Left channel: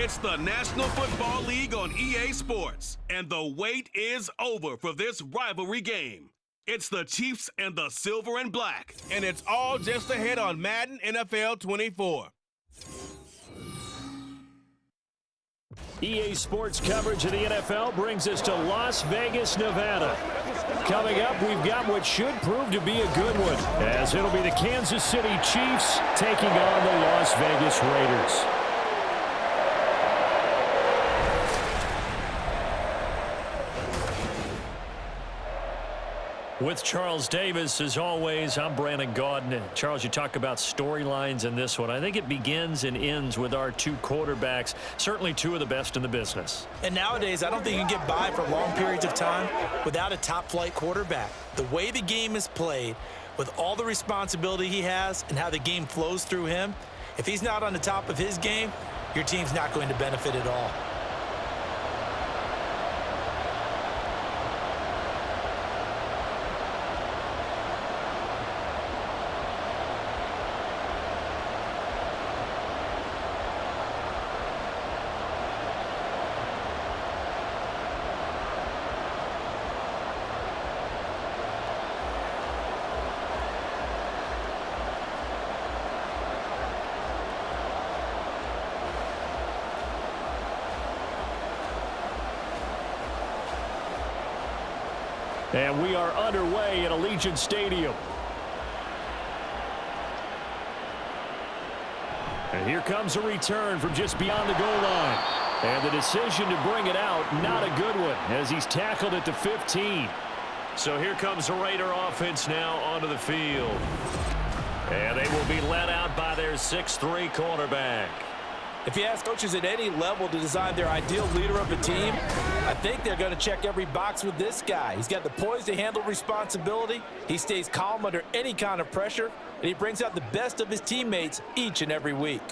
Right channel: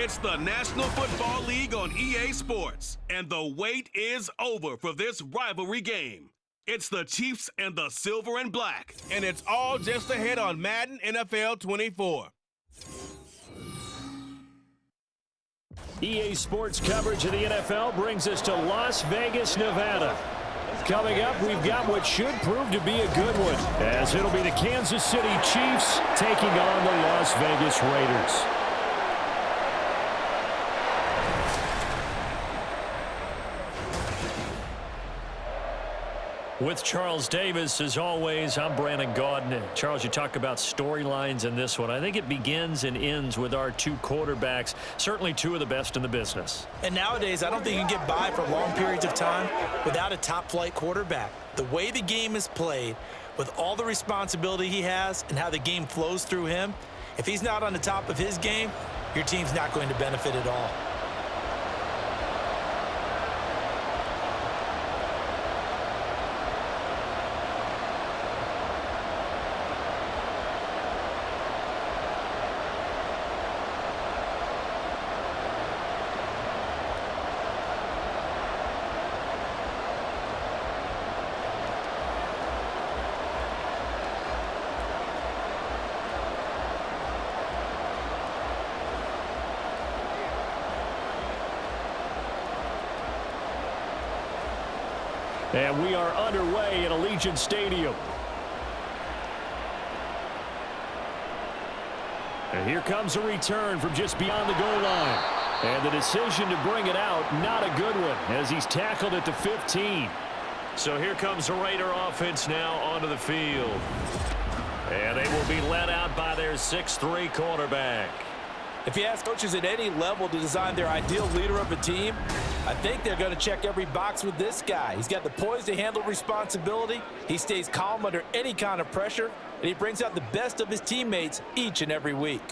It's the National Football League on EA Sports, and the wait is over for this rivalry game. It's the Chiefs and the Silver and Black, and it's all just ahead on Madden NFL 24. EA Sports coverage of the NFL brings us to Las Vegas, Nevada. Coming up, we've got what should prove to be a good one, as it'll be the Kansas City Chiefs taking on the Las Vegas Raiders. With Charles Davis, as always, I'm Brandon Gaudin. Charles, you talk about storylines in this one. I think it begins and ends with our two quarterbacks, certainly two of the best in the business. And nowadays, I don't think you can get by for long periods of time without a top-flight quarterback. The way the game is played, with all the responsibility he has and how the game flows through him, if he's not on the top of his game, your team's not going to benefit at all. And we are underway at Allegiant Stadium. And here comes a return from just beyond the goal line. And the decision to bring it out, not a good one, as he's tackled at the 15. So here comes the Raider offense now onto the field. And they will be led out by their 6'3" quarterback. If you ask coaches at any level to design their ideal leader of a team, I think they're going to check every box with this guy. He's got the poise to handle responsibility. He stays calm under any kind of pressure, and he brings out the best of his teammates each and every week.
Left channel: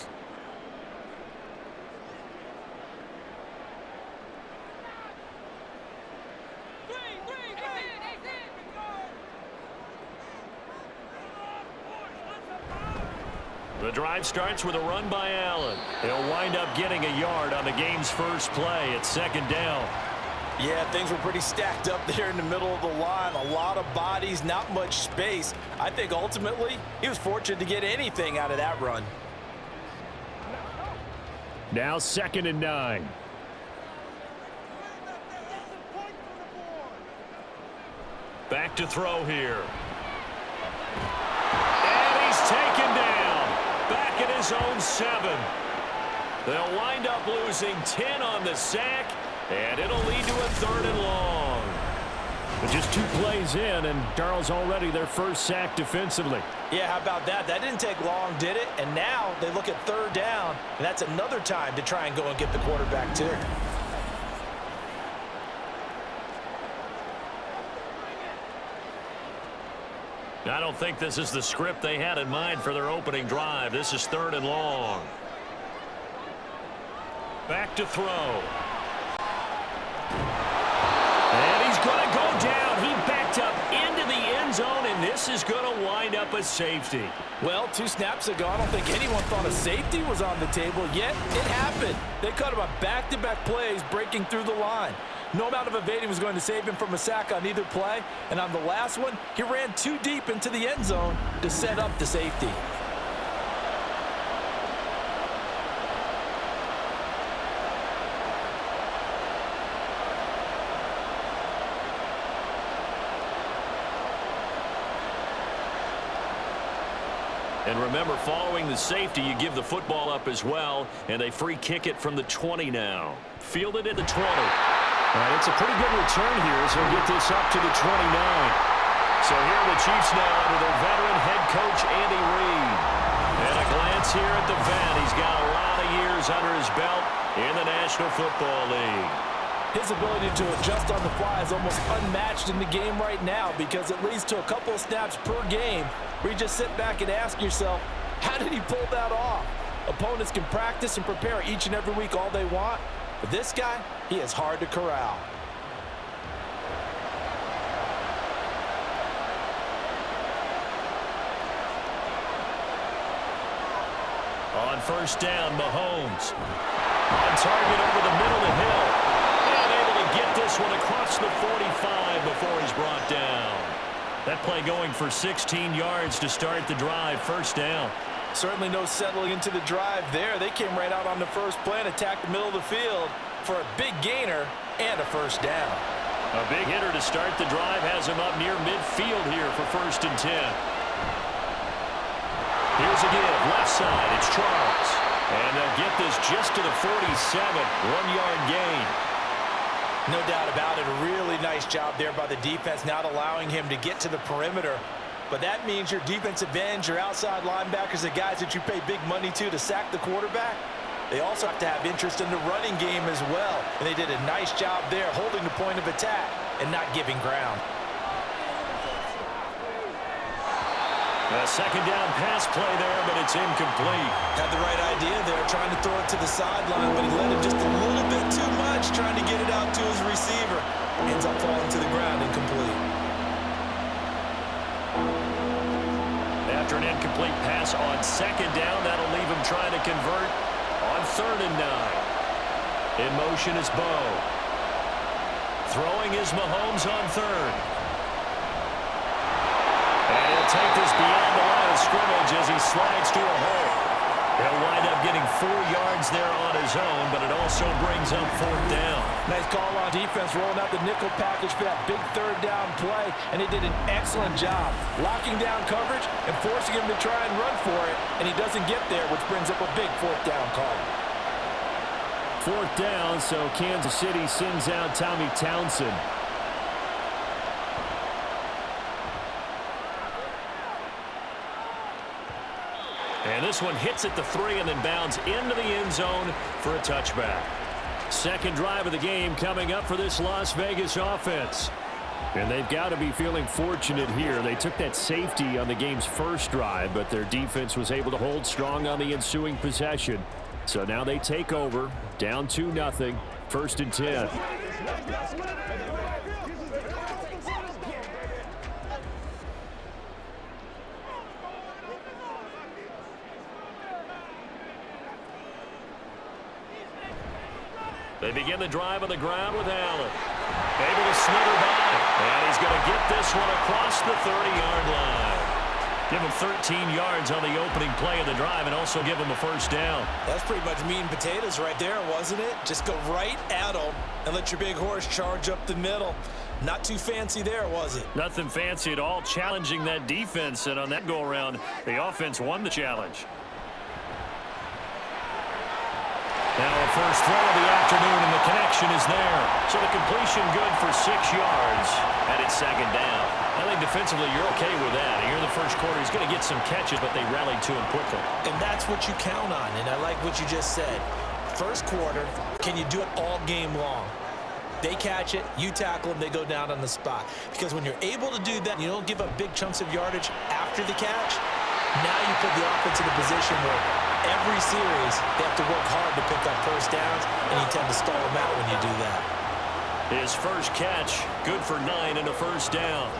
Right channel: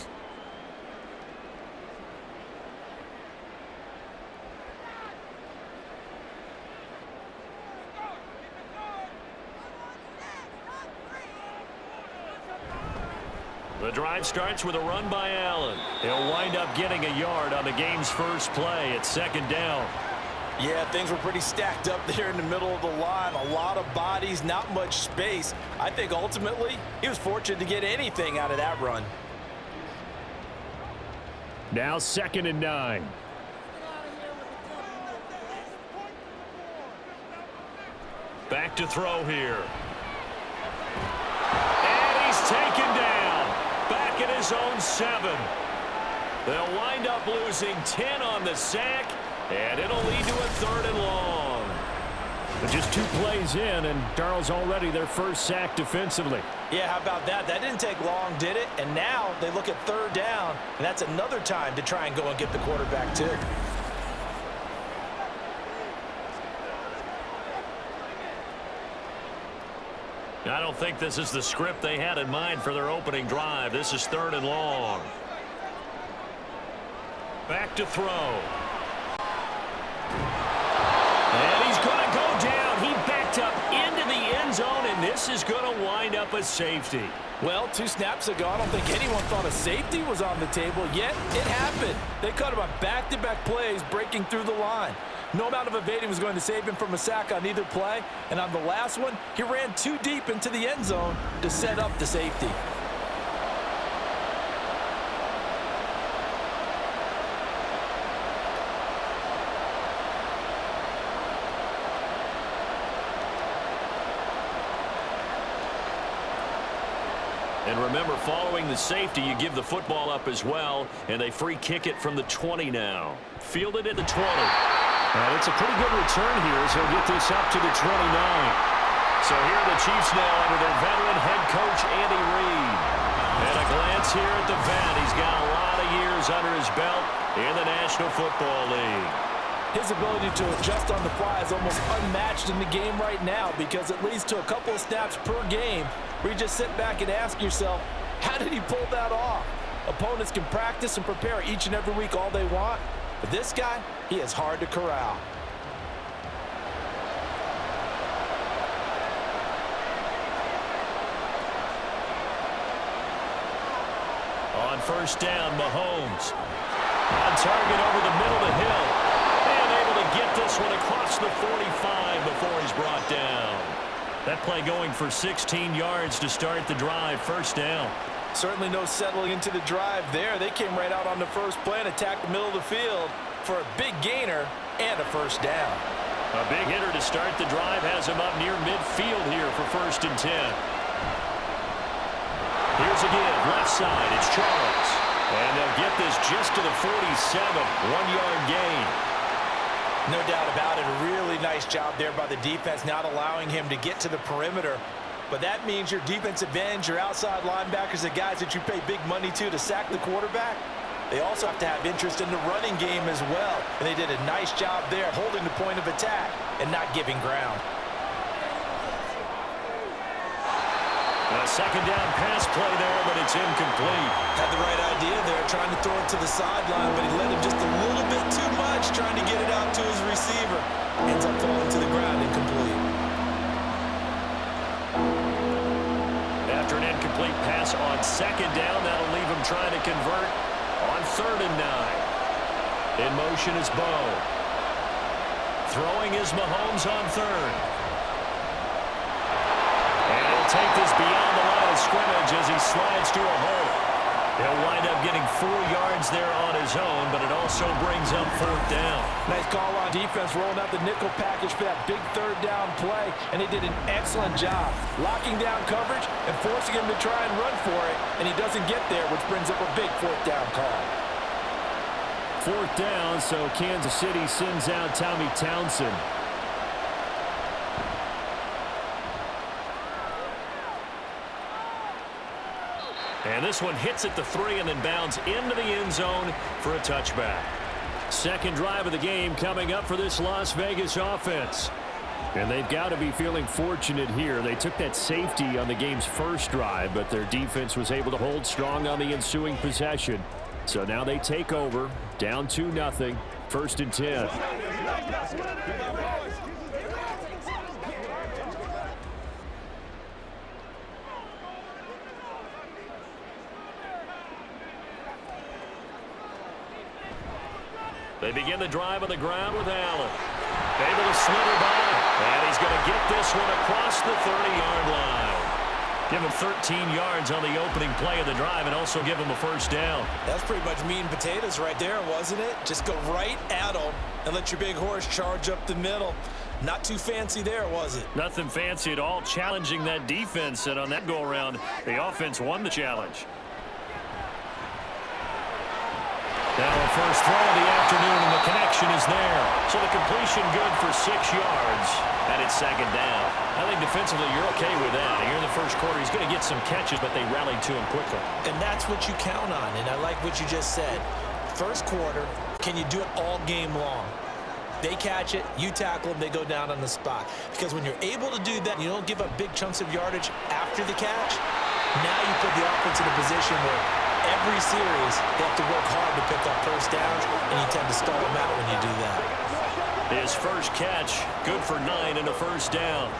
The drive starts with a run by Allen. He'll wind up getting a yard on the game's first play at second down. Yeah, things were pretty stacked up there in the middle of the line. A lot of bodies, not much space. I think ultimately he was fortunate to get anything out of that run. Now 2nd and 9. Back to throw here. And he's taken down. Back at his own 7. They'll wind up losing 10 on the sack, and it'll lead to a 3rd and long. But just 2 plays in, and Darnold's already their first sack defensively. Yeah, how about that? That didn't take long, did it? And now they look at 3rd down, and that's another time to try and go and get the quarterback too. I don't think this is the script they had in mind for their opening drive. This is 3rd and long. Back to throw. And he's going to go down. He backed up into the end zone, and this is going to wind up a safety. Well, 2 snaps ago, I don't think anyone thought a safety was on the table, yet it happened. They cut him on back-to-back plays, breaking through the line. No amount of evading was going to save him from a sack on either play, and on the last one, he ran too deep into the end zone to set up the safety. And remember, following the safety, you give the football up as well, and they free kick it from the 20 now. Fielded at the 20. And it's a pretty good return here, so he'll get this up to the 29. So here are the Chiefs now under their veteran head coach, Andy Reid. And a glance here at the vet. He's got a lot of years under his belt in the National Football League. His ability to adjust on the fly is almost unmatched in the game right now, because it leads to a couple of snaps per game where you just sit back and ask yourself, how did he pull that off? Opponents can practice and prepare each and every week all they want, but this guy, he is hard to corral. On 1st down, Mahomes. On target over the middle to Hill. And able to get this one across the 45 before he's brought down. That play going for 16 yards to start the drive. First down. Certainly no settling into the drive there. They came right out on the first play and attacked the middle of the field for a big gainer and a first down. A big hitter to start the drive has him up near midfield here for 1st and 10. Here's a give. Left side. It's Charles. And they'll get this just to the 47. 1-yard gain. No doubt about it. A really nice job there by the defense, not allowing him to get to the perimeter. But that means your defensive ends, your outside linebackers, the guys that you pay big money to sack the quarterback, they also have to have interest in the running game as well. And they did a nice job there holding the point of attack and not giving ground. A 2nd down pass play there, but it's incomplete. Had the right idea there, trying to throw it to the sideline, but he let him just a little bit too much, trying to get it out to his receiver. Ends up falling to the ground, incomplete. After an incomplete pass on 2nd down, that'll leave him trying to convert on 3rd and 9. In motion is Bo. Throwing is Mahomes on 3rd. And he'll take this beyond the line of scrimmage as he slides to a hole. He'll wind up getting 4 yards there on his own, but it also brings up 4th down. Nice call on defense, rolling out the nickel package for that big 3rd down play, and they did an excellent job locking down coverage and forcing him to try and run for it, and he doesn't get there, which brings up a big 4th down call. 4th down, so Kansas City sends out Tommy Townsend. And this one hits at the 3 and then bounds into the end zone for a touchback. 2nd drive of the game coming up for this Las Vegas offense. And they've got to be feeling fortunate here. They took that safety on the game's first drive, but their defense was able to hold strong on the ensuing possession. So now they take over, down 2-0, 1st and 10. They begin the drive on the ground with Allen. Able to slither by. And he's going to get this one across the 30-yard line. Give him 13 yards on the opening play of the drive and also give him a 1st down. That's pretty much meat and potatoes right there, wasn't it? Just go right at him and let your big horse charge up the middle. Not too fancy there, was it? Nothing fancy at all, challenging that defense. And on that go-around, the offense won the challenge. Now a first throw of the afternoon, and the connection is there. So the completion good for 6 yards, and it's 2nd down. I think defensively you're okay with that. Here in the first quarter, he's going to get some catches, but they rallied to him quickly. And that's what you count on, and I like what you just said. First quarter, can you do it all game long? They catch it, you tackle them, they go down on the spot. Because when you're able to do that, you don't give up big chunks of yardage after the catch, now you put the offense in a position where every series, they have to work hard to pick up 1st downs, and you tend to stall them out when you do that. His first catch, good for 9 and a 1st down.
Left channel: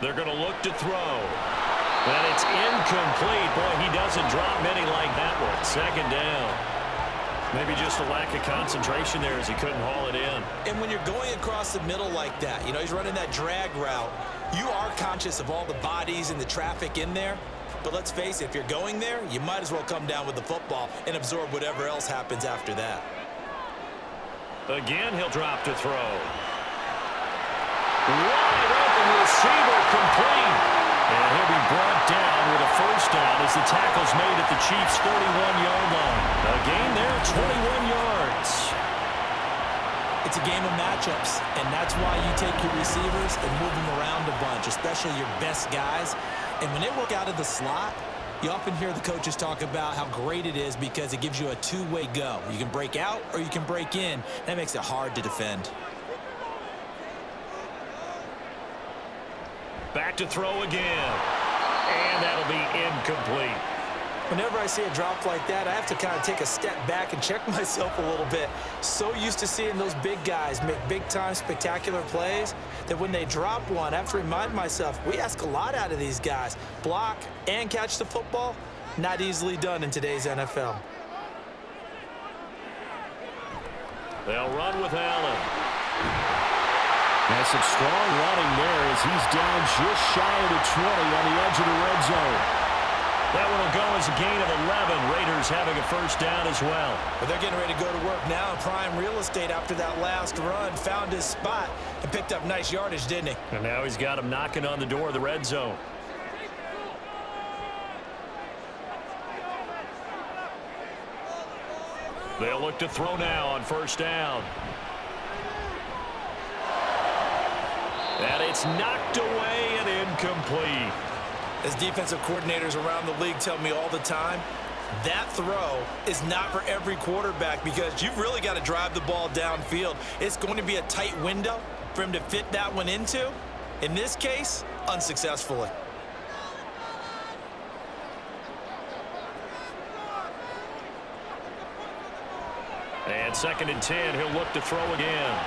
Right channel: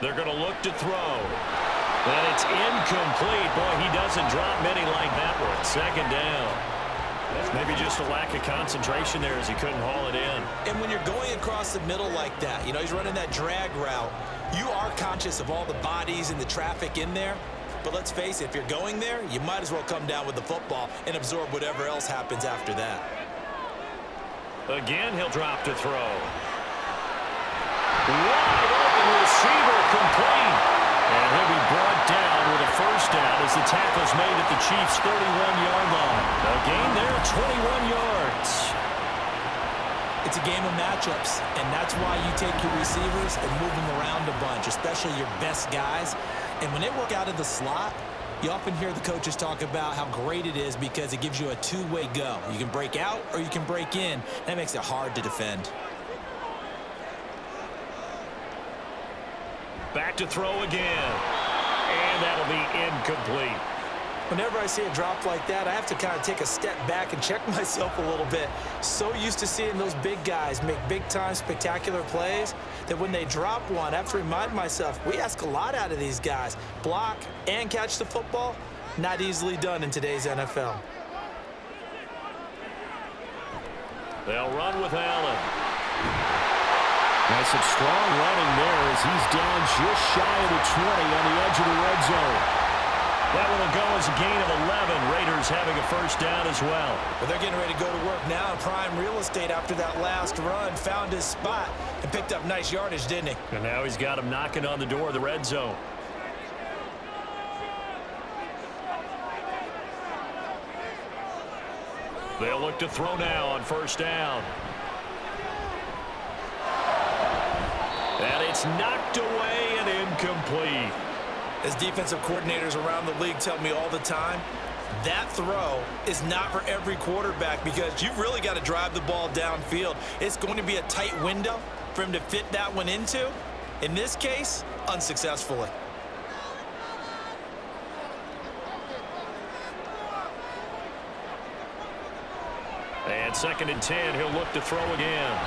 They're going to look to throw. And it's incomplete. Boy, he doesn't drop many like that one. 2nd down. Maybe just a lack of concentration there as he couldn't haul it in. And when you're going across the middle like that, you know, he's running that drag route, you are conscious of all the bodies and the traffic in there. But let's face it, if you're going there, you might as well come down with the football and absorb whatever else happens after that. Again, he'll drop to throw. Wide open receiver, complete. And he'll be brought down with a 1st down as the tackle's made at the Chiefs' 31-yard line. A gain there, 21 yards. It's a game of matchups, and that's why you take your receivers and move them around a bunch, especially your best guys. And when they work out of the slot, you often hear the coaches talk about how great it is because it gives you a two-way go. You can break out or you can break in. That makes it hard to defend. Back to throw again. And that'll be incomplete. Whenever I see a drop like that, I have to kind of take a step back and check myself a little bit. So used to seeing those big guys make big-time spectacular plays that when they drop one, I have to remind myself, we ask a lot out of these guys. Block and catch the football, not easily done in today's NFL. They'll run with Allen. That's some strong running there as he's down just shy of the 20 on the edge of the red zone. That one will go as a gain of 11. Raiders having a first down as well. But they're getting ready to go to work now in prime real estate after that last run. Found his spot and picked up nice yardage, didn't he? And now he's got him knocking on the door of the red zone. They'll look to throw now on first down. And it's knocked away and incomplete. As defensive coordinators around the league tell me all the time, that throw is not for every quarterback because you've really got to drive the ball downfield. It's going to be a tight window for him to fit that one into. In this case, unsuccessfully. And 2nd and 10, he'll look to throw again.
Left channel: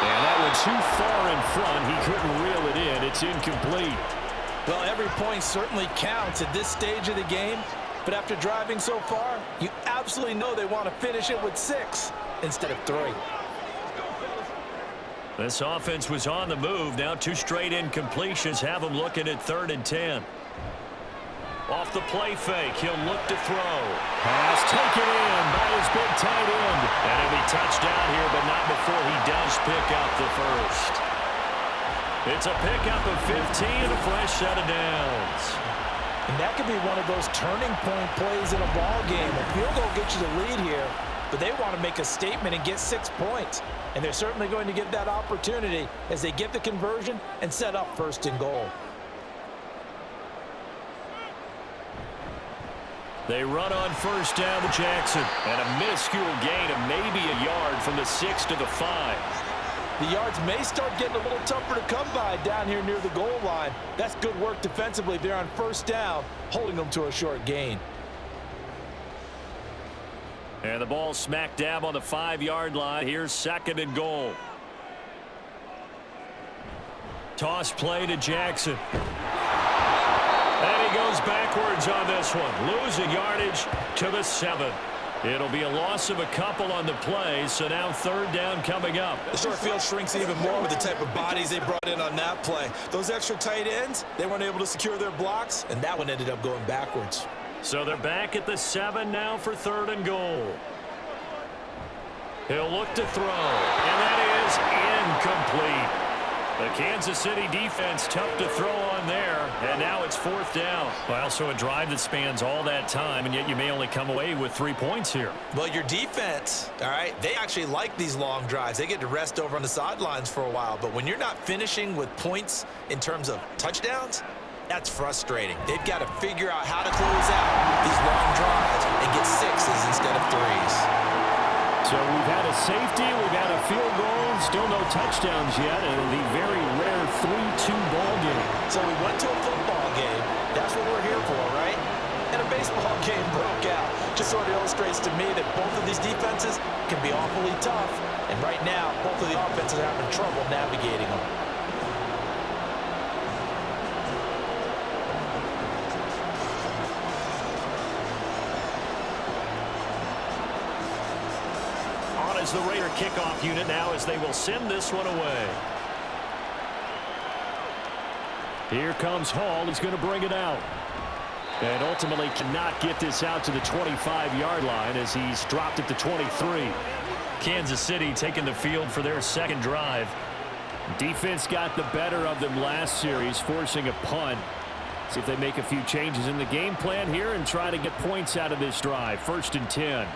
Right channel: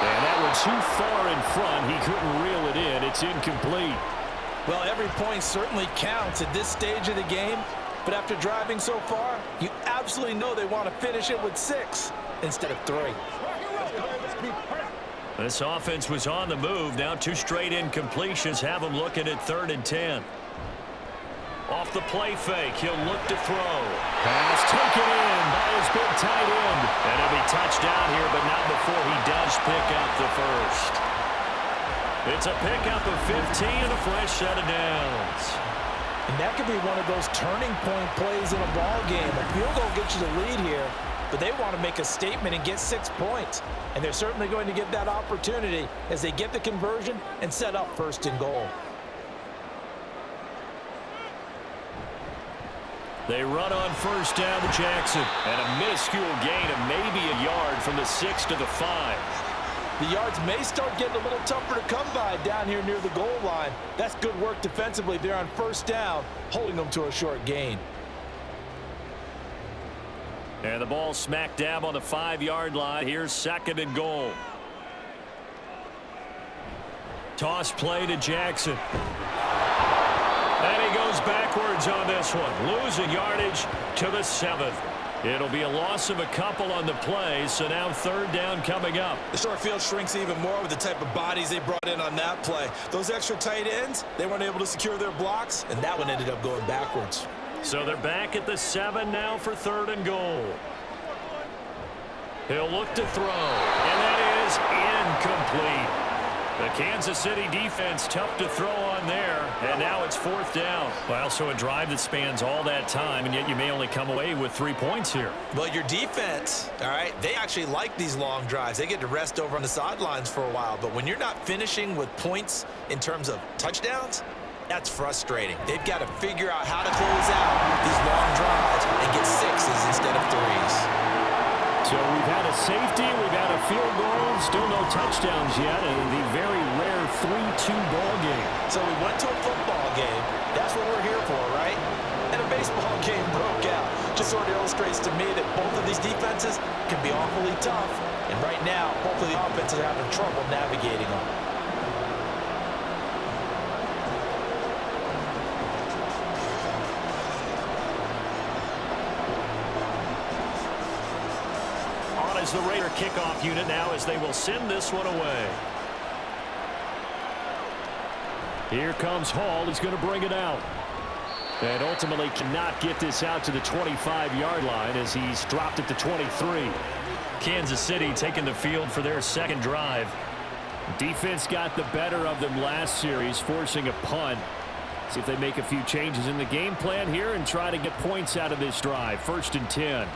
And that one too far in front. He couldn't reel it in. It's incomplete. Well, every point certainly counts at this stage of the game. But after driving so far, you absolutely know they want to finish it with 6 instead of 3. This offense was on the move. Now 2 straight incompletions have them looking at 3rd and 10. Off the play fake, he'll look to throw. Pass taken in by his big tight end. And he'll be touchdown here, but not before he does pick up the first. It's a pickup of 15 and a fresh set of downs. And that could be one of those turning point plays in a ball game. A field goal gets you the lead here, but they want to make a statement and get 6 points. And they're certainly going to get that opportunity as they get the conversion and set up 1st and goal. They run on first down with Jackson. And a minuscule gain of maybe a yard from the 6 to the 5. The yards may start getting a little tougher to come by down here near the goal line. That's good work defensively there on first down, holding them to a short gain. And the ball smack dab on the 5-yard line. Here's 2nd and goal. Toss play to Jackson. And he goes backwards on this one, losing yardage to the 7. It'll be a loss of a couple on the play, so now 3rd down coming up. The short field shrinks even more with the type of bodies they brought in on that play. Those extra tight ends, they weren't able to secure their blocks, and that one ended up going backwards. So they're back at the 7 now for 3rd and goal. He'll look to throw, and that is incomplete. The Kansas City defense tough to throw on there, and now it's 4th down. Well, so a drive that spans all that time, and yet you may only come away with 3 points here. Well, your defense, all right, they actually like these long drives. They get to rest over on the sidelines for a while, but when you're not finishing with points in terms of touchdowns, that's frustrating. They've got to figure out how to close out these long drives and get 6s instead of 3s. So we've had a safety, we've had a field goal, still no touchdowns yet, and the very rare 3-2 ball game. So we went to a football game. That's what we're here for, right? And a baseball game broke out. Just sort of illustrates to me that both of these defenses can be awfully tough. And right now, both of the offenses are having trouble navigating them. As the Raider kickoff unit now as they will send this one away. Here comes Hall. He's going to bring it out. And ultimately cannot get this out to the 25-yard line as he's dropped at the 23. Kansas City taking the field for their 2nd drive. Defense got the better of them last series, forcing a punt. See if they make a few changes in the game plan here and try to get points out of this drive. 1st and 10.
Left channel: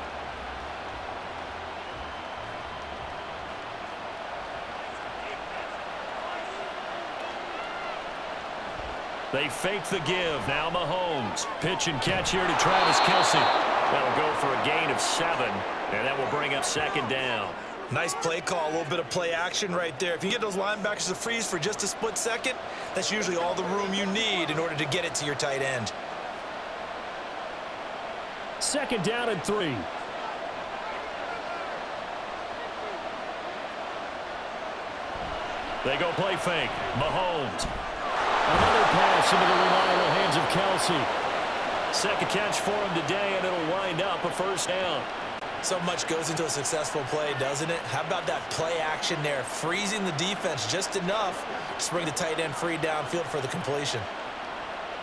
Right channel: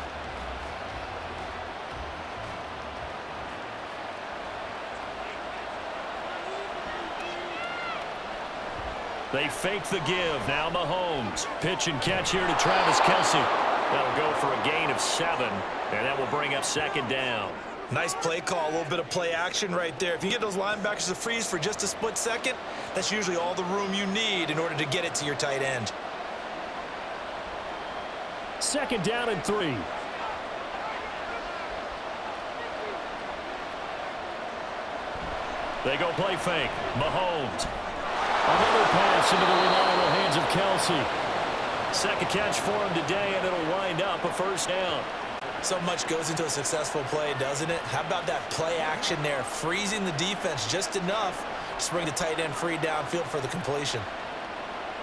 They fake the give. Now Mahomes. Pitch and catch here to Travis Kelce. That'll go for a gain of 7, and that will bring up 2nd down. Nice play call, a little bit of play action right there. If you get those linebackers to freeze for just a split second, that's usually all the room you need in order to get it to your tight end. 2nd down and 3. They go play fake. Mahomes. Another pass into the reliable hands of Kelsey. Second catch for him today, and it'll wind up a 1st down. So much goes into a successful play, doesn't it? How about that play action there, freezing the defense just enough to bring the tight end free downfield for the completion.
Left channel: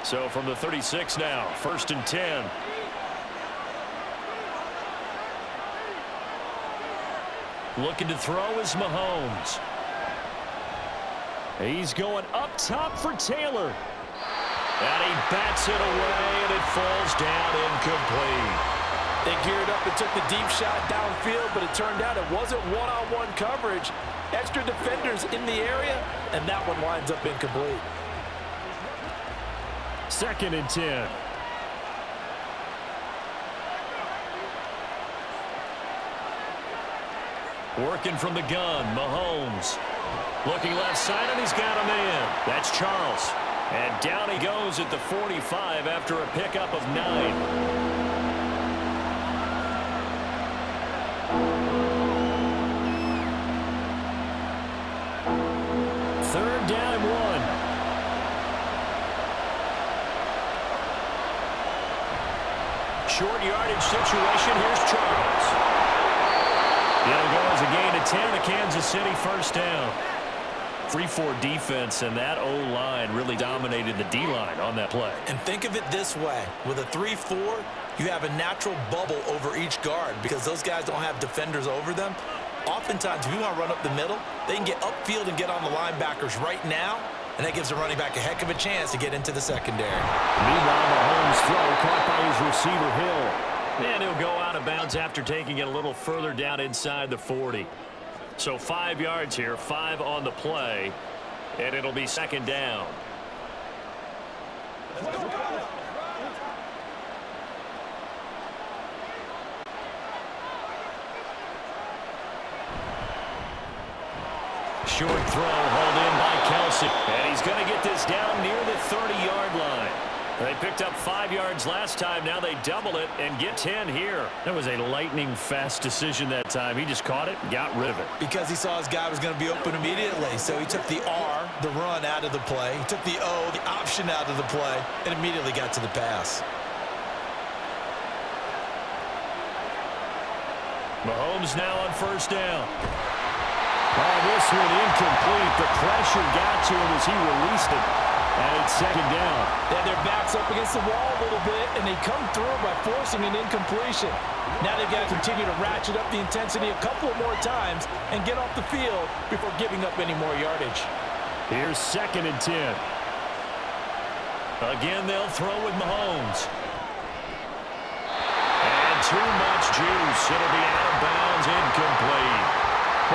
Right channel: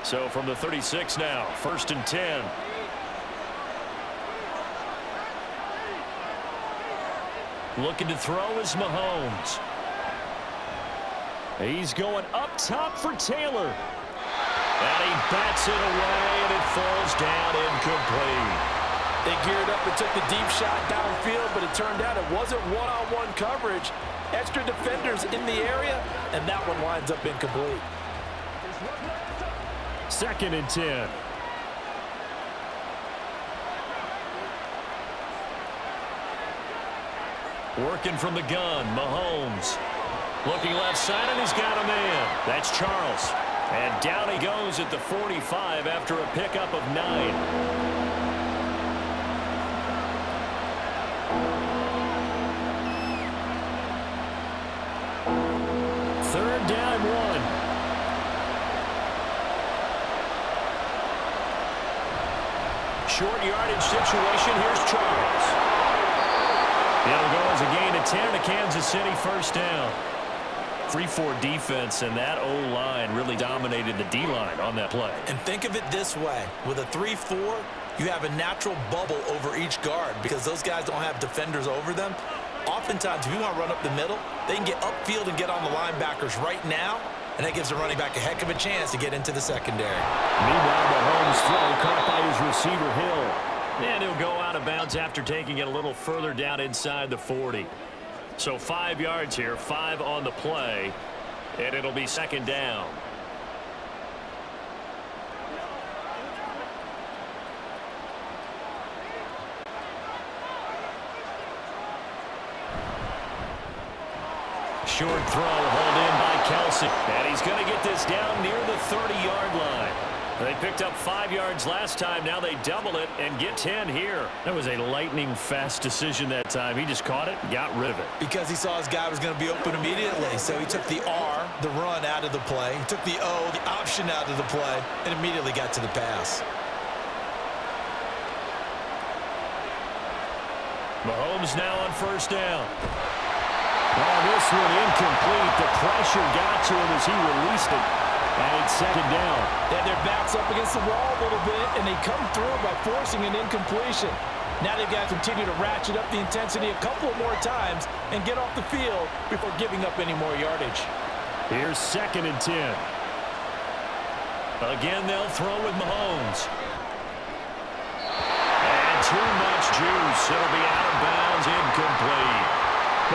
So from the 36 now, 1st and 10. Looking to throw is Mahomes. He's going up top for Taylor. And he bats it away, and it falls down incomplete. They geared up and took the deep shot downfield, but it turned out it wasn't one-on-one coverage. Extra defenders in the area, and that one winds up incomplete. 2nd and 10. Working from the gun, Mahomes. Looking left side, and he's got a man. That's Charles. And down he goes at the 45 after a pickup of 9. Third down and 1. Short yardage situation. Here's Charles. It'll go as a gain of 10 to Kansas City, 1st down. 3-4 defense, and that O-line really dominated the D-line on that play. And think of it this way. With a 3-4, you have a natural bubble over each guard because those guys don't have defenders over them. Oftentimes, if you want to run up the middle, they can get upfield and get on the linebackers right now, and that gives the running back a heck of a chance to get into the secondary. Meanwhile, Mahomes' throw caught by his receiver, Hill. And he'll go out of bounds after taking it a little further down inside the 40. So 5 yards here, 5 on the play, and it'll be 2nd down. Short throw hauled in by Kelsey, and he's going to get this down near the 30-yard line. They picked up 5 yards last time. Now they double it and get 10 here. That was a lightning-fast decision that time. He just caught it and got rid of it. Because he saw his guy was going to be open immediately. So he took the R, the run, out of the play. He took the O, the option, out of the play, and immediately got to the pass. Mahomes now on 1st down. Oh, this one incomplete. The pressure got to him as he released it. And it's 2nd down. They had their backs up against the wall a little bit, and they come through by forcing an incompletion. Now they've got to continue to ratchet up the intensity a couple more times and get off the field before giving up any more yardage. Here's 2nd and 10. Again, they'll throw with Mahomes. And too much juice. It'll be out of bounds, incomplete.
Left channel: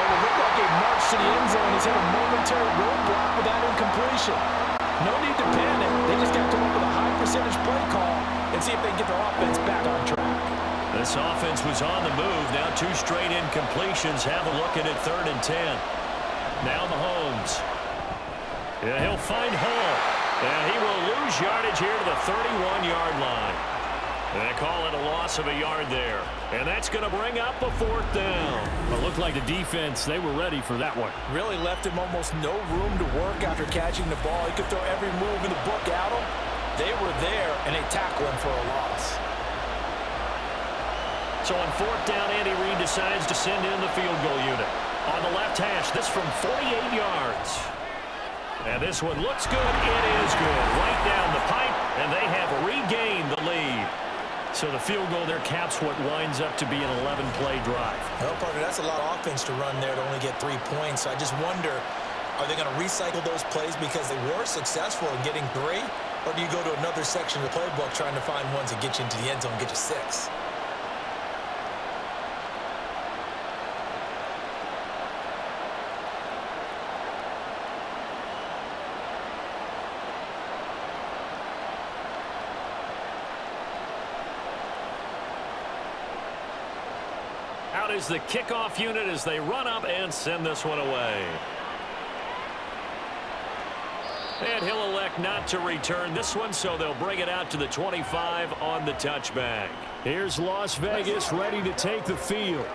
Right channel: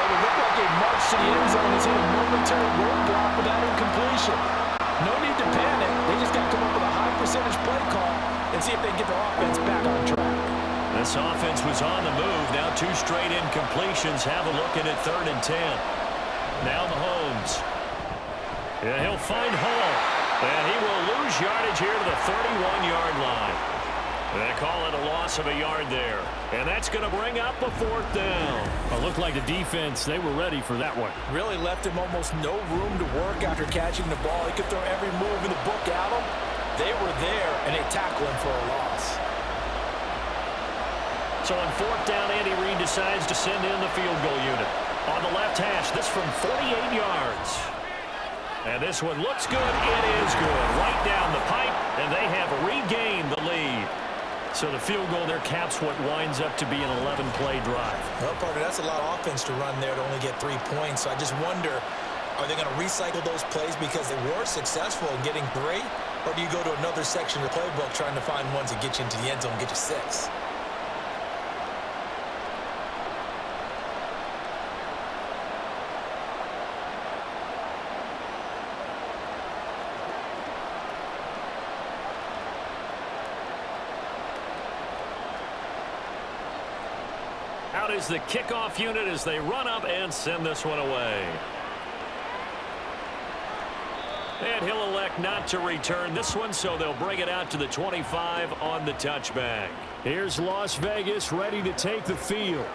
What would look like a march to the end zone has hit a momentary roadblock with that incompletion. No need to panic. They just got to come up with a high percentage play call and see if they can get their offense back on track. This offense was on the move. Now 2 straight incompletions. Have a look at it, 3rd and 10. Now Mahomes. Yeah, he'll find Hall. And he will lose yardage here to the 31-yard line. They call it a loss of a yard there. And that's going to bring up a 4th down. Well, it looked like the defense, they were ready for that one. Really left him almost no room to work after catching the ball. He could throw every move in the book at him. They were there, and they tackle him for a loss. So on 4th down, Andy Reid decides to send in the field goal unit. On the left hash, this from 48 yards. And this one looks good. It is good. Right down the pipe, and they have regained the lead. So the field goal there caps what winds up to be an 11-play drive. Well, partner, that's a lot of offense to run there to only get 3 points. So I just wonder, are they going to recycle those plays because they were successful in getting 3? Or do you go to another section of the playbook trying to find ones that get you into the end zone and get you 6? Out is the kickoff unit as they run up and send this one away. And he'll elect not to return this one, so they'll bring it out to the 25 on the touchback. Here's Las Vegas ready to take the field.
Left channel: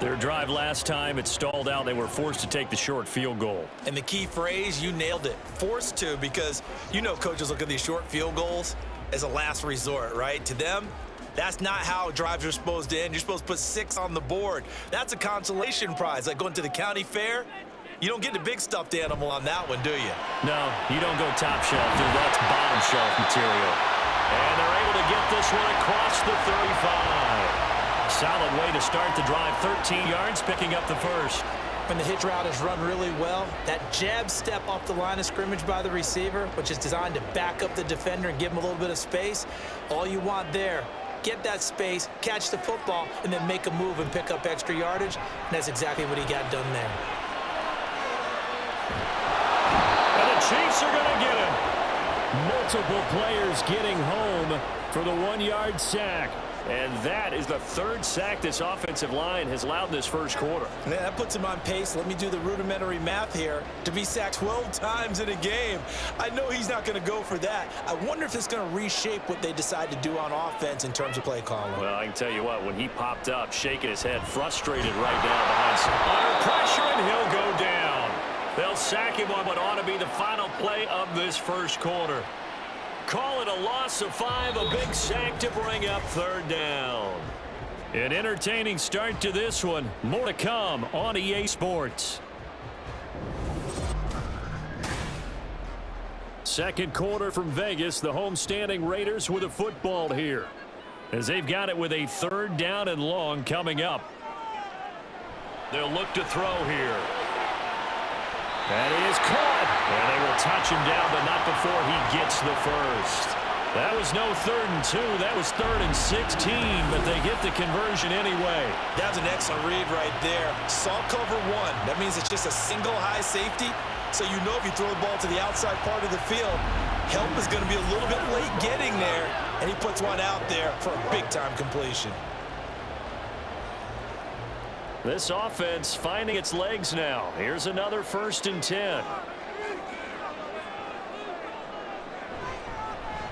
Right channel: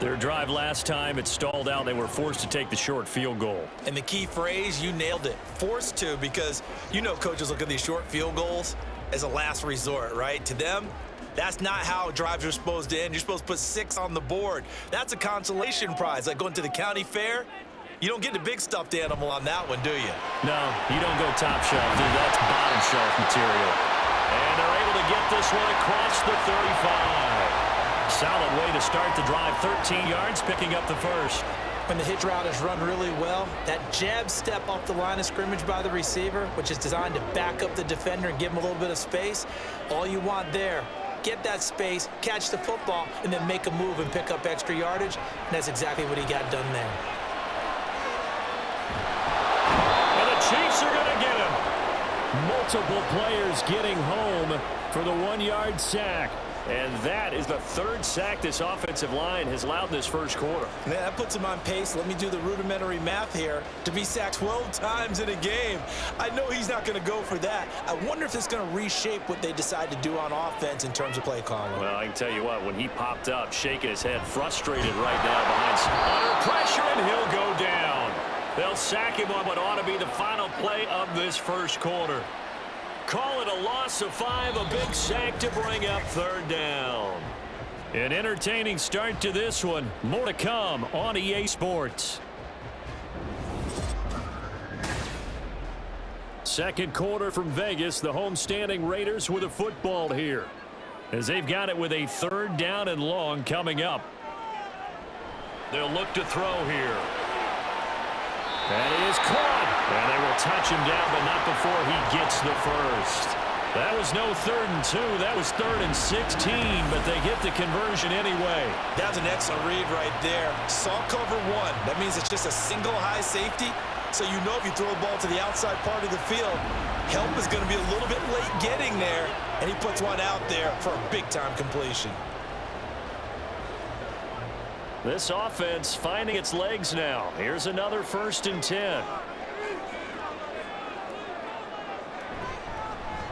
Their drive last time, it stalled out. They were forced to take the short field goal. And the key phrase, you nailed it, forced to, because you know coaches look at these short field goals as a last resort, right? To them, that's not how drives are supposed to end. You're supposed to put 6 on the board. That's a consolation prize, like going to the county fair. You don't get the big stuffed animal on that one, do you? No, you don't go top shelf, dude. That's bottom shelf material. And they're able to get this one across the 35. Solid way to start the drive. 13 yards, picking up the first. When the hitch route is run really well, that jab step off the line of scrimmage by the receiver, which is designed to back up the defender and give him a little bit of space, all you want there, get that space, catch the football, and then make a move and pick up extra yardage. And that's exactly what he got done there. And the Chiefs are going to get him. Multiple players getting home for the 1-yard sack. And that is the 3rd sack this offensive line has allowed in this first quarter. Man, that puts him on pace. Let me do the rudimentary math here. To be sacked 12 times in a game, I know he's not going to go for that. I wonder if it's going to reshape what they decide to do on offense in terms of play calling. Well, I can tell you what, when he popped up, shaking his head, frustrated right now under pressure, and he'll go down. They'll sack him on what ought to be the final play of this first quarter. Call it a loss of 5, a big sack to bring up 3rd down. An entertaining start to this one. More to come on EA Sports. Second quarter from Vegas. The homestanding Raiders with a football here, as they've got it with a 3rd down and long coming up. They'll look to throw here. That is caught. And they will touch him down, but not before he gets the first. That was no 3rd and 2. That was 3rd and 16, but they get the conversion anyway. That was an excellent read right there. Saw cover 1. That means it's just a single high safety. So you know if you throw the ball to the outside part of the field, help is going to be a little bit late getting there. And he puts one out there for a big-time completion. This offense finding its legs now. Here's another 1st and 10.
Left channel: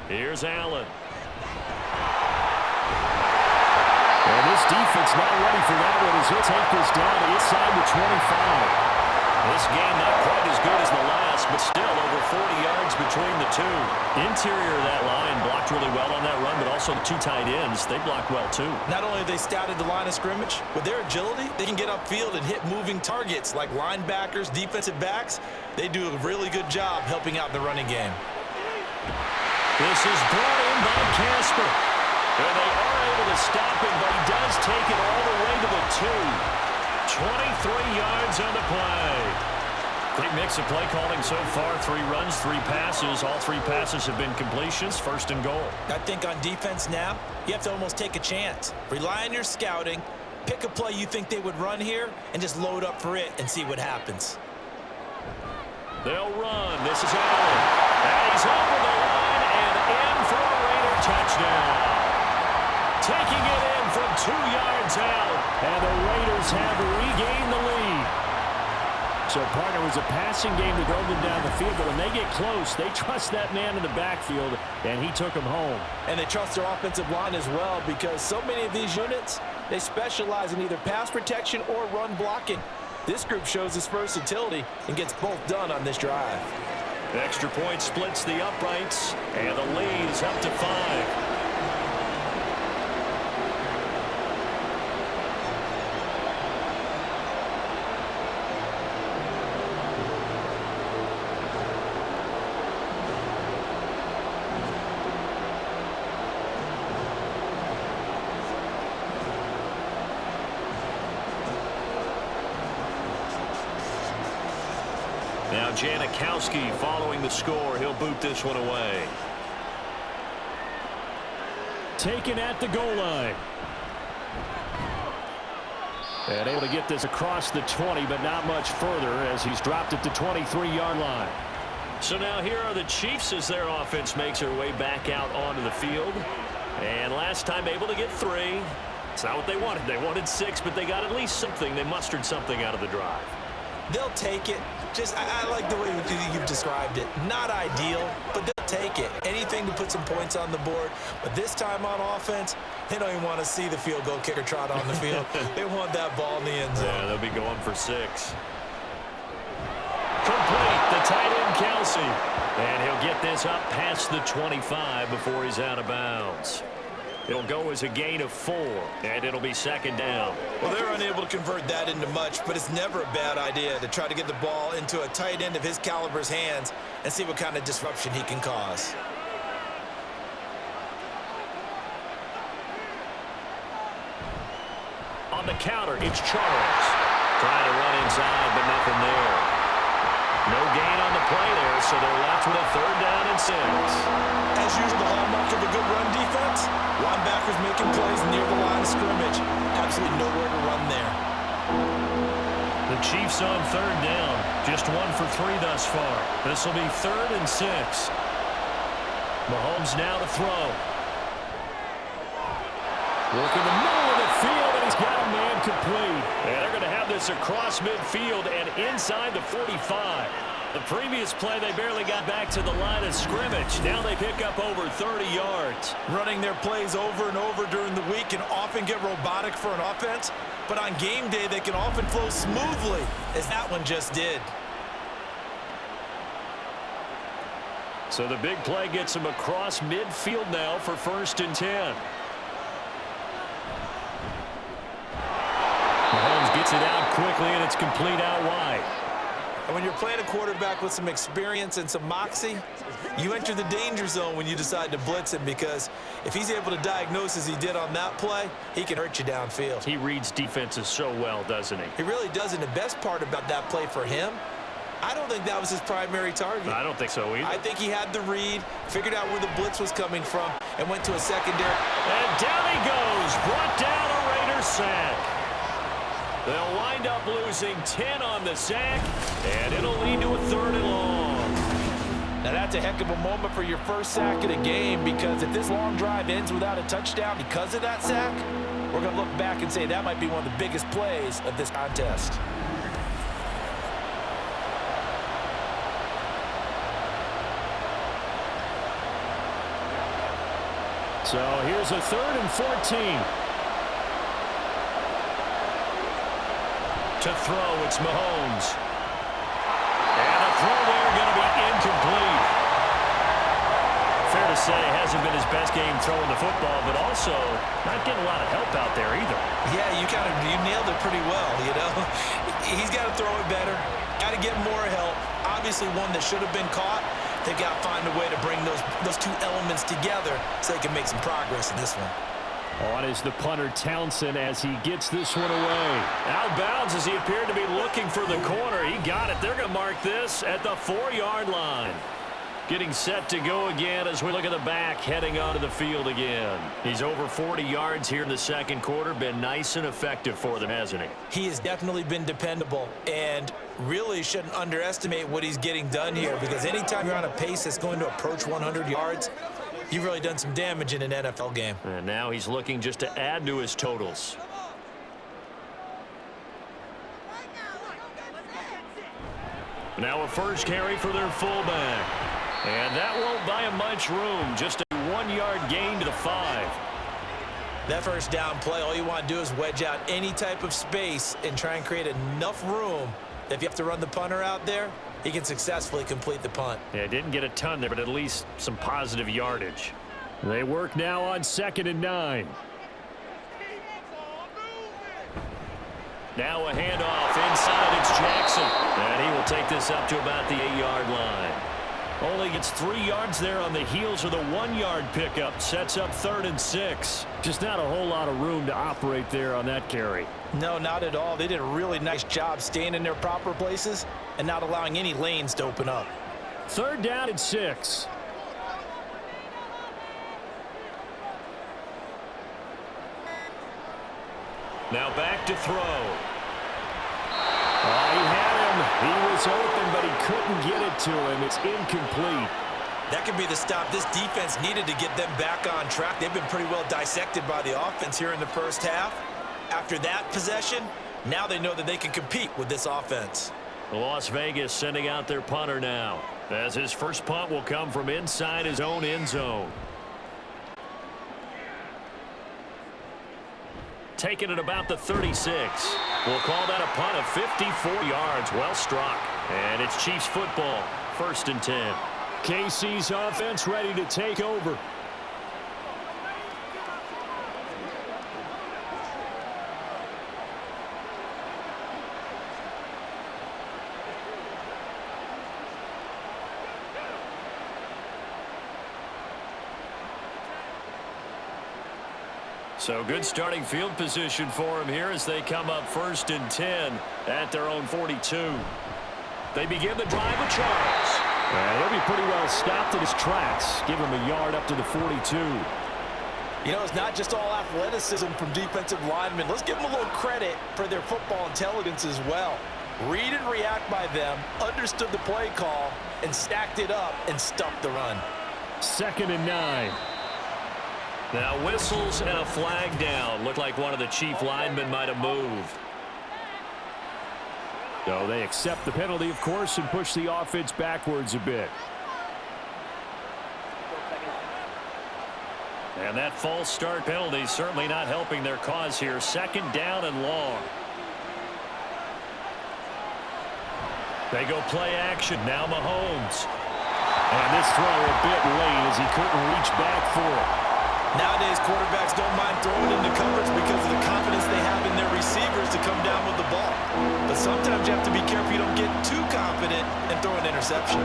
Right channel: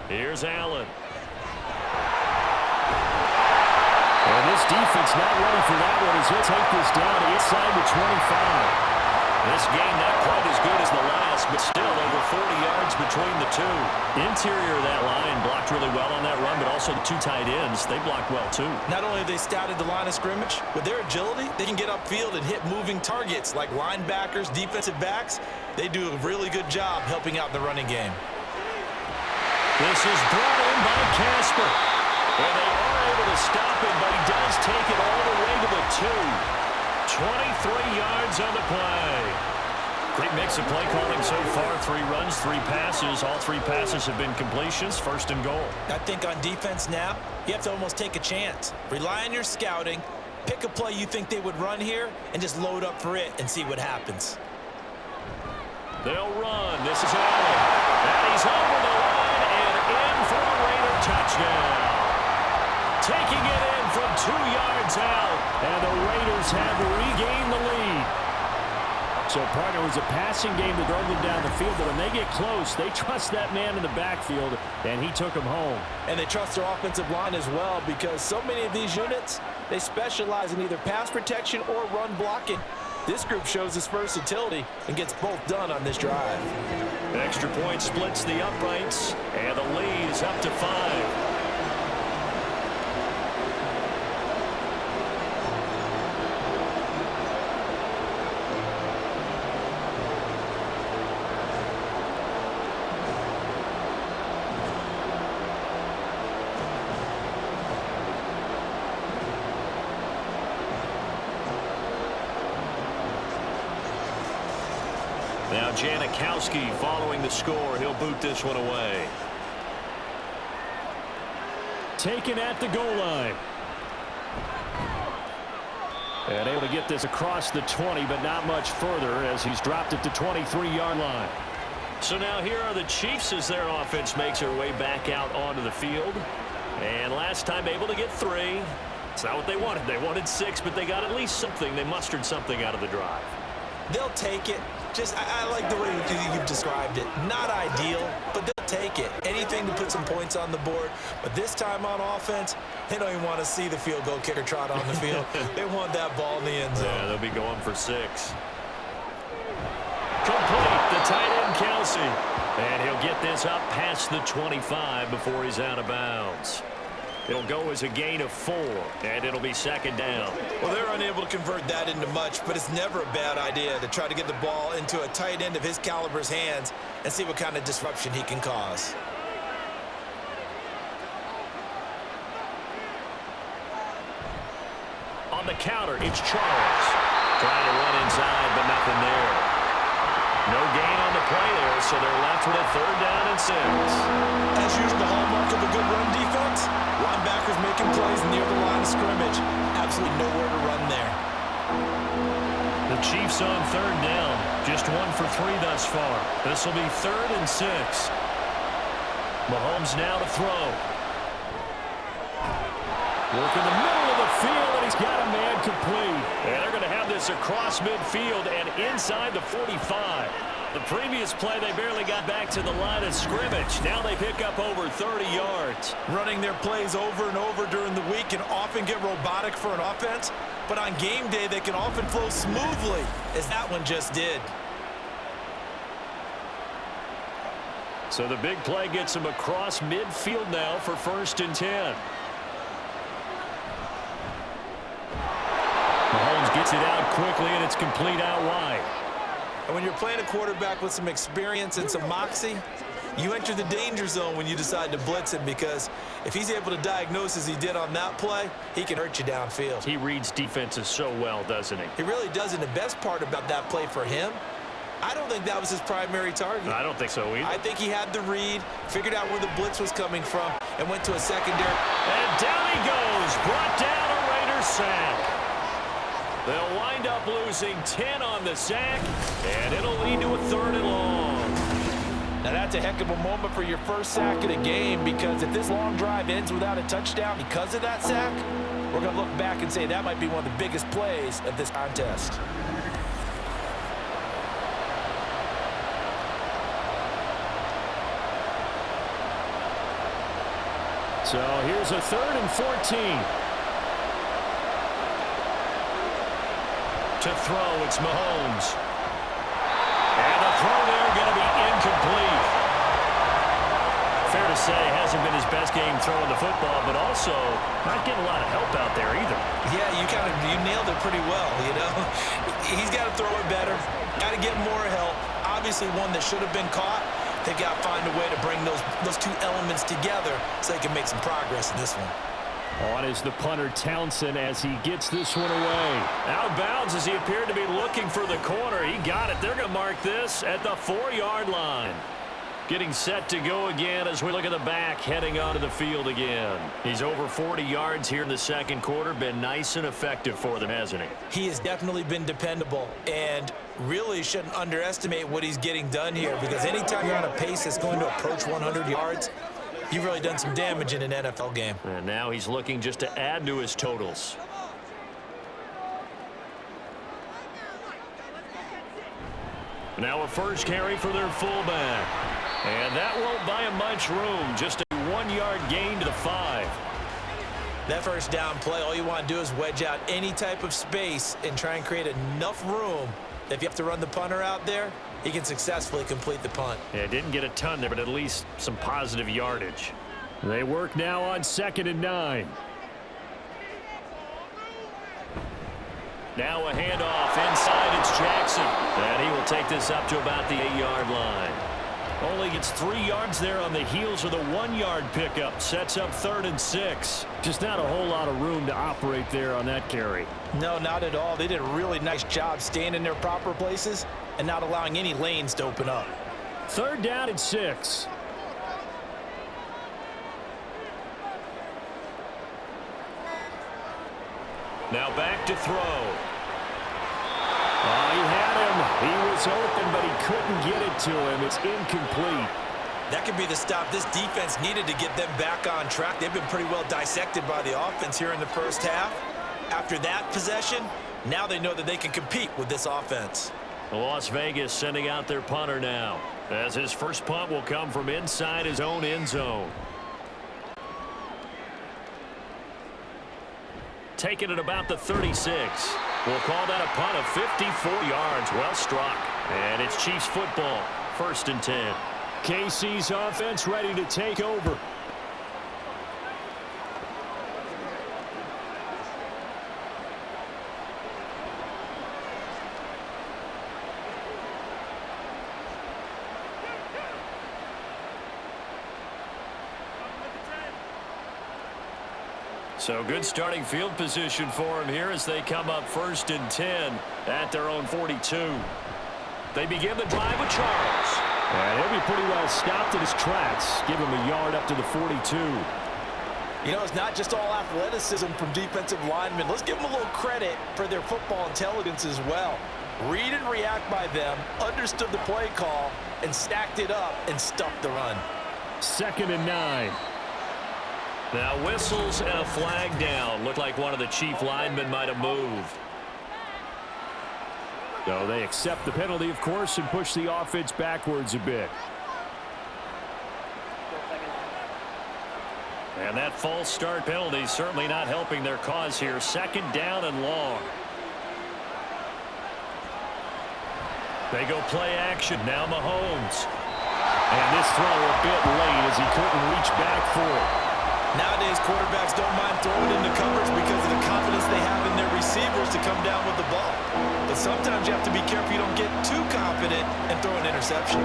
Here's Allen. And this defense not ready for that one as he'll take this down inside the 25. This game not quite as good as the last, but still over 40 yards between the two. Interior of that line blocked really well on that run, but also the 2 tight ends, they blocked well too. Not only have they scouted the line of scrimmage, with their agility, they can get upfield and hit moving targets like linebackers, defensive backs. They do a really good job helping out in the running game. This is brought in by Casper. And they are able to stop him, but he does take it all the way to the 2. 23 yards on the play. Great mix of play calling so far. 3 runs, 3 passes. All 3 passes have been completions. 1st and goal. I think on defense now, you have to almost take a chance. Rely on your scouting. Pick a play you think they would run here and just load up for it and see what happens. They'll run. This is Allen. And he's over the line and in for a Raider touchdown. Taking it in from 2 yards out. And the Raiders have regained the lead. So, partner, it was a passing game that drove them down the field, but when they get close, they trust that man in the backfield, and he took them home. And they trust their offensive line as well, because so many of these units, they specialize in either pass protection or run blocking. This group shows its versatility and gets both done on this drive. Extra point splits the uprights, and the lead is up to 5. Now Janikowski following the score. He'll boot this one away. Taken at the goal line. And able to get this across the 20, but not much further as he's dropped at the 23-yard line. So now here are the Chiefs as their offense makes their way back out onto the field. And last time able to get 3. It's not what they wanted. They wanted 6, but they got at least something. They mustered something out of the drive. They'll take it. I like the way you've described it. Not ideal, but they'll take it. Anything to put some points on the board. But this time on offense, they don't even want to see the field goal kicker trot on the field. They want that ball in the end zone. Yeah, they'll be going for 6. Complete, the tight end, Kelsey. And he'll get this up past the 25 before he's out of bounds. It'll go as a gain of 4, and it'll be second down. Well, they're unable to convert that into much, but it's never a bad idea to try to get the ball into a tight end of his caliber's hands and see what kind of disruption he can cause. On the counter, it's Charles. Trying to run inside, but nothing there. No gain on the play there, so they're left with a 3rd down and 6. As usual, the hallmark of a good run defense, linebackers making plays near the line of scrimmage. Absolutely nowhere to run there. The Chiefs on 3rd down. Just 1 for 3 thus far. This will be 3rd and 6. Mahomes now to throw. Work in the middle of the field, and he's got a man complete. And they're going to have this across midfield and inside the 45. The previous play, they barely got back to the line of scrimmage. Now they pick up over 30 yards. Running their plays over and over during the week can often get robotic for an offense, but on game day, they can often flow smoothly, as that one just did. So the big play gets him across midfield now for 1st and 10. Mahomes gets it out quickly, and it's complete out wide. And when you're playing a quarterback with some experience and some moxie, you enter the danger zone when you decide to blitz him, because if he's able to diagnose as he did on that play, he can hurt you downfield. He reads defenses so well, doesn't he? He really does, and the best part about that play for him, I don't think that was his primary target. I don't think so either. I think he had the read, figured out where the blitz was coming from, and went to a secondary. And down he goes, brought down a Raiders sack. They'll wind up losing 10 on the sack, and it'll lead to a 3rd and long. Now that's a heck of a moment for your first sack of the game, because if this long drive ends without a touchdown because of that sack, we're going to look back and say that might be one of the biggest plays of this contest. So here's a 3rd and 14. To throw, it's Mahomes. And the throw there going to be incomplete. Fair to say, hasn't been his best game throwing the football, but also not getting a lot of help out there either. Yeah, you nailed it pretty well, you know. He's got to throw it better, got to get more help. Obviously one that should have been caught. They've got to find a way to bring those 2 elements together so they can make some progress in this one. On is the punter, Townsend, as he gets this one away. Out of bounds as he appeared to be looking for the corner. He got it. They're going to mark this at the 4-yard line. Getting set to go again as we look at the back, heading onto the field again. He's over 40 yards here in the 2nd quarter. Been nice and effective for them, hasn't he? He has definitely been dependable, and really shouldn't underestimate what he's getting done here, because anytime you're on a pace that's going to approach 100 yards, you've really done some damage in an NFL game. And now he's looking just to add to his totals. Now a first carry for their fullback. And that won't buy him much room. Just a 1-yard gain to the 5. That first down play, all you want to do is wedge out any type of space and try and create enough room that if you have to run the punter out there, he can successfully complete the punt. Yeah, didn't get a ton there, but at least some positive yardage. They work now on 2nd and 9. Now a handoff inside. It's Jackson. And he will take this up to about the 8-yard line. Only gets 3 yards there on the heels of the 1-yard pickup. Sets up 3rd and 6. Just not a whole lot of room to operate there on that carry. No, not at all. They did a really nice job staying in their proper places and not allowing any lanes to open up. 3rd down and 6. Now back to throw. Oh, he had him. He was open, but he couldn't get it to him. It's incomplete. That could be the stop this defense needed to get them back on track. They've been pretty well dissected by the offense here in the first half. After that possession, now they know that they can compete with this offense. Las Vegas sending out their punter now, as his first punt will come from inside his own end zone. Taking it about the 36. We'll call that a punt of 54 yards. Well struck. And it's Chiefs football. 1st and 10. KC's offense ready to take over. So good starting field position for him here as they come up 1st and 10 at their own 42. They begin the drive with Charles. And he'll be pretty well stopped in his tracks. Give him a yard up to the 42. You know, it's not just all athleticism from defensive linemen. Let's give them a little credit for their football intelligence as well. Read and react by them, understood the play call, and stacked it up and stuffed the run. 2nd and 9. Now whistles and a flag down. Looked like one of the Chief linemen might have moved. So they accept the penalty, of course, and push the offense backwards a bit. And that false start penalty certainly not helping their cause here. 2nd down and long. They go play action. Now Mahomes. And this throw a bit late as he couldn't reach back for it. Nowadays, quarterbacks don't mind throwing into coverage because of the confidence they have in their receivers to come down with the ball. But sometimes you have to be careful you don't get too confident and throw an interception.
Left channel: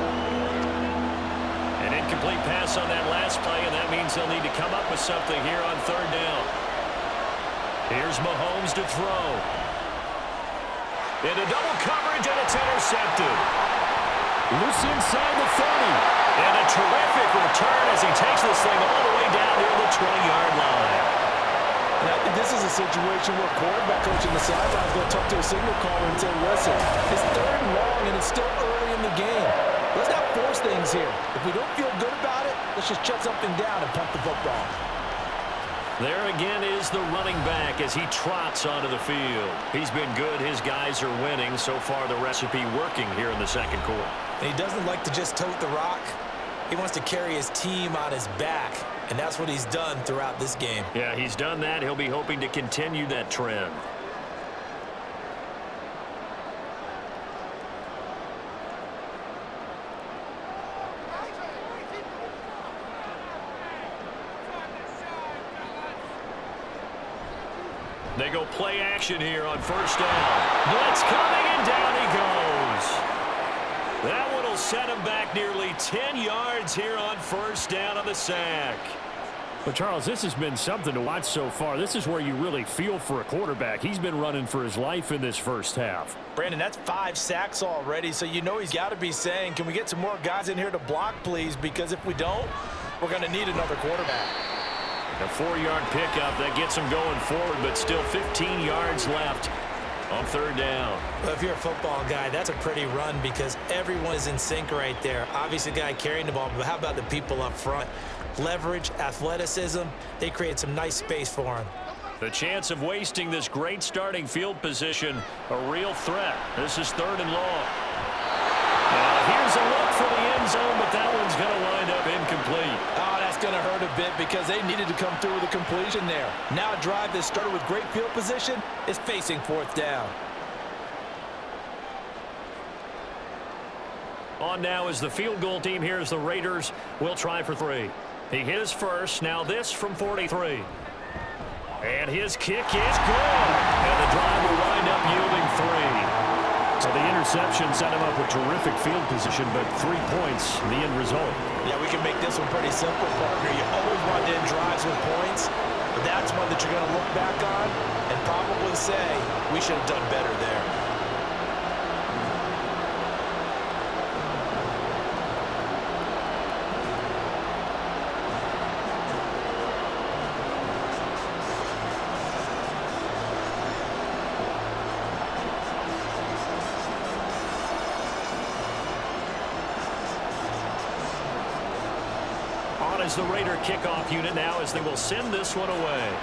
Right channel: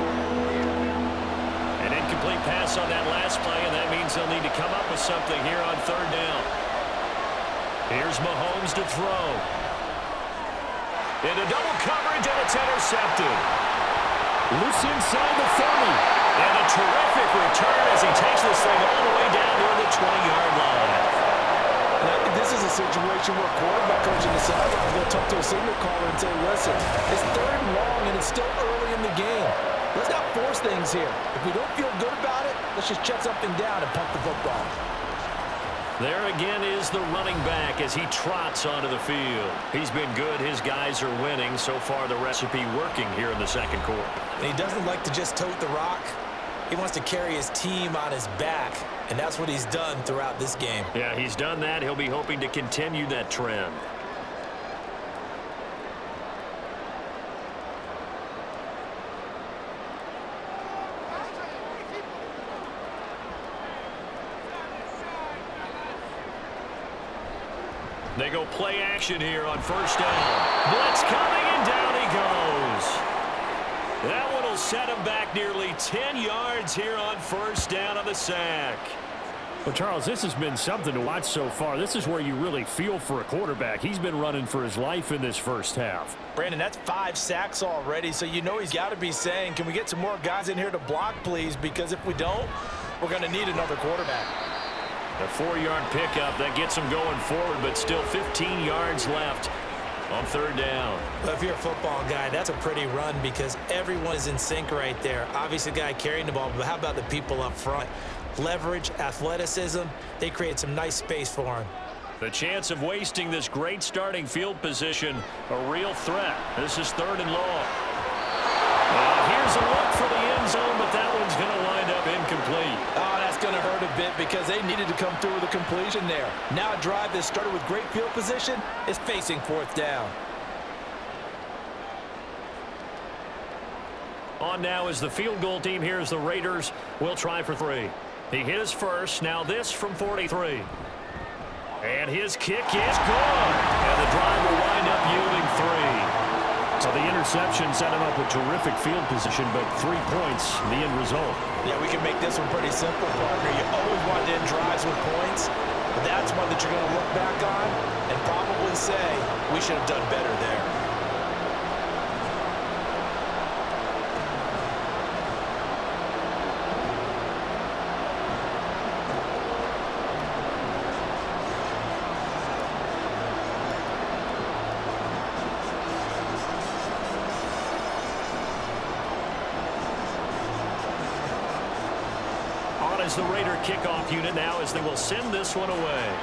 An incomplete pass on that last play, and that means they'll need to come up with something here on 3rd down. Here's Mahomes to throw. Into double coverage, and it's intercepted. Loose inside the 30. And a terrific return as he takes this thing all the way down near the 20-yard line. And I think this is a situation where quarterback coach in the sideline is going to talk to a signal caller and say, listen, it's 3rd and long and it's still early in the game. Let's not force things here. If we don't feel good about it, let's just shut something down and punt the football. There again is the running back as he trots onto the field. He's been good. His guys are winning. So far, the recipe working here in the 2nd quarter. And he doesn't like to just tote the rock. He wants to carry his team on his back, and that's what he's done throughout this game. Yeah, he's done that. He'll be hoping to continue that trend. They go play action here on 1st down. Blitz coming, and down he goes. That one will set him back nearly 10 yards here on 1st down on the sack. Well, Charles, this has been something to watch so far. This is where you really feel for a quarterback. He's been running for his life in this first half. Brandon, that's 5 sacks already, so you know he's got to be saying, can we get some more guys in here to block, please? Because if we don't, we're going to need another quarterback. A 4-yard pickup that gets him going forward, but still 15 yards left on 3rd down. Well, if you're a football guy, that's a pretty run because everyone is in sync right there. Obviously, the guy carrying the ball, but how about the people up front? Leverage, athleticism, they create some nice space for him. The chance of wasting this great starting field position, a real threat. This is 3rd and long. Now, here's a look for the end zone, but that one's going to wind up incomplete. Oh, that's going to hurt a bit because they needed to come through with a completion there. Now a drive that started with great field position is facing 4th down. On now is the field goal team. Here's the Raiders. Will try for 3. He hit his first. Now this from 43. And his kick is good. And the drive will wind up yielding 3. So the interception set him up with terrific field position, but 3 points, the end result. Yeah, we can make this one pretty simple, partner. You always want to end drives with points, but that's one that you're going to look back on and probably say, we should have done better there. On is the Raider kickoff unit now as they will send this one away.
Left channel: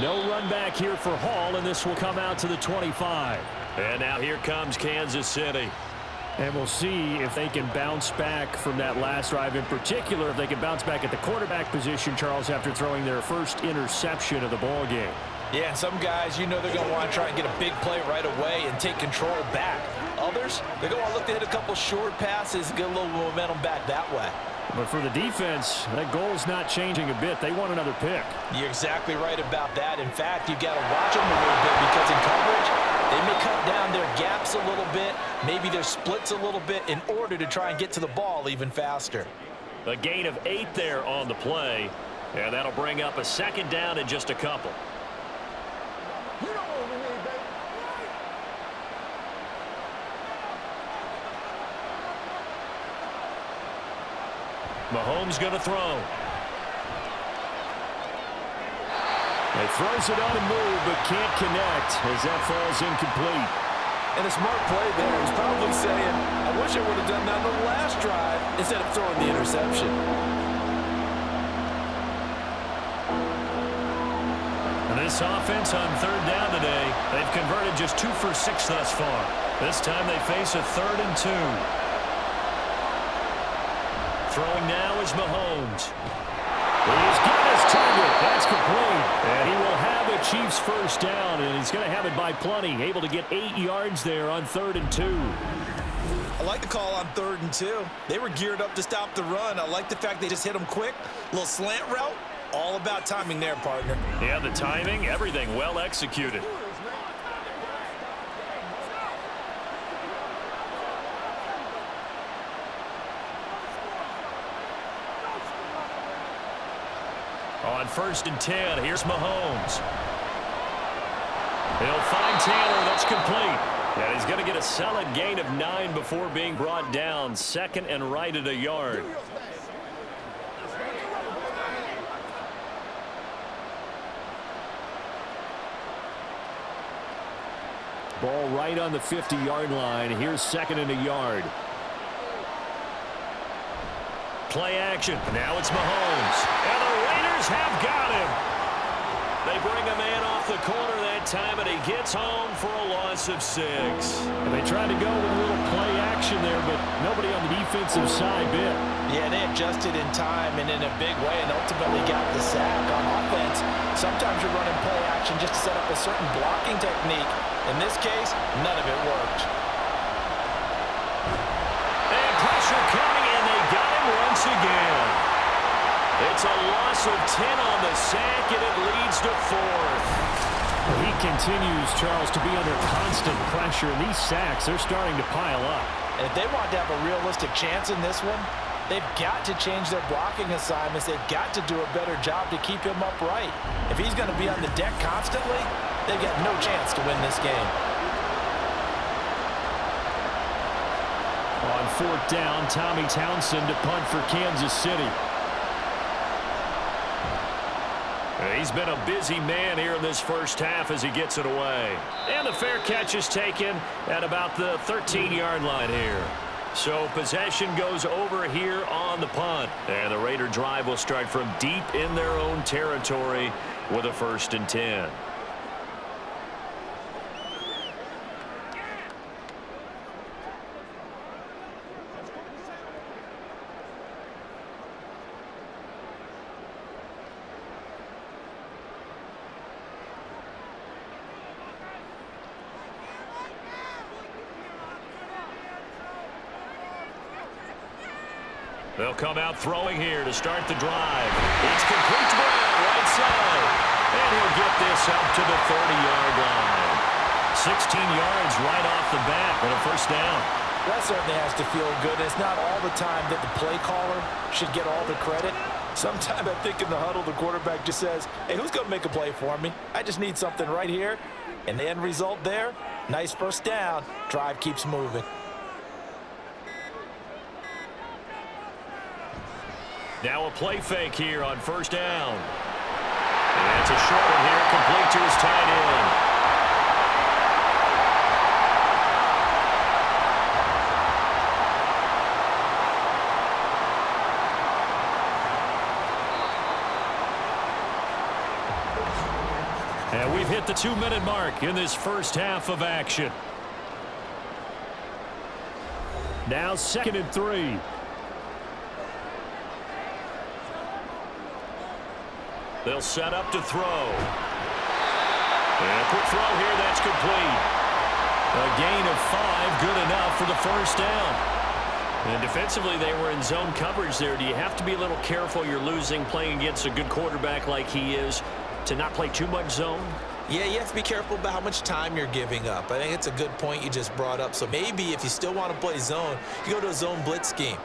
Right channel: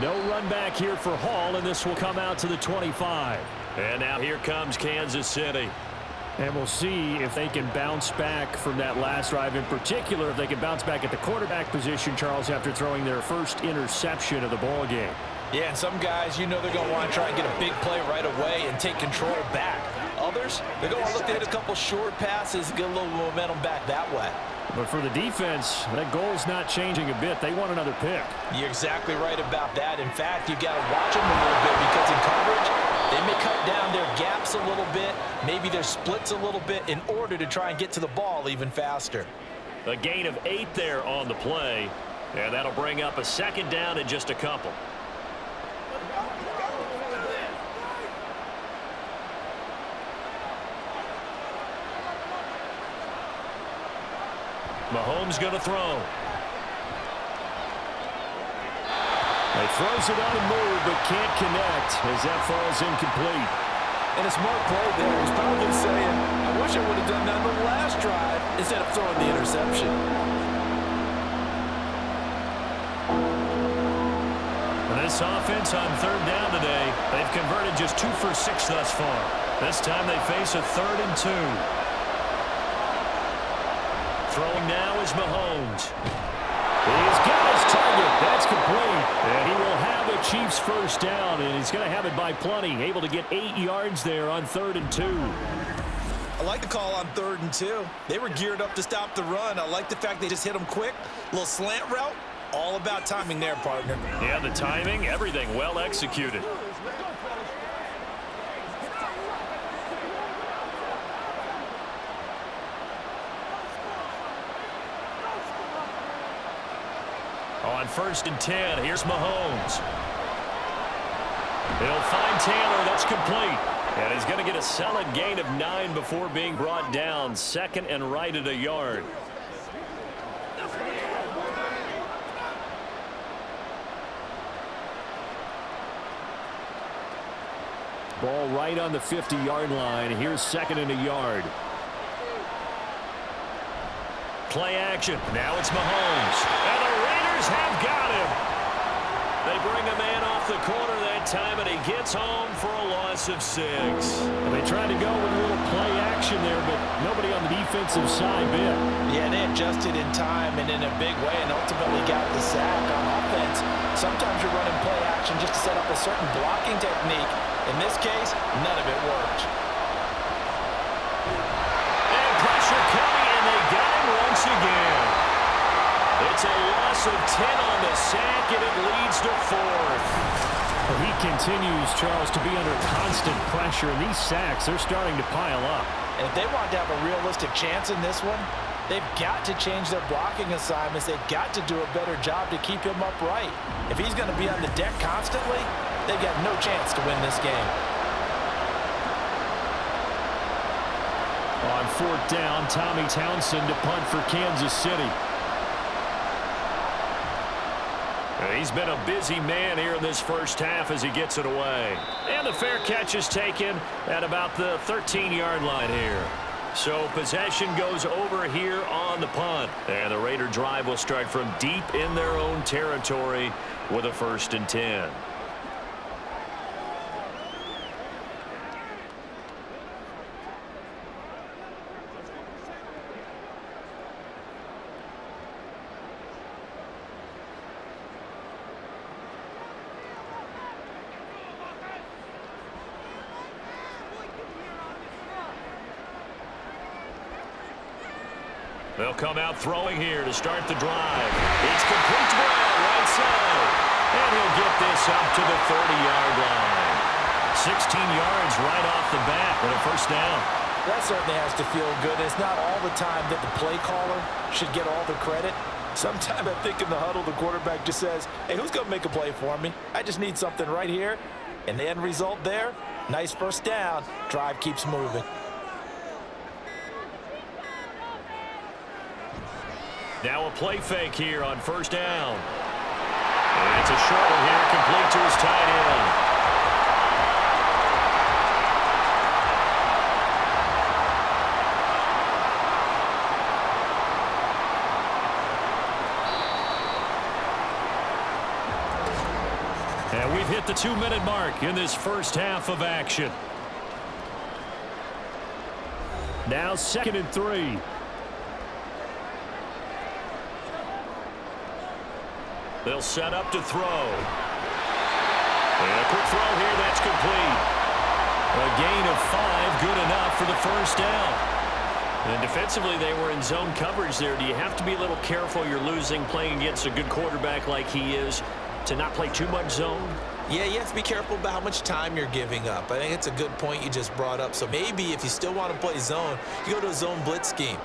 No run back here for Hall, and this will come out to the 25. And now here comes Kansas City. And we'll see if they can bounce back from that last drive, in particular, if they can bounce back at the quarterback position, Charles, after throwing their first interception of the ball game. Yeah, and some guys, you know they're going to want to try and get a big play right away and take control back. Others, they're going to want to look to hit a couple short passes and get a little momentum back that way. But for the defense, that goal's not changing a bit. They want another pick. You're exactly right about that. In fact, you've got to watch them a little bit because in coverage, they may cut down their gaps a little bit, maybe their splits a little bit in order to try and get to the ball even faster. A gain of 8 there on the play, and that'll bring up a second down in just a couple. Mahomes going to throw. He throws it on the move, but can't connect as that falls incomplete. And a smart play there. He's probably saying, I wish I would have done that on the last drive instead of throwing the interception. And this offense on third down today, they've converted just 2 for 6 thus far. This time they face a 3rd and 2. Throwing now is Mahomes. He's got his target. That's complete. And he will have a Chiefs first down, and he's going to have it by plenty. Able to get 8 yards there on 3rd and 2. I like the call on 3rd and 2. They were geared up to stop the run. I like the fact they just hit them quick. A little slant route. All about timing there, partner. Yeah, the timing, everything well executed. On 1st and 10, here's Mahomes. He'll find Taylor. That's complete. And he's going to get a solid gain of 9 before being brought down. 2nd and right at a yard. Ball right on the 50-yard line. Here's 2nd and a yard. Play action. Now it's Mahomes. And the Raiders have got him. They bring a man off the corner that time, and he gets home for a loss of 6. And they tried to go with a little play action there, but nobody on the defensive side bit. Yeah, they adjusted in time and in a big way and ultimately got the sack on offense. Sometimes you're running play action just to set up a certain blocking technique. In this case, none of it worked. And pressure coming, and they got him once again. It's a loss of 10 on the sack, and it leads to 4th. Well, he continues, Charles, to be under constant pressure, and these sacks, they're starting to pile up. And if they want to have a realistic chance in this one, they've got to change their blocking assignments. They've got to do a better job to keep him upright. If he's going to be on the deck constantly, they've got no chance to win this game. On 4th down, Tommy Townsend to punt for Kansas City. He's been a busy man here in this first half as he gets it away. And the fair catch is taken at about the 13-yard line here. So possession goes over here on the punt. And the Raider drive will start from deep in their own territory with a 1st and 10. They'll come out throwing here to start the drive. It's complete to Brown, right side. And he'll get this up to the 30-yard line. 16 yards right off the bat and a first down. That certainly has to feel good. It's not all the time that the play caller should get all the credit. Sometimes I think in the huddle, the quarterback just says, hey, who's going to make a play for me? I just need something right here. And the end result there, nice first down. Drive keeps moving. Now a play fake here on 1st down. And it's a short one here, complete to his tight end. And we've hit the 2-minute mark in this first half of action. Now 2nd and 3. They'll set up to throw. And a quick throw here, that's complete. A gain of 5, good enough for the first down. And defensively, they were in zone coverage there. Do you have to be a little careful? You're losing, playing against a good quarterback like he is, to not play too much zone? Yeah, you have to be careful about how much time you're giving up. I think it's a good point you just brought up. So maybe if you still want to play zone, you go to a zone blitz scheme.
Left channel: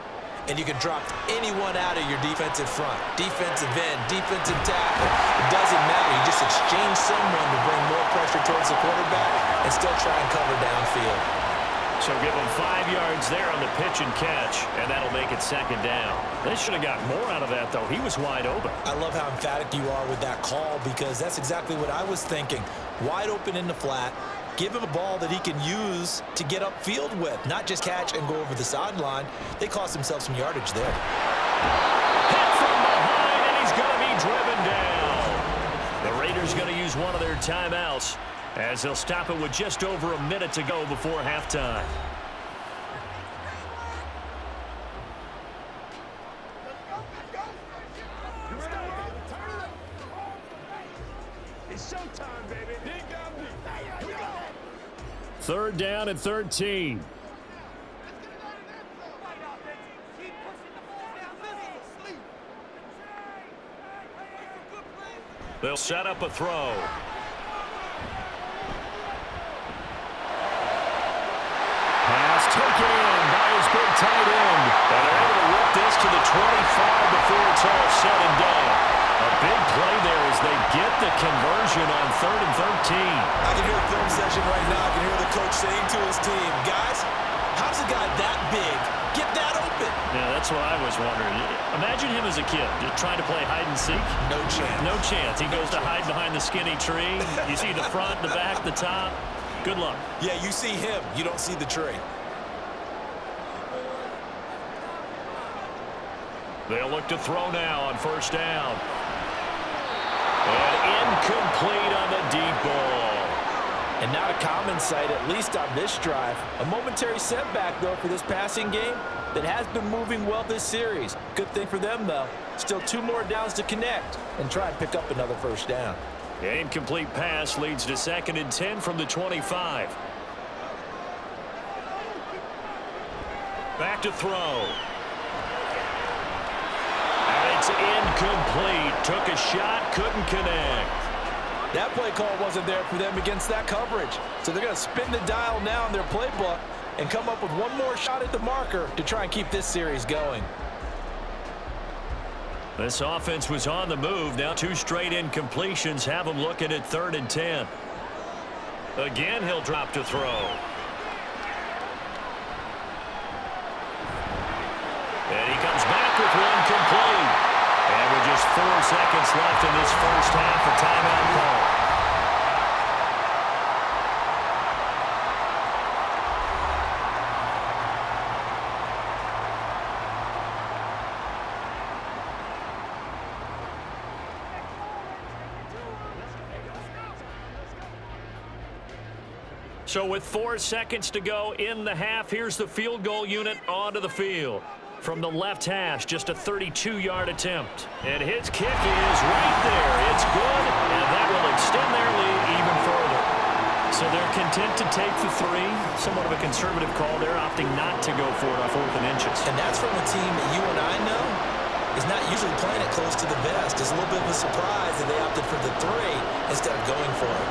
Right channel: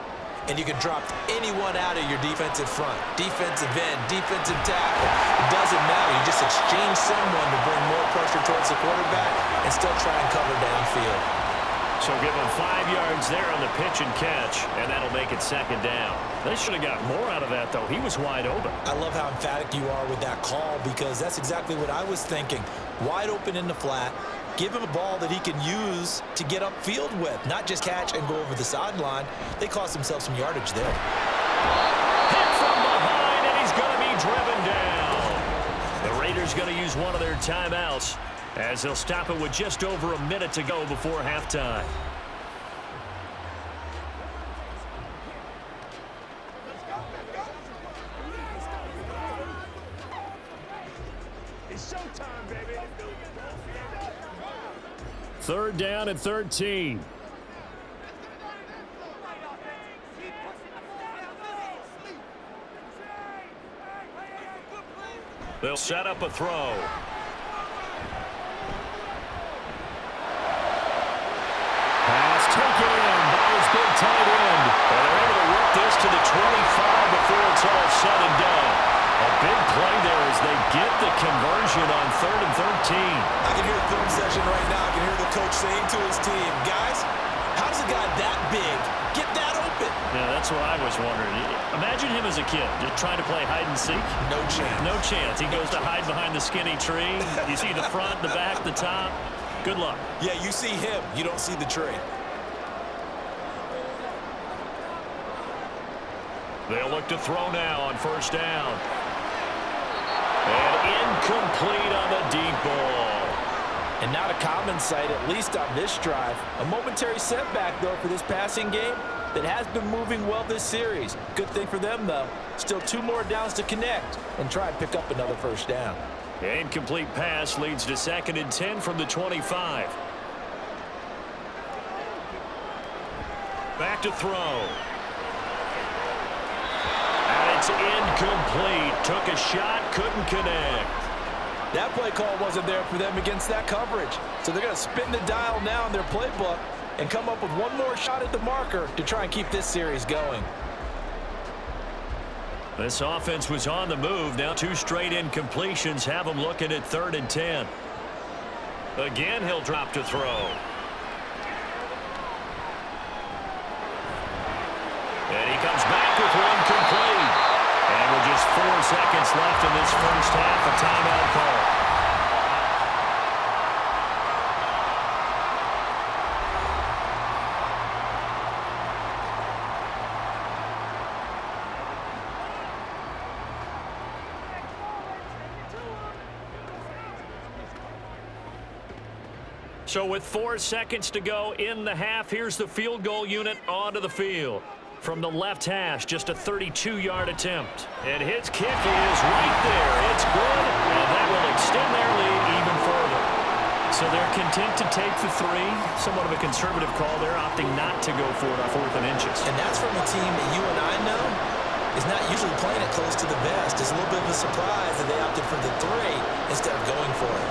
And you can drop anyone out of your defensive front. Defensive end, defensive tackle. It doesn't matter. You just exchange someone to bring more pressure towards the quarterback and still try and cover downfield. So give him 5 yards there on the pitch and catch, and that'll make it 2nd down. They should have got more out of that, though. He was wide open. I love how emphatic you are with that call because that's exactly what I was thinking. Wide open in the flat. Give him a ball that he can use to get upfield with, not just catch and go over the sideline. They cost themselves some yardage there. Hit from behind, and he's going to be driven down. The Raiders going to use one of their timeouts as they'll stop it with just over a minute to go before halftime. It's showtime, baby. 3rd down and 13. They'll set up a throw. Pass taken in by his big tight end. And they're able to whip this to the 25 before it's all said and done. A big play there as they get the conversion on 3rd and 13. I can hear the film session right now. I can hear the coach saying to his team, guys, how does a guy that big get that open? Yeah, that's what I was wondering. Imagine him as a kid, just trying to play hide and seek. No chance. No chance. He goes to hide behind the skinny tree. You see the front, the back, the top. Good luck. Yeah, you see him. You don't see the tree. They'll look to throw now on 1st down. And incomplete on the deep ball. And not a common sight, at least on this drive. A momentary setback, though, for this passing game that has been moving well this series. Good thing for them, though. Still 2 more downs to connect and try and pick up another 1st down. Incomplete pass leads to 2nd and 10 from the 25. Back to throw. And it's incomplete. Took a shot, couldn't connect. That play call wasn't there for them against that coverage. So they're going to spin the dial now in their playbook and come up with one more shot at the marker to try and keep this series going. This offense was on the move. Now 2 straight incompletions have them looking at 3rd and 10. Again, he'll drop to throw. And he comes back with one complete. And with just 4 seconds left in this first half, a timeout call. So with 4 seconds to go in the half, here's the field goal unit onto the field. From the left hash, just a 32-yard attempt. And his kick is right there. It's good, and that will extend their lead even further. So they're content to take the 3. Somewhat of a conservative call. They're opting not to go for it on 4th and inches. And that's from a team that you and I know is not usually playing it close to the vest. It's a little bit of a surprise that they opted for the 3 instead of going for it.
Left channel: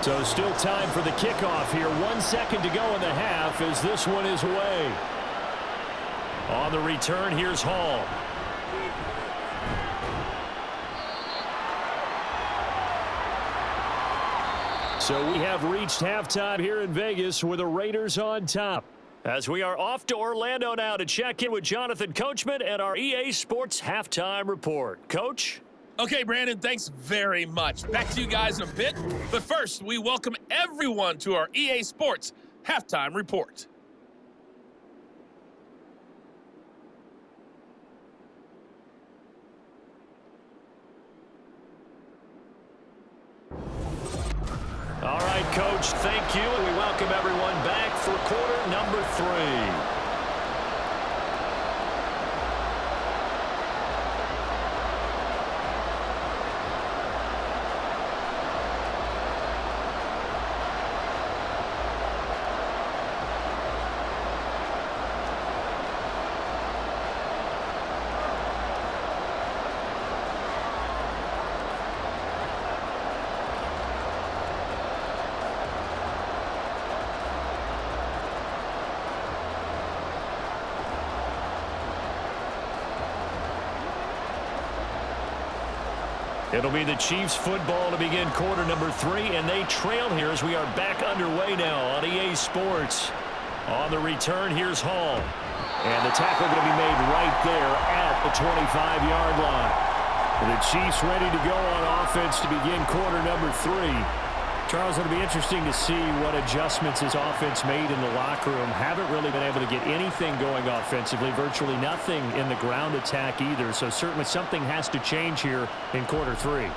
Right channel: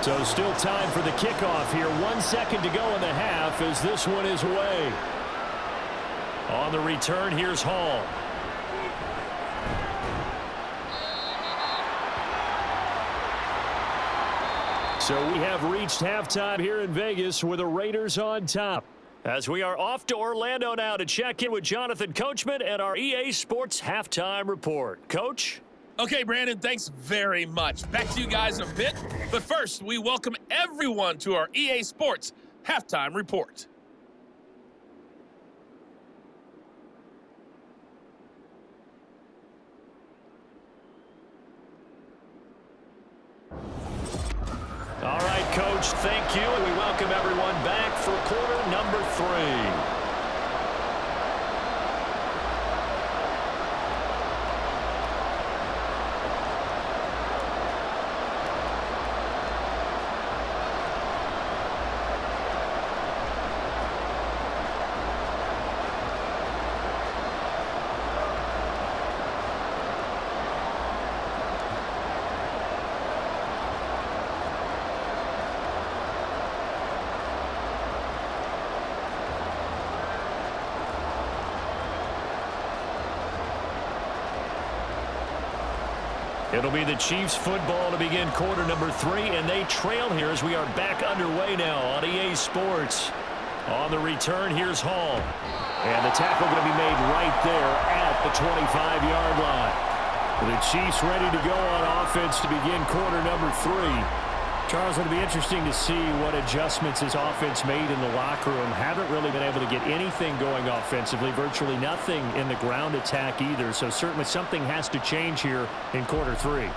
So still time for the kickoff here. 1 second to go in the half as this one is away. On the return, here's Hall. So we have reached halftime here in Vegas with the Raiders on top. As we are off to Orlando now to check in with Jonathan Coachman and our EA Sports Halftime Report. Coach? Okay, Brandon, thanks very much. Back to you guys in a bit. But first, we welcome everyone to our EA Sports Halftime Report. All right, Coach, thank you. And we welcome everyone back for quarter number 3. It'll be the Chiefs football to begin quarter number 3, and they trail here as we are back underway now on EA Sports. On the return, here's Hall. And the tackle going to be made right there at the 25-yard line. The Chiefs ready to go on offense to begin quarter number 3. Charles, it'll be interesting to see what adjustments his offense made in the locker room. Haven't really been able to get anything going offensively, virtually nothing in the ground attack either. So certainly something has to change here in quarter 3.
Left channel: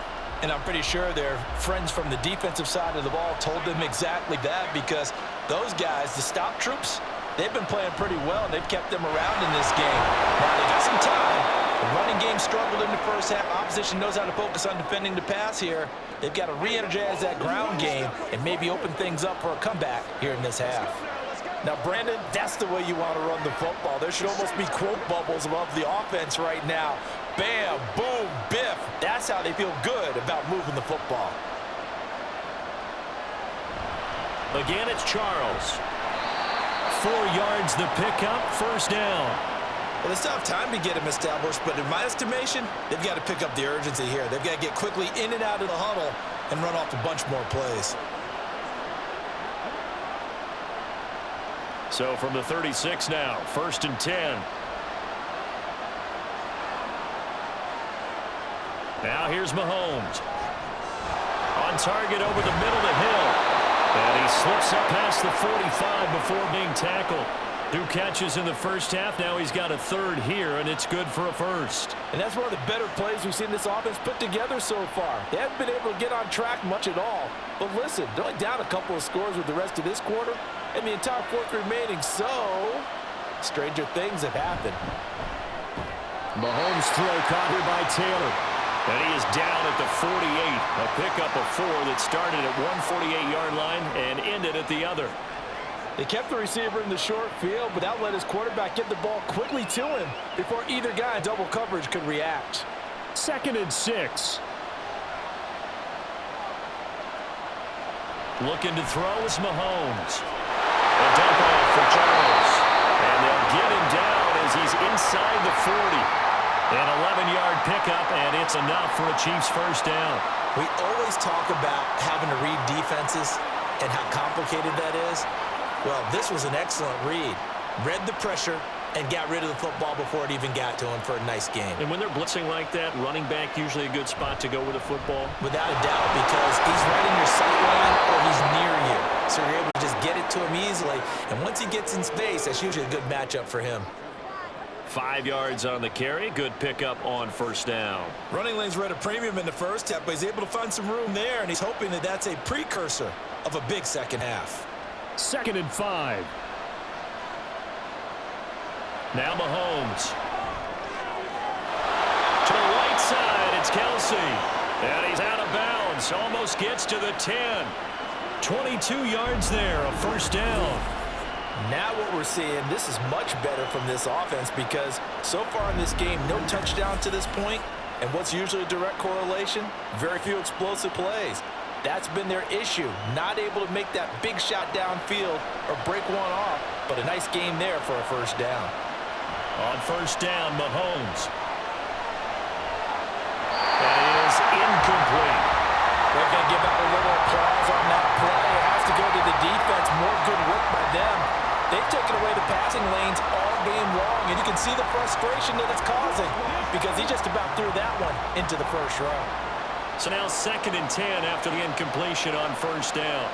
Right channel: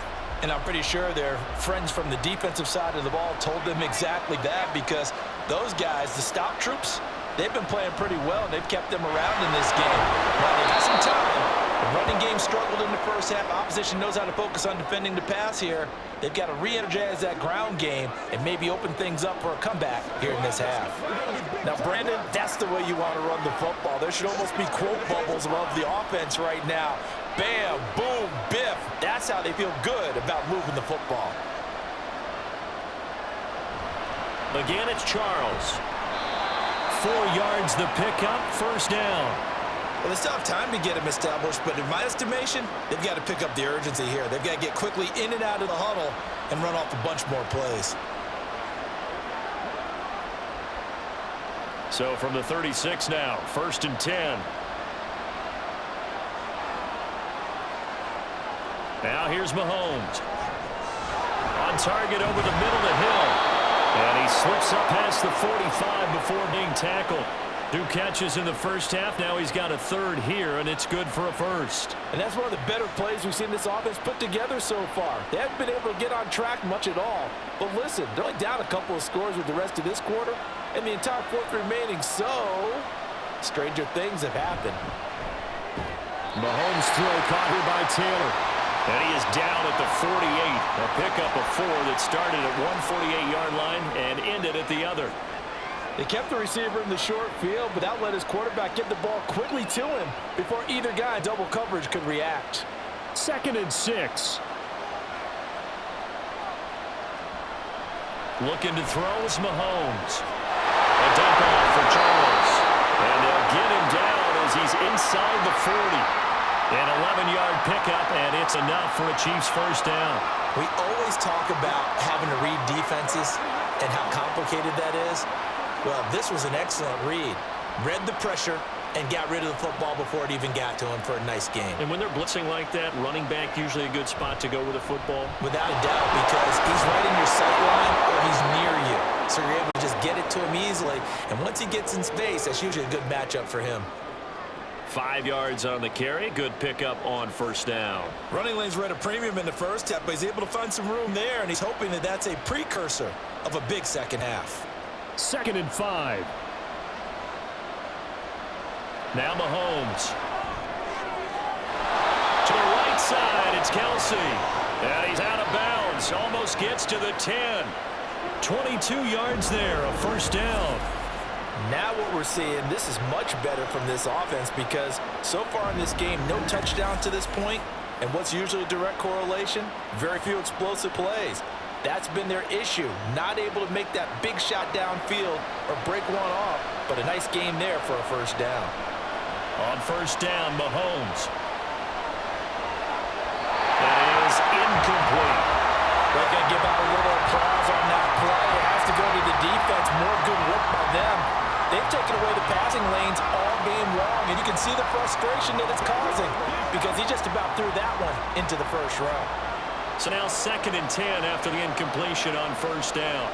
And I'm pretty sure their friends from the defensive side of the ball told them exactly that, because those guys, the stop troops, they've been playing pretty well, and they've kept them around in this game. Now they got some time. The running game struggled in the first half. Opposition knows how to focus on defending the pass here. They've got to re-energize that ground game and maybe open things up for a comeback here in this half. Now, Brandon, that's the way you want to run the football. There should almost be quote bubbles above the offense right now. Bam, boom, biff. That's how they feel good about moving the football. Again, it's Charles. 4 yards the pickup, first down. Well, they still have time to get him established, but in my estimation, they've got to pick up the urgency here. They've got to get quickly in and out of the huddle and run off a bunch more plays. So from the 36 now, first and 10. Now here's Mahomes. On target over the middle to Hill. And he slips up past the 45 before being tackled. 2 catches in the first half. Now he's got a third here, and it's good for a first. And that's one of the better plays we've seen this offense put together so far. They haven't been able to get on track much at all. But listen, they're only down a couple of scores with the rest of this quarter, and the entire fourth remaining, so stranger things have happened. Mahomes' throw caught here by Taylor. And he is down at the 48. A pickup of 4 that started at one 48-yard line and ended at the other. They kept the receiver in the short field, but that let his quarterback get the ball quickly to him before either guy in double coverage could react. Second and 6. Looking to throw is Mahomes. A dump off for Charles. And they'll get him down as he's inside the 40. An 11-yard pickup, and it's enough for a Chiefs first down. We always talk about having to read defenses and how complicated that is. Well, this was an excellent read. Read the pressure and got rid of the football before it even got to him for a nice game. And when they're blitzing like that, running back usually a good spot to go with a football? Without a doubt, because he's right in your sight line or he's near you. So you're able to just get it to him easily. And once he gets in space, that's usually a good matchup for him. 5 yards on the carry. Good pickup on first down. Running lanes were at a premium in the first half, but he's able to find some room there, and he's hoping that that's a precursor of a big second half. Second and 5. Now Mahomes. To the right side, it's Kelsey. And he's out of bounds. Almost gets to the 10. 22 yards there, a first down. Now what we're seeing, this is much better from this offense, because so far in this game, no touchdown to this point, and what's usually a direct correlation? Very few explosive plays. That's been their issue, not able to make that big shot downfield or break one off, but a nice game there for a first down. On first down, Mahomes. That is incomplete. They're going to give out a little applause on that play. It has to go to the defense. More good work by them. They've taken away the passing lanes all game long, and you can see the frustration that it's causing because he just about threw that one into the first row. So now 2nd and 10 after the incompletion on first down.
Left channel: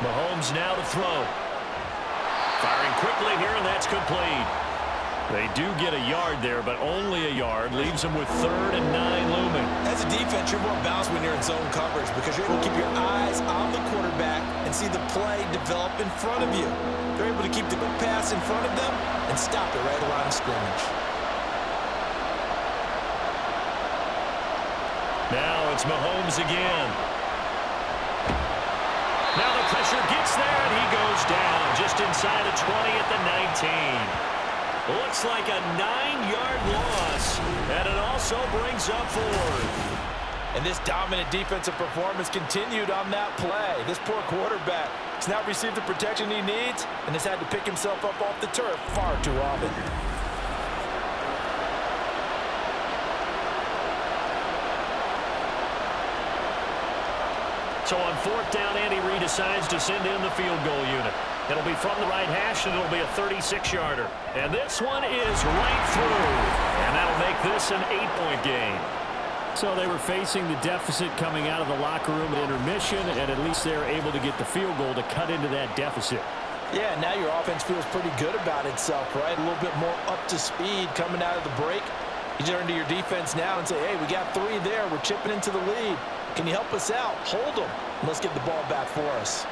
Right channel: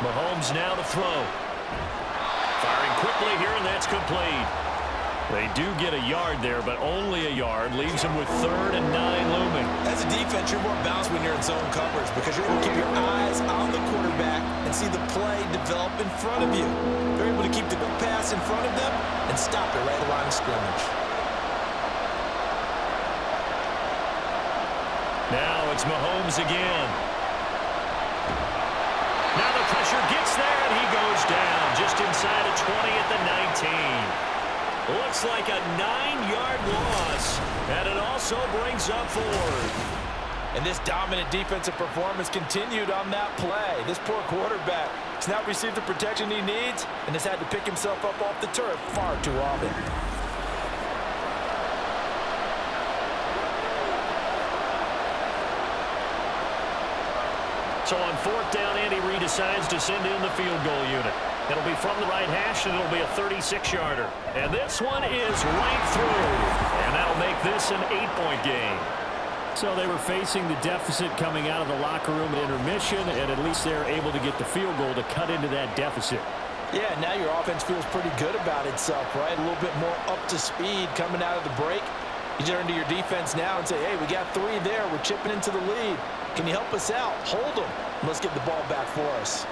Mahomes now to throw. Firing quickly here, and that's complete. They do get a yard there, but only a yard. Leaves them with 3rd and 9 looming. As a defense, you're more balanced when you're in zone coverage because you're able to keep your eyes on the quarterback and see the play develop in front of you. They're able to keep the quick pass in front of them and stop it right at the line of scrimmage. Now it's Mahomes again. Now the pressure gets there, and he goes down just inside of 20 at the 19. Looks like a 9-yard loss, and it also brings up 4th. And this dominant defensive performance continued on that play. This poor quarterback has not received the protection he needs and has had to pick himself up off the turf far too often. So on 4th down, Andy Reid decides to send in the field goal unit. It'll be from the right hash, and it'll be a 36-yarder. And this one is right through. And that'll make this an 8-point game. So they were facing the deficit coming out of the locker room at intermission, and at least they're able to get the field goal to cut into that deficit. Yeah, now your offense feels pretty good about itself, right? A little bit more up to speed coming out of the break. You turn to your defense now and say, hey, we got 3 there. We're chipping into the lead. Can you help us out? Hold them. Let's get the ball back for us.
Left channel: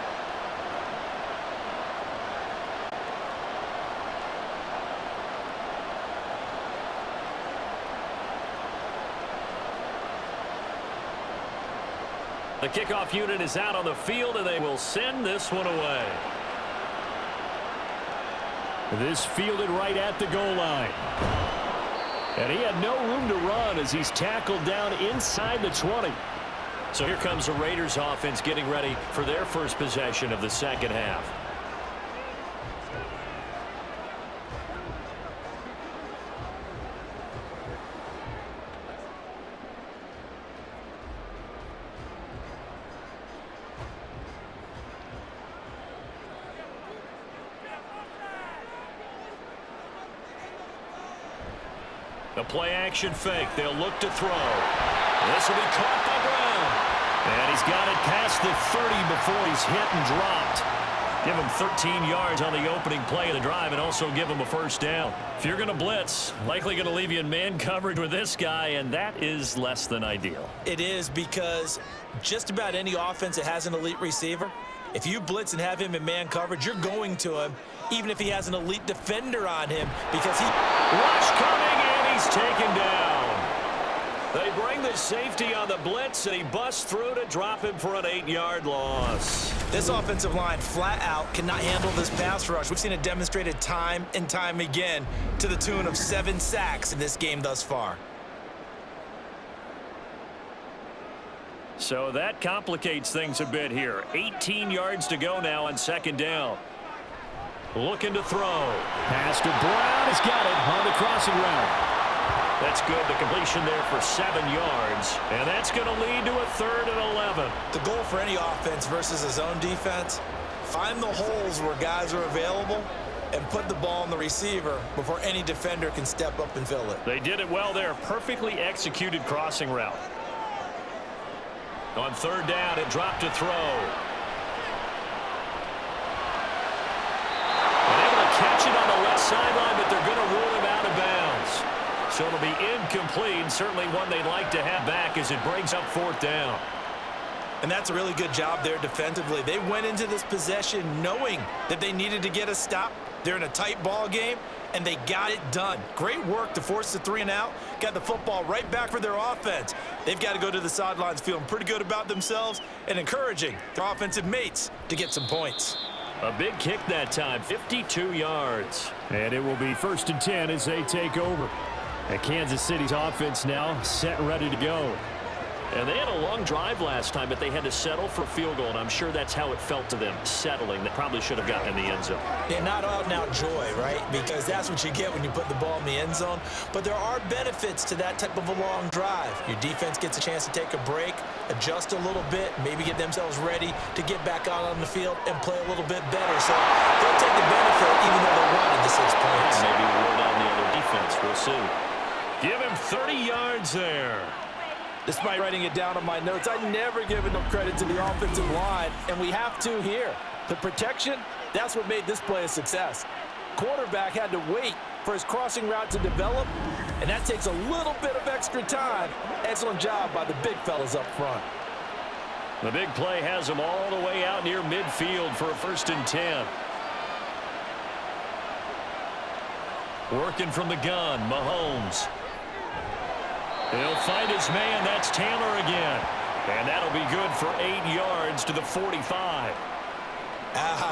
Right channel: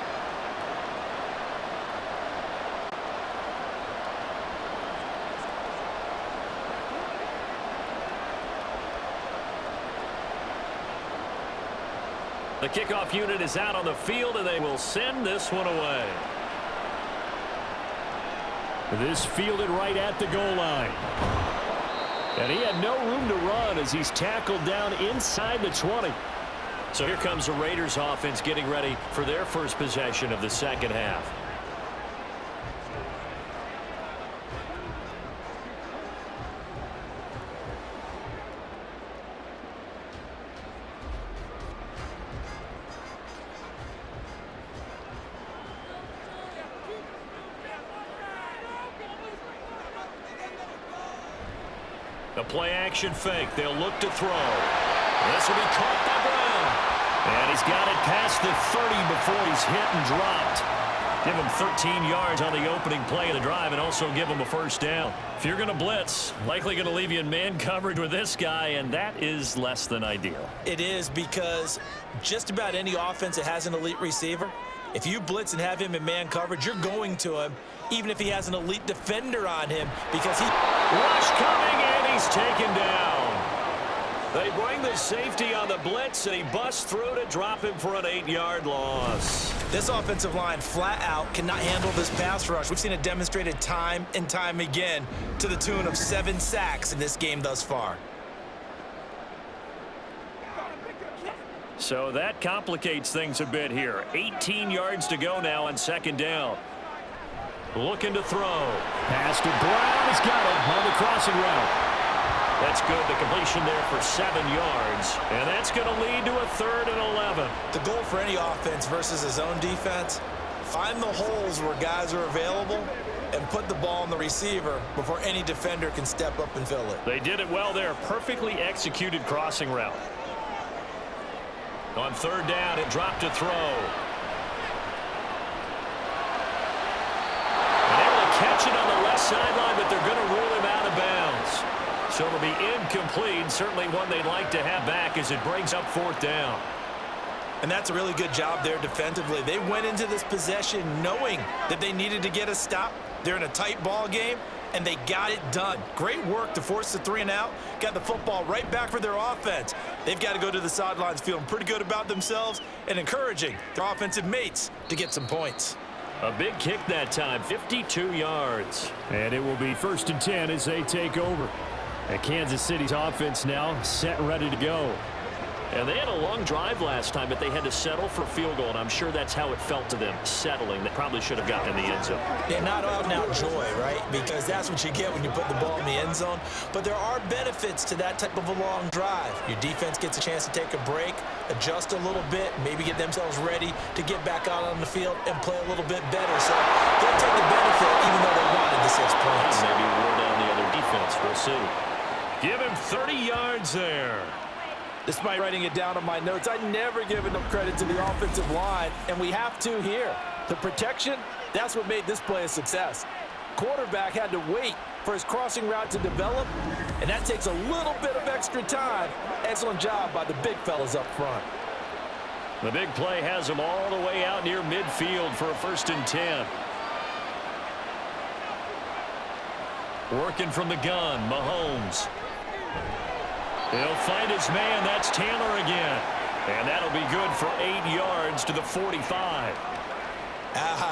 The kickoff unit is out on the field, and they will send this one away. This fielded right at the goal line. And he had no room to run as he's tackled down inside the 20. So here comes the Raiders offense getting ready for their first possession of the second half. The play action fake. They'll look to throw. This will be caught by Brown. And he's got it past the 30 before he's hit and dropped. Give him 13 yards on the opening play of the drive and also give him a first down. If you're going to blitz, likely going to leave you in man coverage with this guy, and that is less than ideal. It is because just about any offense that has an elite receiver, if you blitz and have him in man coverage, you're going to him, even if he has an elite defender on him, because he... Rush coming, and he's taken down. They bring the safety on the blitz, and he busts through to drop him for an 8-yard loss. This offensive line flat out cannot handle this pass rush. We've seen it demonstrated time and time again to the tune of 7 sacks in this game thus far. So that complicates things a bit here. 18 yards to go now on second down. Looking to throw. Pass to Brown. He's got it on the crossing route. That's good. The completion there for 7 yards. And that's going to lead to a 3rd and 11. The goal for any offense versus a zone defense, find the holes where guys are available and put the ball on the receiver before any defender can step up and fill it. They did it well there. Perfectly executed crossing route. On 3rd down, it dropped to throw. And able to catch it on the left sideline, but they're going to rule him out of bounds. So it'll be incomplete, certainly one they'd like to have back as it brings up 4th down. And that's a really good job there defensively. They went into this possession knowing that they needed to get a stop. They're in a tight ball game, and they got it done. Great work to force the 3 and out. Got the football right back for their offense. They've got to go to the sidelines feeling pretty good about themselves and encouraging their offensive mates to get some points. A big kick that time, 52 yards. And it will be 1st and 10 as they take over. And Kansas City's offense now set and ready to go. And they had a long drive last time, but they had to settle for a field goal, and I'm sure that's how it felt to them, settling. They probably should have gotten in the end zone. Yeah, not out-and-out joy, right? Because that's what you get when you put the ball in the end zone. But there are benefits to that type of a long drive. Your defense gets a chance to take a break, adjust a little bit, maybe get themselves ready to get back out on the field and play a little bit better. So they'll take the benefit even though they wanted the 6 points. And maybe wore down the other defense. We'll see. Give him 30 yards there. Despite writing it down on my notes, I never give enough credit to the offensive line, and we have to here. The protection, that's what made this play a success. Quarterback had to wait for his crossing route to develop, and that takes a little bit of extra time. Excellent job by the big fellas up front. The big play has him all the way out near midfield for a 1st and 10. Working from the gun, Mahomes. He'll find his man. That's Taylor again. And that'll be good for 8 yards to the 45.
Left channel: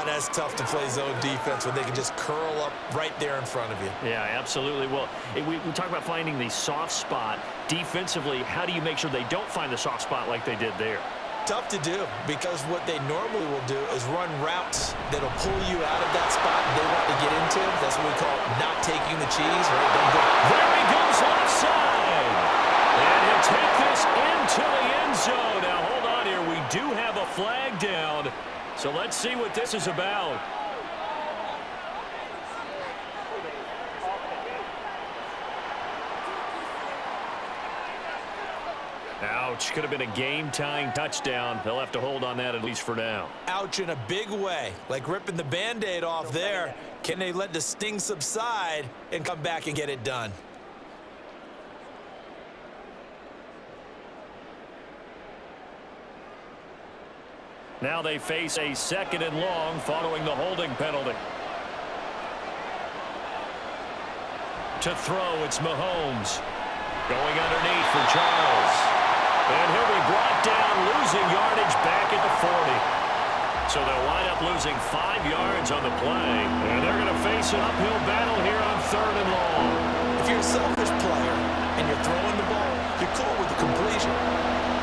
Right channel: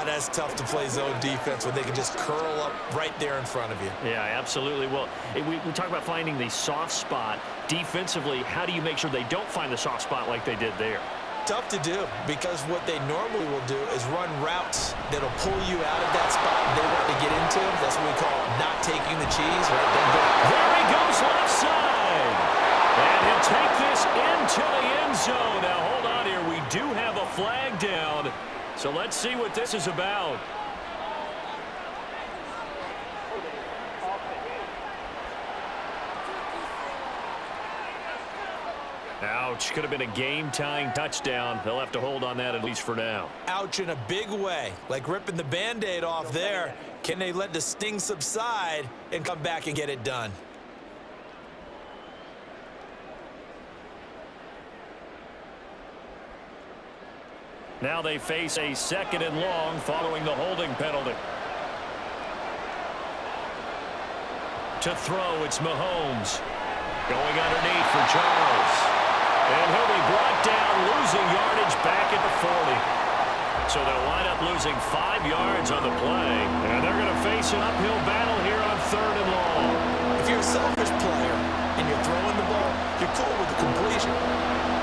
That's tough to play zone defense when they can just curl up right there in front of you. Yeah, absolutely. Well, we talk about finding the soft spot. Defensively, how do you make sure they don't find the soft spot like they did there? Tough to do, because what they normally will do is run routes that'll pull you out of that spot they want to get into. That's what we call not taking the cheese, right? Don't go. There he goes left side. And he'll take this into the end zone. Now, hold on here. We do have a flag down. So let's see what this is about. Ouch. Could have been a game-tying touchdown. They'll have to hold on that at least for now. Ouch in a big way. Like ripping the Band-Aid off there. Can they let the sting subside and come back and get it done? Now they face a 2nd and long following the holding penalty. To throw, it's Mahomes. Going underneath for Charles. And he'll be brought down, losing yardage back at the 40. So they'll wind up losing 5 yards on the play. And they're going to face an uphill battle here on 3rd and long. If you're a selfish player and you're throwing the ball, you're cool with the completion.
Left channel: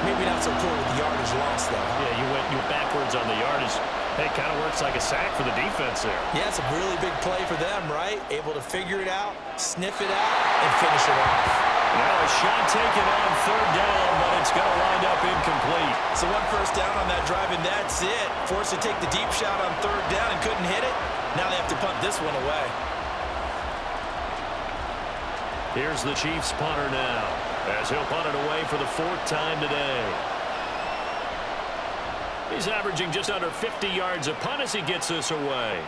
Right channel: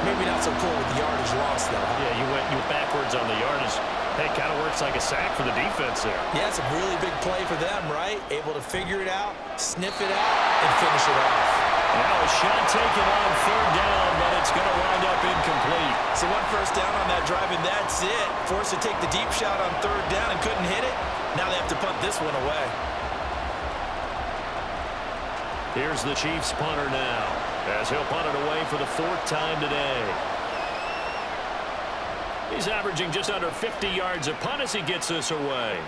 Maybe not so cool with the yardage loss, though. Yeah, you went backwards on the yardage. Hey, kind of works like a sack for the defense there. Yeah, it's a really big play for them, right? Able to figure it out, sniff it out, and finish it off. Now a shot taken on 3rd down, but it's going to wind up incomplete. So 1 first down on that drive, and that's it. Forced to take the deep shot on 3rd down and couldn't hit it. Now they have to punt this one away. Here's the Chiefs punter now, as he'll punt it away for the 4th time today. He's averaging just under 50 yards a punt as he gets this away.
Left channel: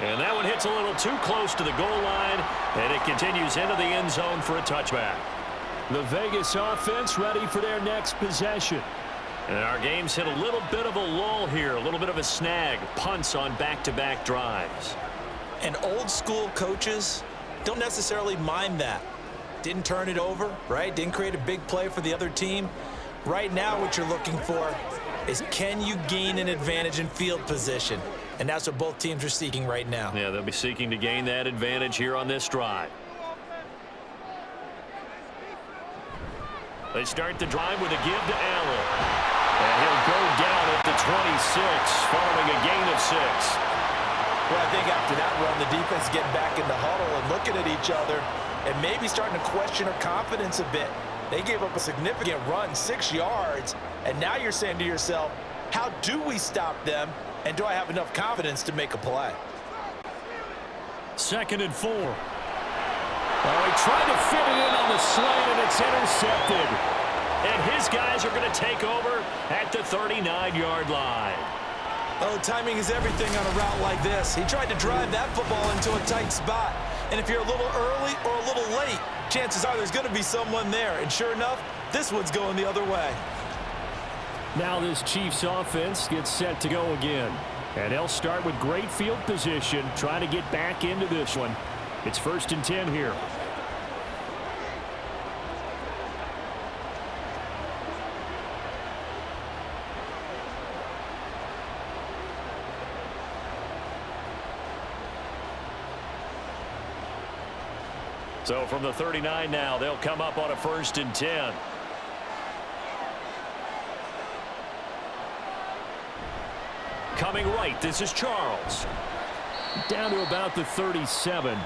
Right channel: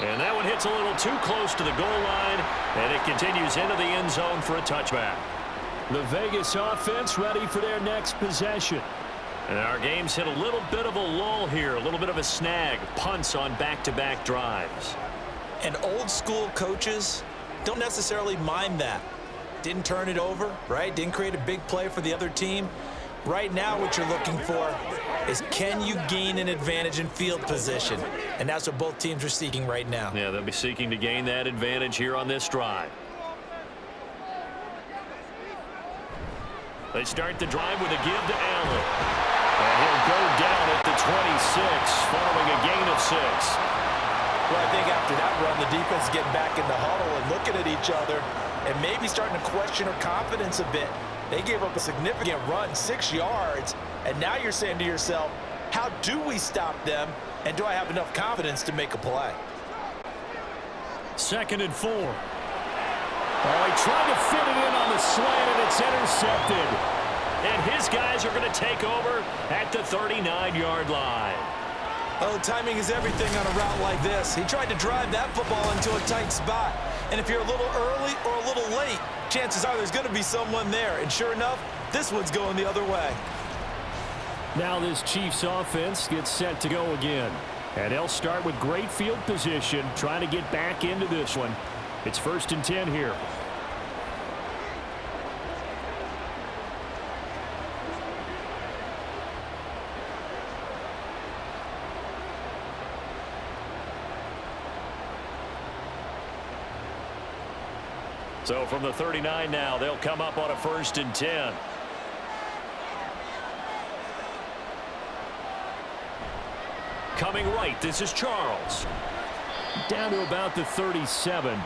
And that one hits a little too close to the goal line, and it continues into the end zone for a touchback. The Vegas offense ready for their next possession. And our game's hit a little bit of a lull here, a little bit of a snag. Punts on back-to-back drives. And old school coaches don't necessarily mind that. Didn't turn it over, right? Didn't create a big play for the other team. Right now what you're looking for is, can you gain an advantage in field position? And that's what both teams are seeking right now. Yeah, they'll be seeking to gain that advantage here on this drive. They start the drive with a give to Allen. And he'll go down at the 26 following a gain of 6. Well, I think after that run, the defense is getting back in the huddle and looking at each other and maybe starting to question her confidence a bit. They gave up a significant run, 6 yards, and now you're saying to yourself, how do we stop them, and do I have enough confidence to make a play? 2nd and 4. Oh, he tried to fit it in on the slant, and it's intercepted. And his guys are going to take over at the 39-yard line. Oh, timing is everything on a route like this. He tried to drive that football into a tight spot. And if you're a little early or a little late, chances are there's going to be someone there. And sure enough, this one's going the other way. Now this Chiefs offense gets set to go again. And they'll start with great field position, trying to get back into this one. It's 1st and 10 here. So from the 39 now, they'll come up on a 1st and 10. coming right. This is Charles. Down to about the 37.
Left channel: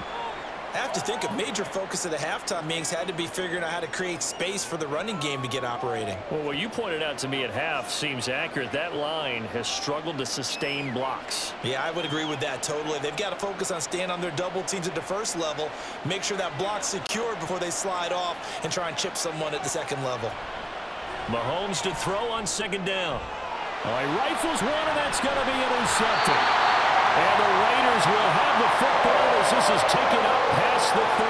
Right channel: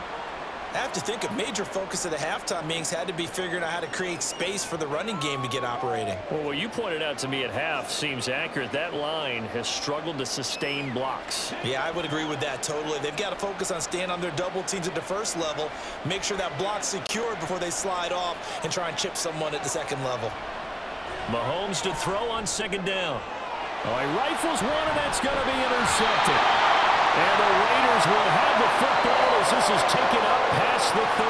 I have to think a major focus of the halftime meetings had to be figuring out how to create space for the running game to get operating. Well, what you pointed out to me at half seems accurate. That line has struggled to sustain blocks. Yeah, I would agree with that totally. They've got to focus on staying on their double teams at the first level, make sure that block's secured before they slide off and try and chip someone at the second level. Mahomes to throw on second down. Oh, he rifles one, and that's going to be intercepted. And the Raiders will have the football as this is taken up past the 30.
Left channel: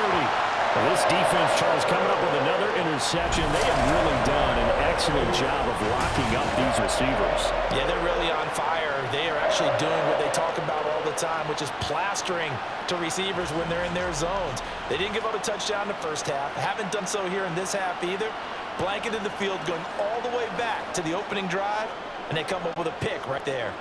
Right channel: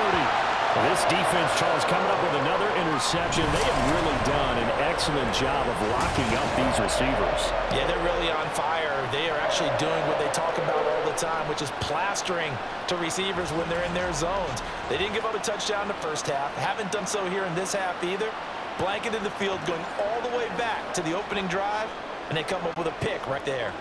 Well, this defense, Charles, coming up with another interception. They have really done an excellent job of locking up these receivers. Yeah, they're really on fire. They are actually doing what they talk about all the time, which is plastering to receivers when they're in their zones. They didn't give up a touchdown in the first half. Haven't done so here in this half either. Blanketed the field going all the way back to the opening drive, and they come up with a pick right there.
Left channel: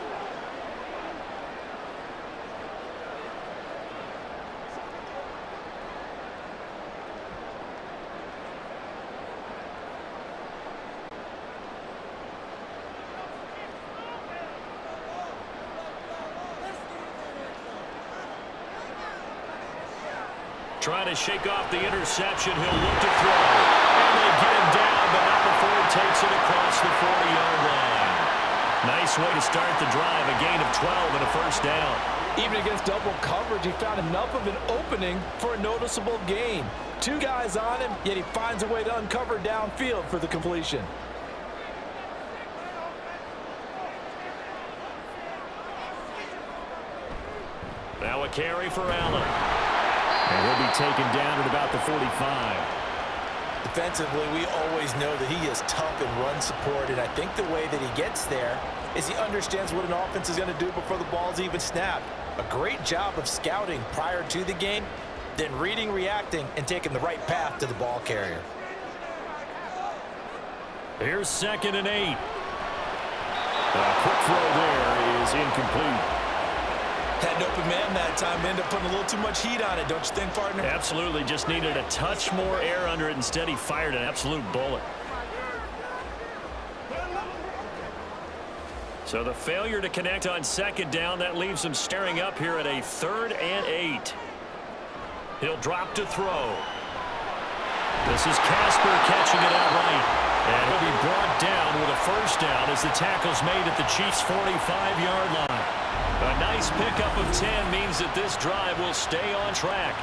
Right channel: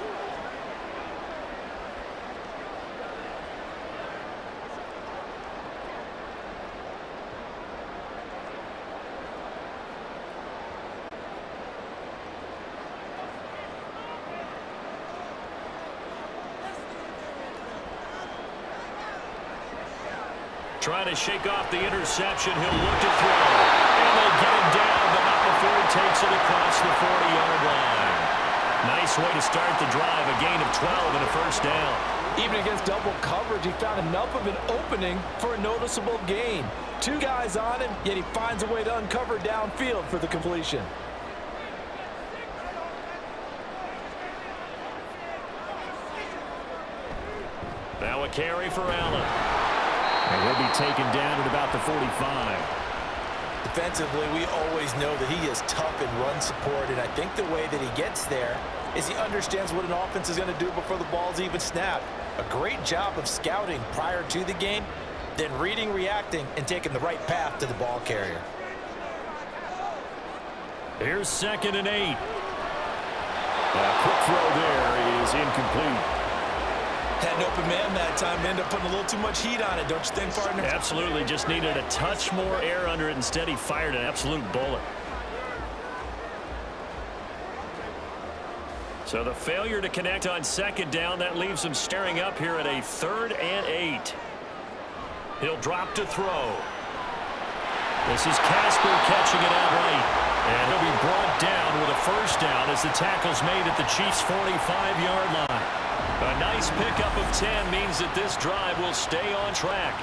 Trying to shake off the interception. He'll look to throw. And they get him down, but not before he takes it across the 40-yard line. Nice way to start the drive. A gain of 12 and a first down. Even against double coverage, he found enough of an opening for a noticeable gain. Two guys on him, yet he finds a way to uncover downfield for the completion. Now a carry for Allen. And he'll be taken down at about the 45. Defensively, we always know that he is tough in run support, and I think the way that he gets there is he understands what an offense is going to do before the ball's even snapped. A great job of scouting prior to the game, then reading, reacting, and taking the right path to the ball carrier. Here's 2nd and 8. A quick throw there is incomplete. Had an open man that time, ended up putting a little too much heat on it, don't you think, partner? Absolutely, just needed a touch more air under it. Instead, he fired an absolute bullet. So the failure to connect on 2nd down, that leaves him staring up here at a 3rd and 8. He'll drop to throw. This is Casper catching it outright. And he'll be brought down with a first down as the tackle's made at the Chiefs' 45-yard line. A nice pickup of 10 means that this drive will stay on track.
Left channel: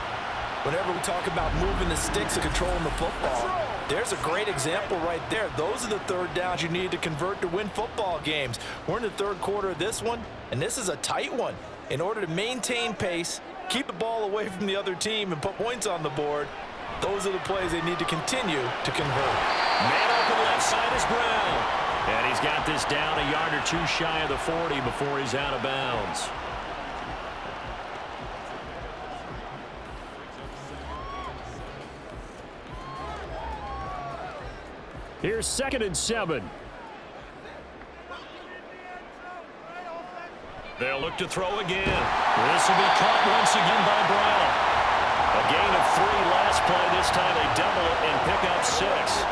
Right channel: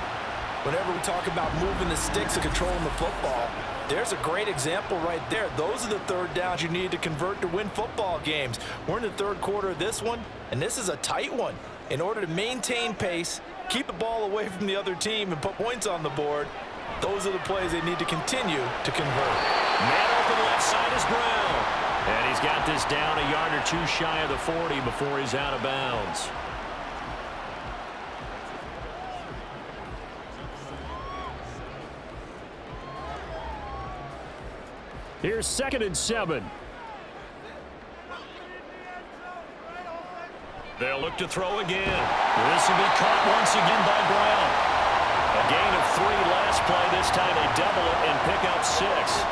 Whenever we talk about moving the sticks and controlling the football, there's a great example right there. Those are the 3rd downs you need to convert to win football games. We're in the 3rd quarter of this one, and this is a tight one. In order to maintain pace, keep the ball away from the other team, and put points on the board, those are the plays they need to continue to convert. Man open left side is Brown. And he's got this down a yard or two shy of the 40 before he's out of bounds. Here's 2nd and 7. They'll look to throw again. This will be caught once again by Brown. A gain of 3 last play. This time they double it and pick up 6.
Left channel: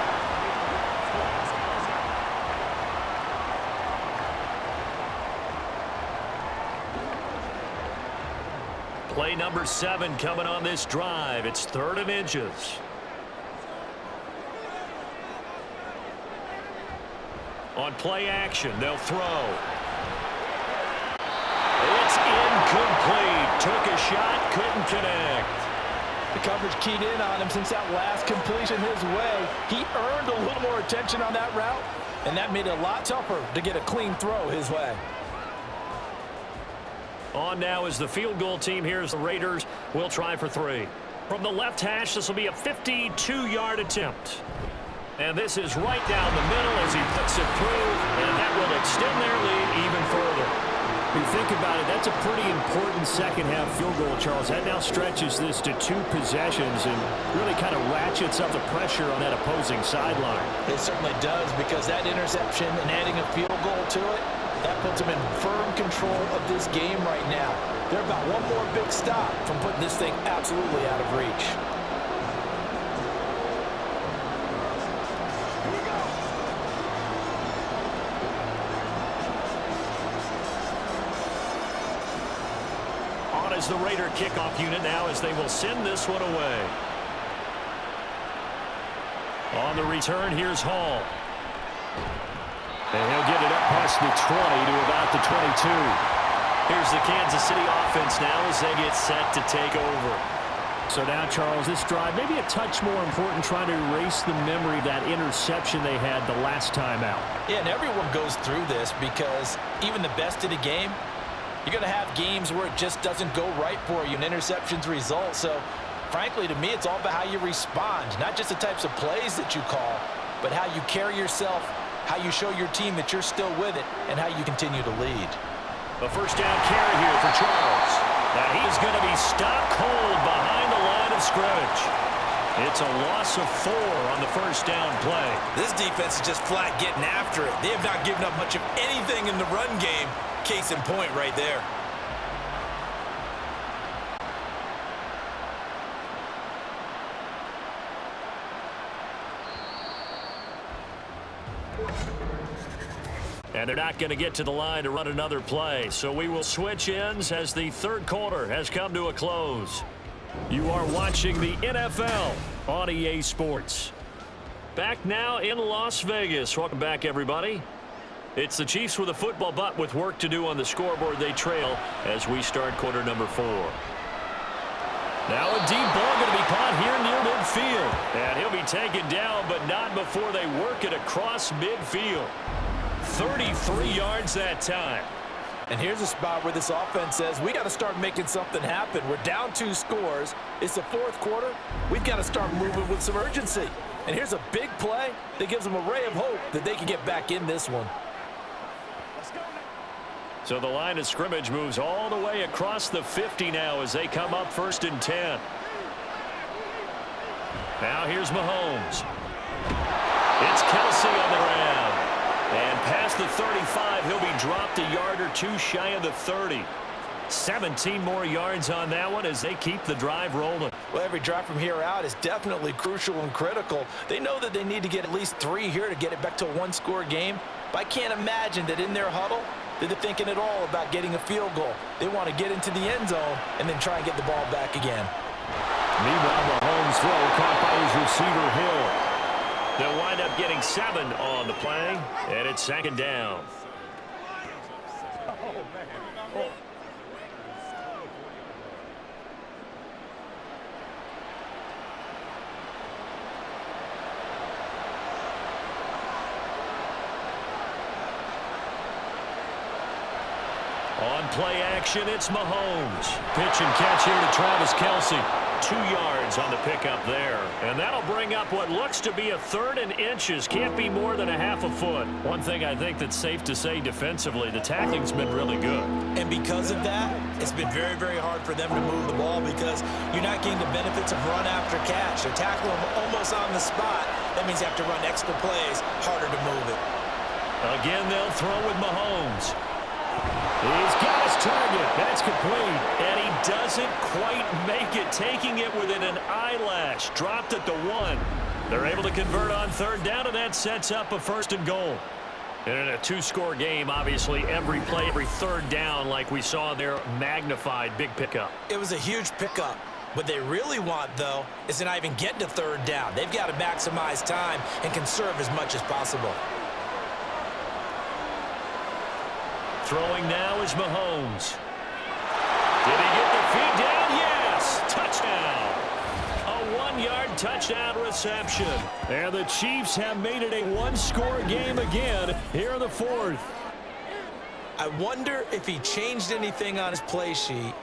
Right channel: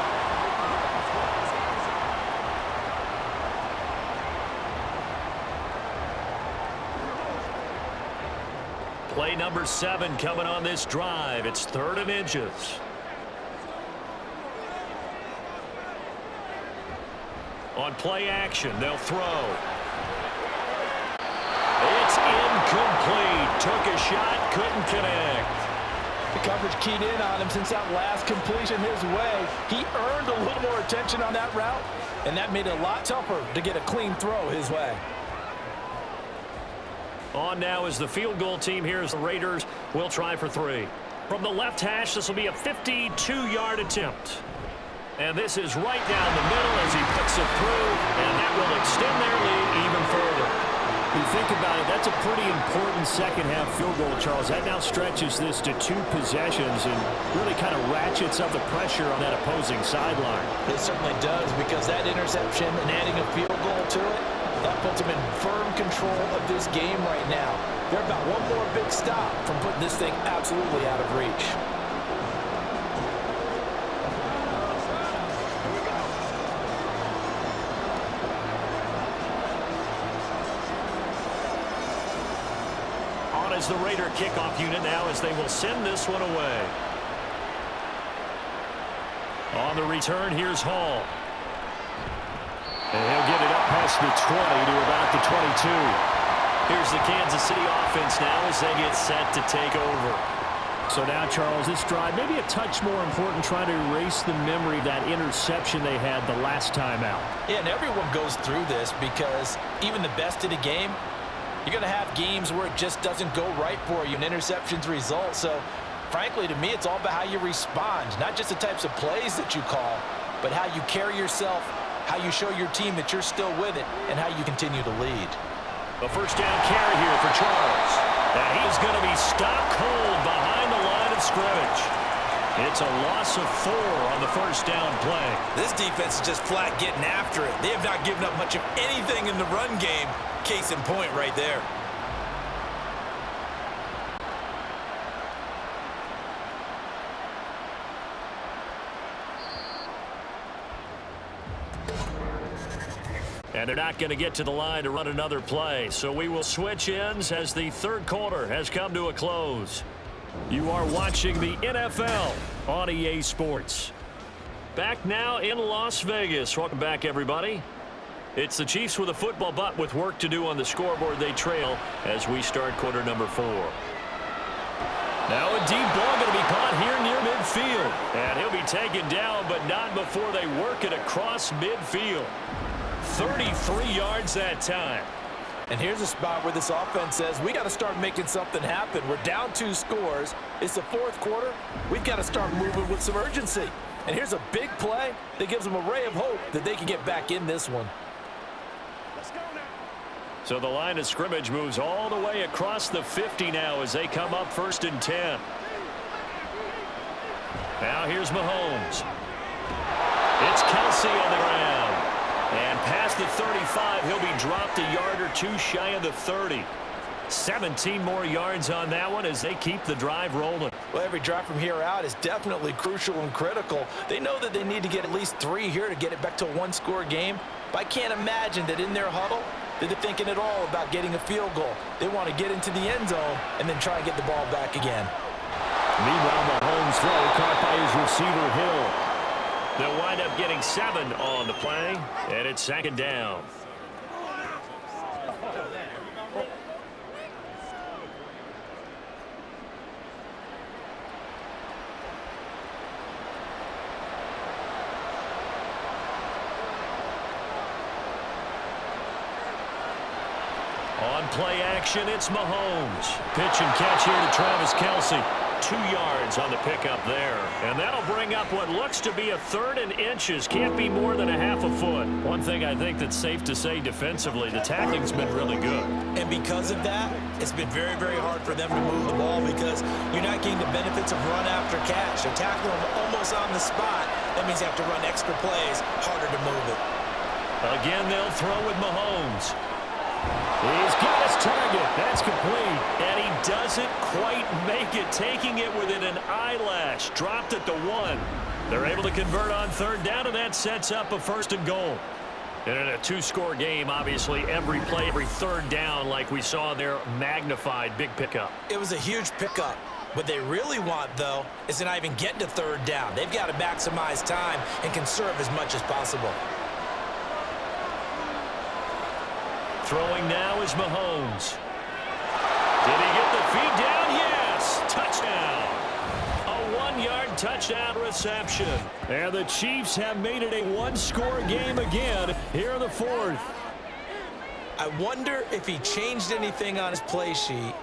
Play number 7 coming on this drive. It's 3rd and inches. On play action, they'll throw. It's incomplete. Took a shot, couldn't connect. The coverage keyed in on him since that last completion his way. He earned a little more attention on that route, and that made it a lot tougher to get a clean throw his way. On now is the field goal team here as the Raiders will try for 3. From the left hash, this will be a 52-yard attempt. And this is right down the middle as he puts it through, and that will extend their lead even further. When you think about it, that's a pretty important second-half field goal, Charles. That now stretches this to 2 possessions and really kind of ratchets up the pressure on that opposing sideline. It certainly does, because that interception and adding a field goal to it, that puts them in firm control of this game right now. They're about one more big stop from putting this thing absolutely out of reach. as the Raider kickoff unit now as they will send this one away. On the return, here's Hall. And he'll get it up past the 20 to about the 22. Here's the Kansas City offense now as they get set to take over. So now, Charles, this drive maybe a touch more important, trying to erase the memory of that interception they had the last time out. Yeah, and everyone goes through this because even the best of the game, you're going to have games where it just doesn't go right for you, and interceptions result. So, frankly, to me, it's all about how you respond, not just the types of plays that you call, but how you carry yourself, how you show your team that you're still with it, and how you continue to lead. A first down carry here for Charles. And he's going to be stopped cold behind the line of scrimmage. It's a loss of 4 on the first down play. This defense is just flat getting after it. They have not given up much of anything in the run game. Case in point right there. And they're not going to get to the line to run another play. So we will switch ends as the third quarter has come to a close. You are watching the NFL on EA Sports. Back now in Las Vegas. Welcome back, everybody. It's the Chiefs with a football, but with work to do on the scoreboard. They trail as we start quarter number 4. Now a deep ball going to be caught here near midfield. And he'll be taken down, but not before they work it across midfield. 33 yards that time. And here's a spot where this offense says, we got to start making something happen. We're down 2 scores. It's the fourth quarter. We've got to start moving with some urgency. And here's a big play that gives them a ray of hope that they can get back in this one. So the line of scrimmage moves all the way across the 50 now as they come up 1st and 10. Now here's Mahomes. It's Kelsey on the ground. And past the 35, he'll be dropped a yard or 2 shy of the 30. 17 more yards on that one as they keep the drive rolling. Well, every drive from here out is definitely crucial and critical. They know that they need to get at least 3 here to get it back to a 1-score game. But I can't imagine that in their huddle that they're thinking at all about getting a field goal. They want to get into the end zone and then try and get the ball back again. Meanwhile, Mahomes' throw caught by his receiver, Hill. They'll wind up getting 7 on the play, and it's 2nd down. On play action, it's Mahomes. Pitch and catch here to Travis Kelsey. 2 yards on the pickup there. And that'll bring up what looks to be a 3rd and inches. Can't be more than a half a foot. One thing I think that's safe to say defensively, the tackling's been really good. And because of that, it's been very, very hard for them to move the ball because you're not getting the benefits of run after catch. They're tackling them almost on the spot. That means you have to run extra plays, harder to move it. Again, they'll throw with Mahomes. He's got his target. That's complete. And he doesn't quite make it, taking it within an eyelash. Dropped at the 1. They're able to convert on 3rd down, and that sets up a 1st and goal. And in a 2-score game, obviously, every play, every 3rd down, like we saw there, magnified, big pickup. It was a huge pickup. What they really want, though, is to not even get to 3rd down. They've got to maximize time and conserve as much as possible. Throwing now is Mahomes. Did he get the feed down? Yes! Touchdown! A 1-yard touchdown reception. And the Chiefs have made it a 1-score game again here in the 4th. I wonder if he changed anything on his play sheet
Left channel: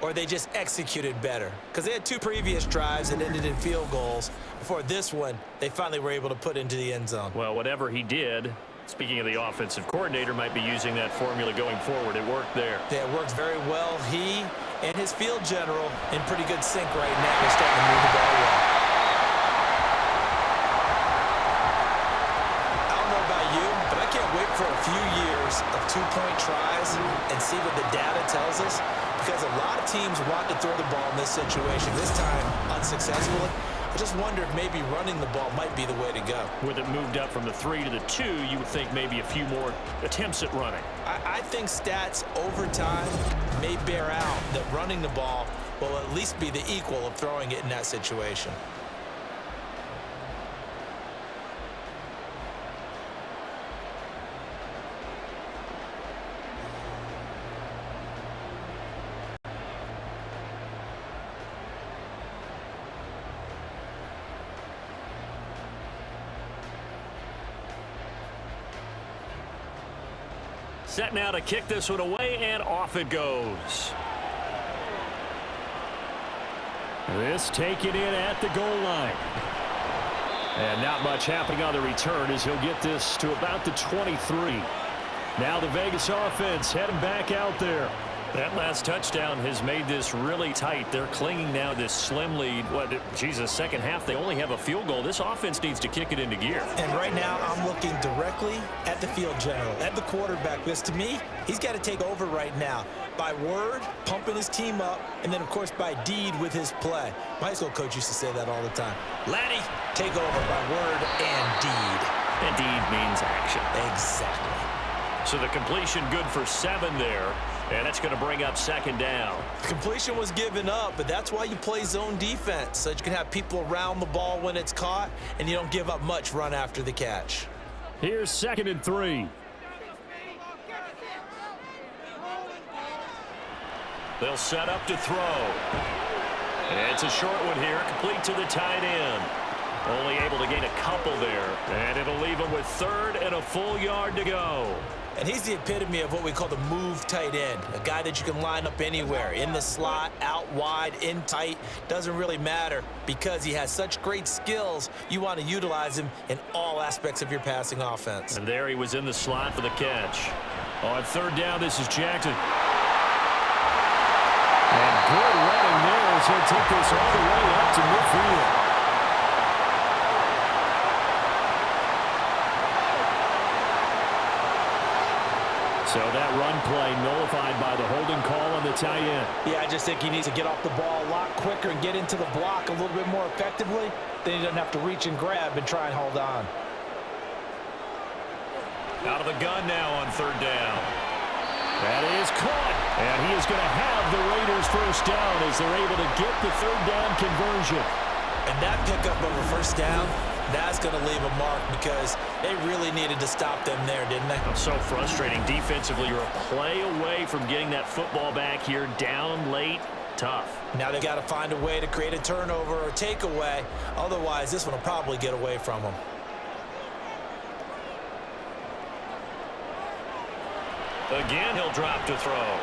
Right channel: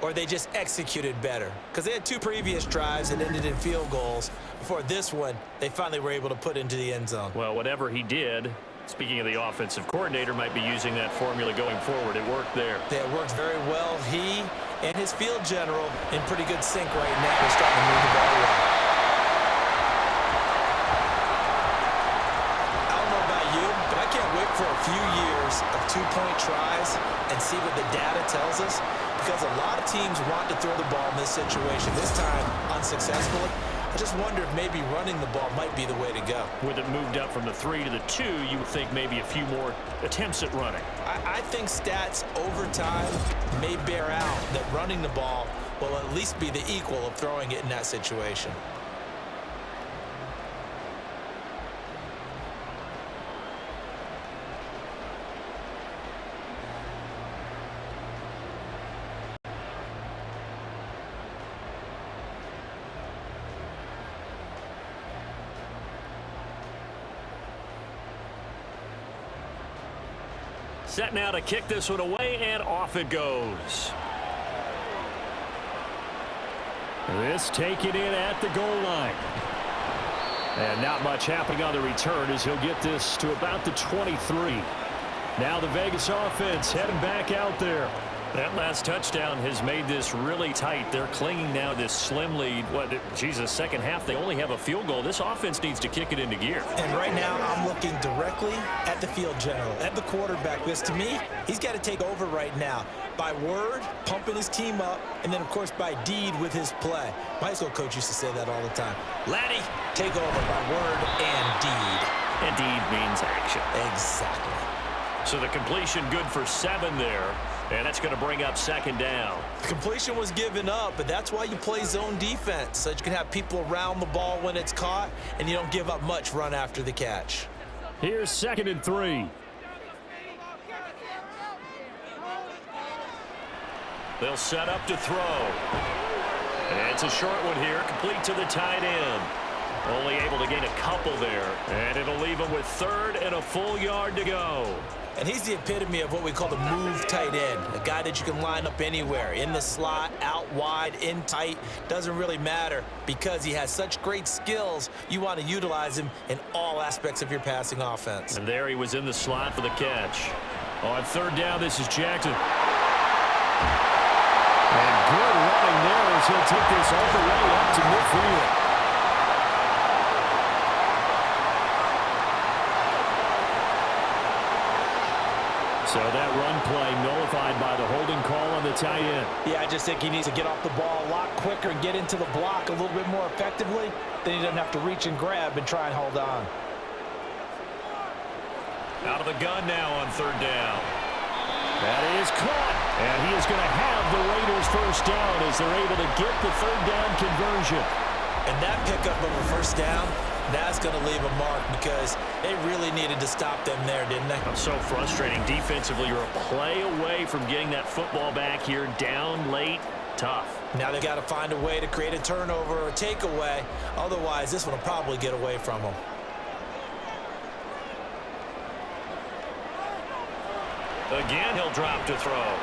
or they just executed better. Because they had 2 previous drives that ended in field goals. Before this one, they finally were able to put into the end zone. Well, whatever he did, speaking of the offensive coordinator, might be using that formula going forward. It worked there. Yeah, it worked very well. He and his field general in pretty good sync right now. They're starting to move the ball well. I don't know about you, but I can't wait for a few years of 2-point tries and see what the data tells us, because a lot of teams want to throw the ball in this situation. This time, unsuccessfully. I just wonder if maybe running the ball might be the way to go. With it moved up from the 3 to the 2, you would think maybe a few more attempts at running. I think stats over time may bear out that running the ball will at least be the equal of throwing it in that situation. Set now to kick this one away, and off it goes. This taken in at the goal line. And not much happening on the return as he'll get this to about the 23. Now the Vegas offense heading back out there. That last touchdown has made this really tight. They're clinging now to this slim lead. Second half, they only have a field goal. This offense needs to kick it into gear. And right now, I'm looking directly at the field general, at the quarterback, because to me, he's got to take over right now. By word, pumping his team up, and then, of course, by deed with his play. My high school coach used to say that all the time. Laddie, take over by word and deed. And deed means action. Exactly. So the completion good for 7 there. And that's going to bring up second down. The completion was given up, but that's why you play zone defense, so that you can have people around the ball when it's caught, and you don't give up much run after the catch. Here's 2nd and 3. They'll set up to throw. And it's a short one here, complete to the tight end. Only able to gain a couple there, and it'll leave him with 3rd and a full yard to go. And he's the epitome of what we call the move tight end, a guy that you can line up anywhere, in the slot, out wide, in tight, doesn't really matter because he has such great skills. You want to utilize him in all aspects of your passing offense. And there he was in the slot for the catch. On 3rd down, this is Jackson. And good running there as he'll take this all the way up to midfield. So that run play nullified by the holding call on the tight end. Yeah, I just think he needs to get off the ball a lot quicker and get into the block a little bit more effectively. Then he doesn't have to reach and grab and try and hold on. Out of the gun now on 3rd down. That is caught. And he is going to have the Raiders first down as they're able to get the 3rd down conversion. And that pickup of a first down, that's going to leave a mark because they really needed to stop them there, didn't they? So frustrating. Defensively, you're a play away from getting that football back here. Down late, tough. Now they've got to find a way to create a turnover or takeaway. Otherwise, this one will probably get away from them. Again, he'll drop to throw.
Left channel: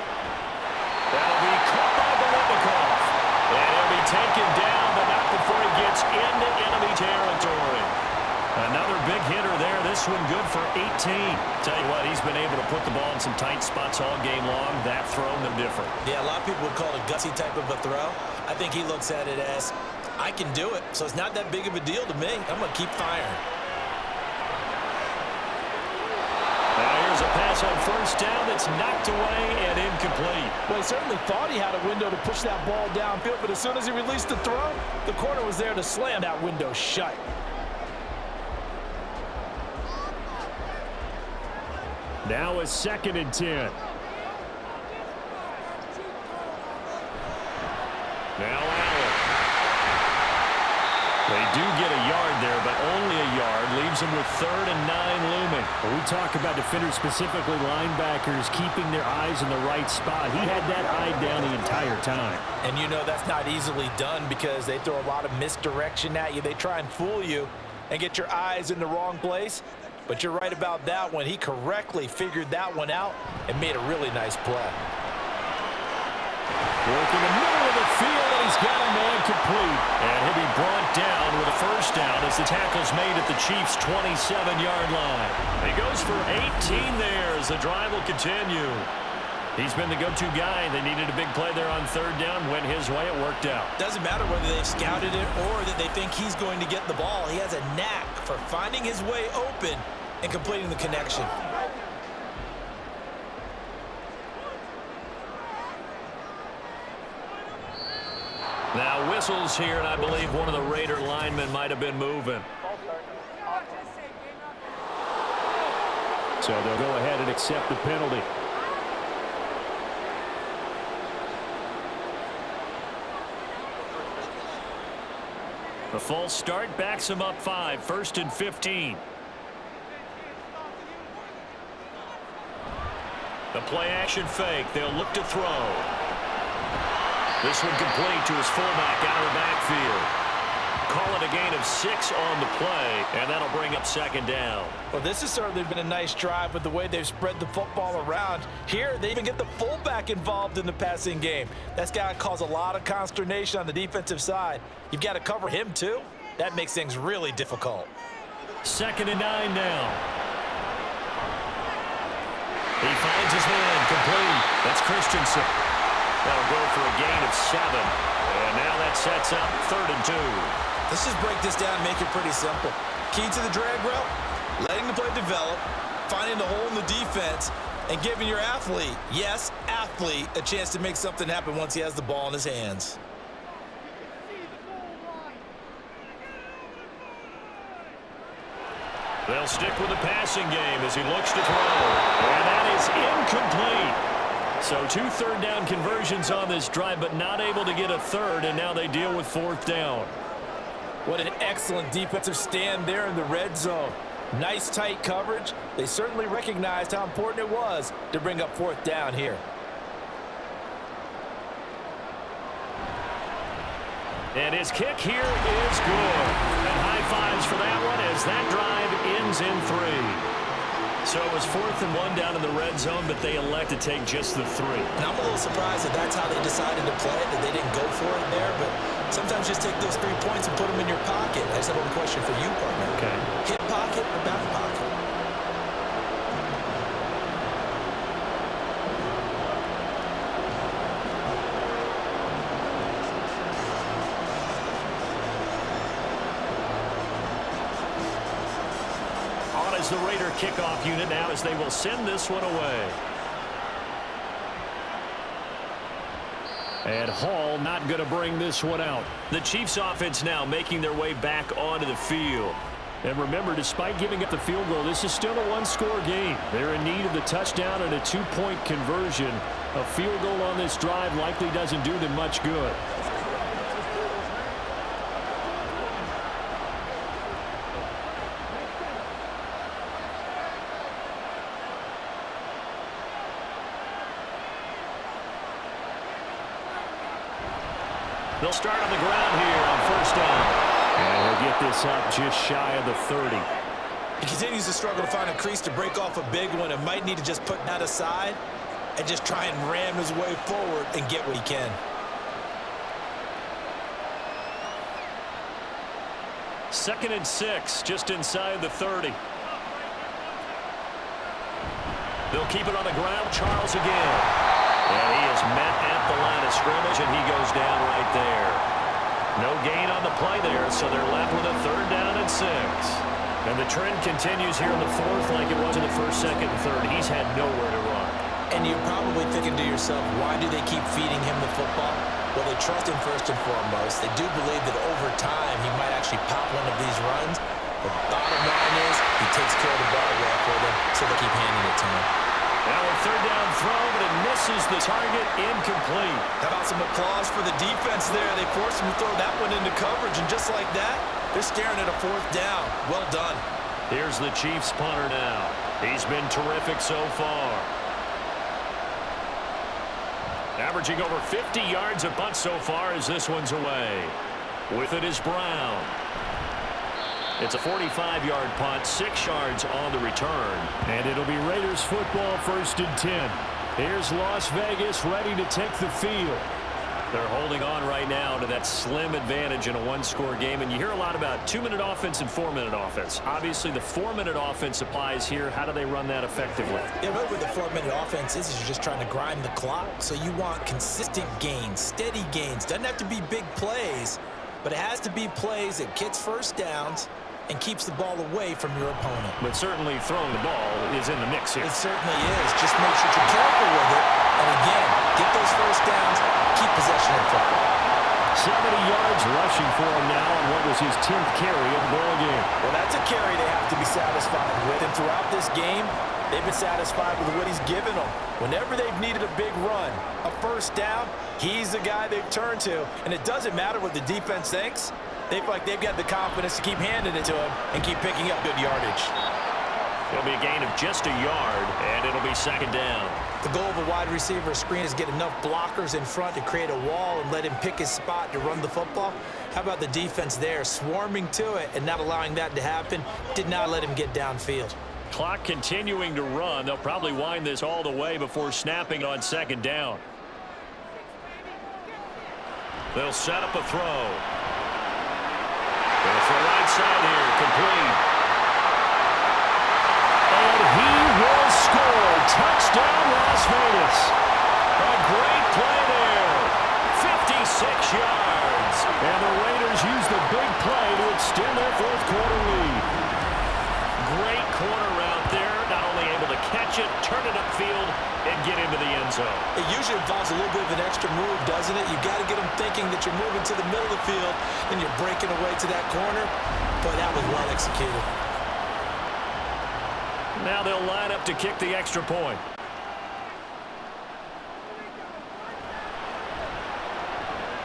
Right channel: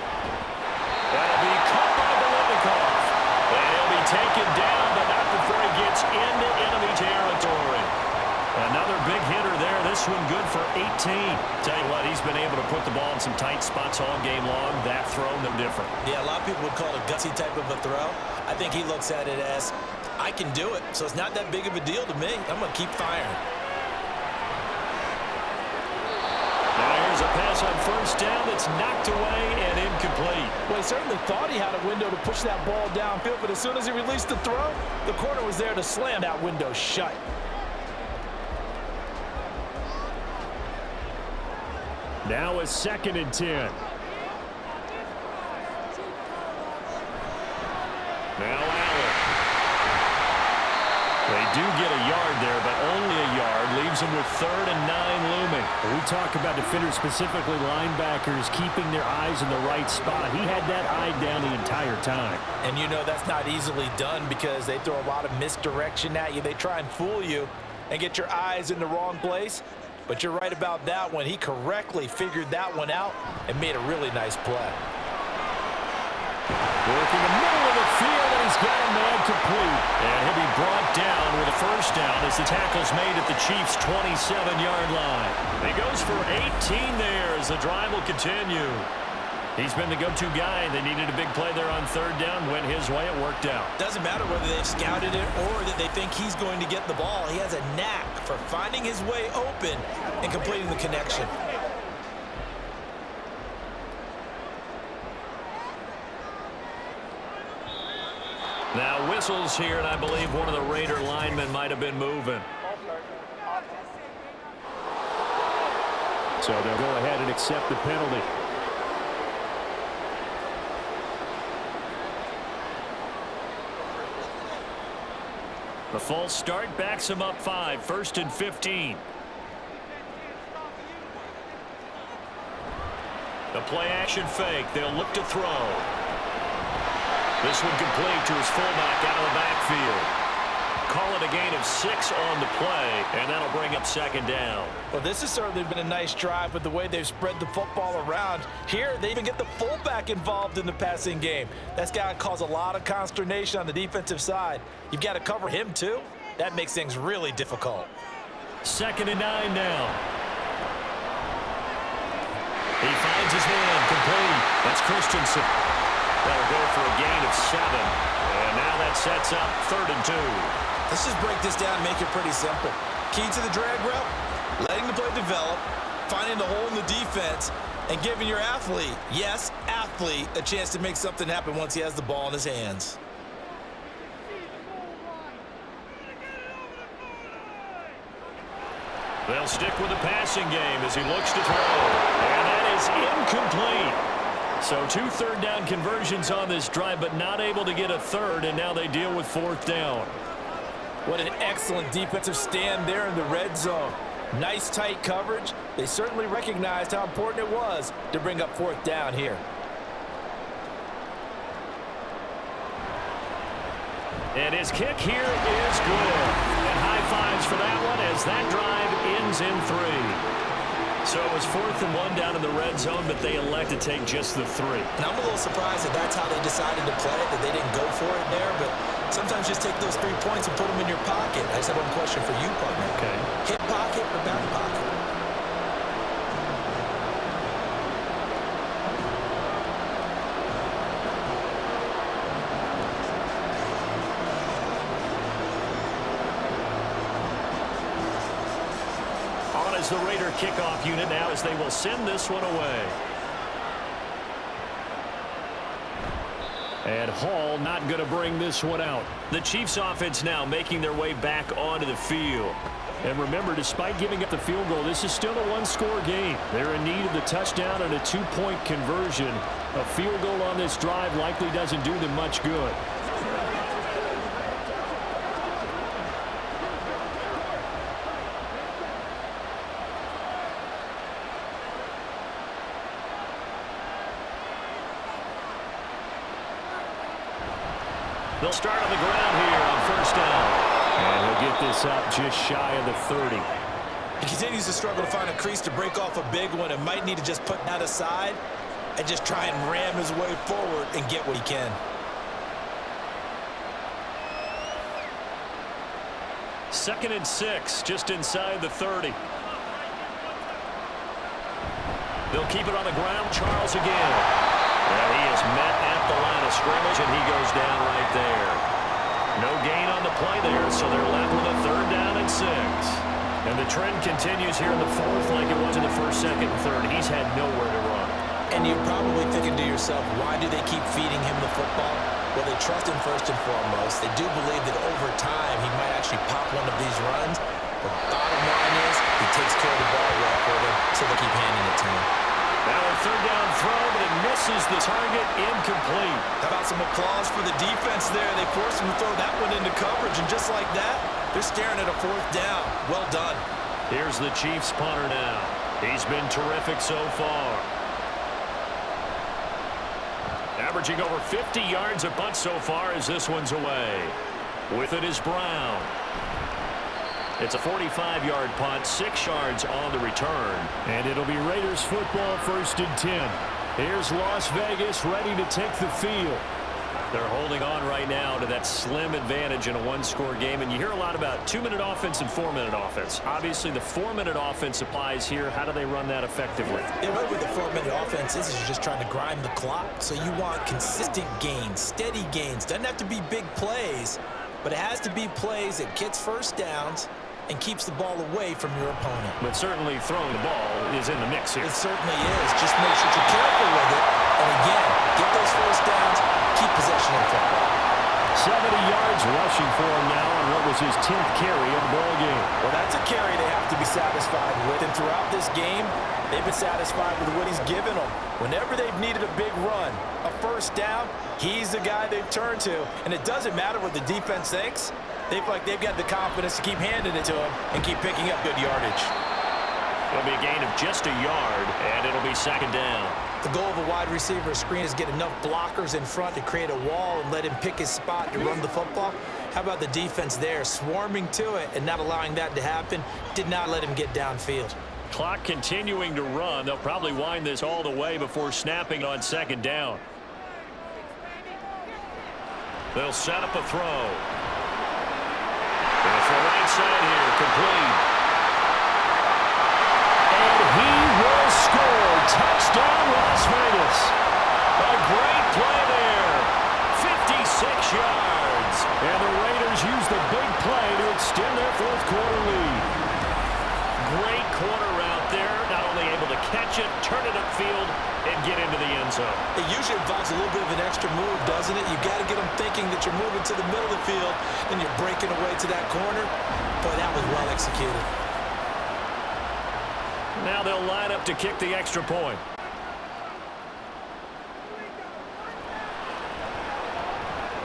That'll be caught by Biletnikoff. And he'll be taken down, but not before he gets into enemy territory. Another big hitter there. This one good for 18. Tell you what, he's been able to put the ball in some tight spots all game long. That throw, no different. Yeah, a lot of people would call it a gutsy type of a throw. I think he looks at it as, I can do it, so it's not that big of a deal to me. I'm going to keep firing. Now here's a pass on 1st down that's knocked away and incomplete. Well, he certainly thought he had a window to push that ball downfield, but as soon as he released the throw, the corner was there to slam that window shut. Now a 2nd and 10. Now Allen. They do get a yard there, but only a yard. Leaves them with 3rd and 9 looming. When we talk about defenders, specifically linebackers, keeping their eyes in the right spot. He had that eye down the entire time. And you know that's not easily done because they throw a lot of misdirection at you. They try and fool you and get your eyes in the wrong place. But you're right about that one. He correctly figured that one out and made a really nice play. Working the middle of the field, and he's got a man complete. And he'll be brought down with a first down as the tackle's made at the Chiefs' 27-yard line. He goes for 18 there as the drive will continue. He's been the go-to guy. They needed a big play there on 3rd down. Went his way. It worked out. Doesn't matter whether they've scouted it or that they think he's going to get the ball. He has a knack for finding his way open and completing the connection. Now whistles here, and I believe one of the Raider linemen might have been moving. So they'll go ahead and accept the penalty. The false start backs him up 5, 1st and 15. The play action fake. They'll look to throw. This one complete to his fullback out of the backfield. Call it a gain of 6 on the play, and that'll bring up 2nd down. Well, this has certainly been a nice drive with the way they've spread the football around. Here, they even get the fullback involved in the passing game. That's got to cause a lot of consternation on the defensive side. You've got to cover him, too. That makes things really difficult. 2nd and 9 now. He finds his man complete. That's Christensen. That'll go for a gain of 7. And now that sets up 3rd and 2. Let's just break this down and make it pretty simple. Key to the drag route, letting the play develop, finding the hole in the defense, and giving your athlete, yes, athlete, a chance to make something happen once he has the ball in his hands. They'll stick with the passing game as he looks to throw. And that is incomplete. So 2 3rd down conversions on this drive, but not able to get a 3rd, and now they deal with 4th down. What an excellent defensive stand there in the red zone. Nice tight coverage. They certainly recognized how important it was to bring up 4th down here. And his kick here is good. And high fives for that one as that drive ends in 3. So it was 4th and 1 down in the red zone, but they elect to take just the 3. And I'm a little surprised that that's how they decided to play it, that they didn't go for it there. But sometimes just take those 3 points and put them in your pocket. I just have one question for you, partner. Okay. Hip pocket or back pocket? As the Raider kickoff unit now as they will send this one away. And Hall not going to bring this one out. The Chiefs offense now making their way back onto the field. And remember, despite giving up the field goal, this is still a 1-score game. They're in need of the touchdown and a 2-point conversion. A field goal on this drive likely doesn't do them much good. They'll start on the ground here on 1st down. And he'll get this up just shy of the 30. He continues to struggle to find a crease to break off a big one and might need to just put that aside and just try and ram his way forward and get what he can. 2nd and 6, just inside the 30. They'll keep it on the ground. Charles again. And he is met at the line of scrimmage, and he goes down right there. No gain on the play there, so they're left with a 3rd down and 6. And the trend continues here in the 4th like it was in the 1st, 2nd, and 3rd. He's had nowhere to run. And you're probably thinking to yourself, why do they keep feeding him the football? Well, they trust him first and foremost. They do believe that over time he might actually pop one of these runs. But bottom line is he takes care of the ball well for them, so they keep handing it to him. Now a 3rd down throw, but it misses the target, incomplete. How about some applause for the defense there? They forced him to throw that one into coverage, and just like that, they're staring at a 4th down. Well done. Here's the Chiefs punter now. He's been terrific so far. Averaging over 50 yards a punt so far as this one's away. With it is Brown. It's a 45-yard punt, 6 yards on the return. And it'll be Raiders football, 1st and 10. Here's Las Vegas ready to take the field. They're holding on right now to that slim advantage in a 1-score game. And you hear a lot about 2-minute offense and 4-minute offense. Obviously, the 4-minute offense applies here. How do they run that effectively? Yeah, really what the 4-minute offense is you're just trying to grind the clock. So you want consistent gains, steady gains. Doesn't have to be big plays, but it has to be plays that gets 1st downs and keeps the ball away from your opponent. But certainly throwing the ball is in the mix here. It certainly is. Just make sure you're careful with it. And again, get those 1st downs, keep possession of the football. 70 yards rushing for him now on what was his 10th carry of the ball game. Well, that's a carry they have to be satisfied with. And throughout this game, they've been satisfied with what he's given them. Whenever they've needed a big run, a first down, he's the guy they've turned to. And it doesn't matter what the defense thinks. They feel like they've got the confidence to keep handing it to him and keep picking up good yardage. It'll be a gain of just a yard, and it'll be second down. The goal of a wide receiver screen is get enough blockers in front to create a wall and let him pick his spot to run the football. How about the defense there, swarming to it and not allowing that to happen? Did not let him get downfield. Clock continuing to run. They'll probably wind this all the way before snapping on second down. They'll set up a throw. Going to throw right side here, complete. And he will score. Touchdown, Las Vegas. A great play there. 56 yards. And the Raiders use the big play to extend their fourth quarter lead. Great corner route there. Not only able to catch it, turn it upfield, and get into the end zone. It usually involves a little bit of an extra move, doesn't it? You've got to get them thinking that you're moving to the middle of the field, and you're breaking away to that corner. Boy, that was well executed. Now they'll line up to kick the extra point.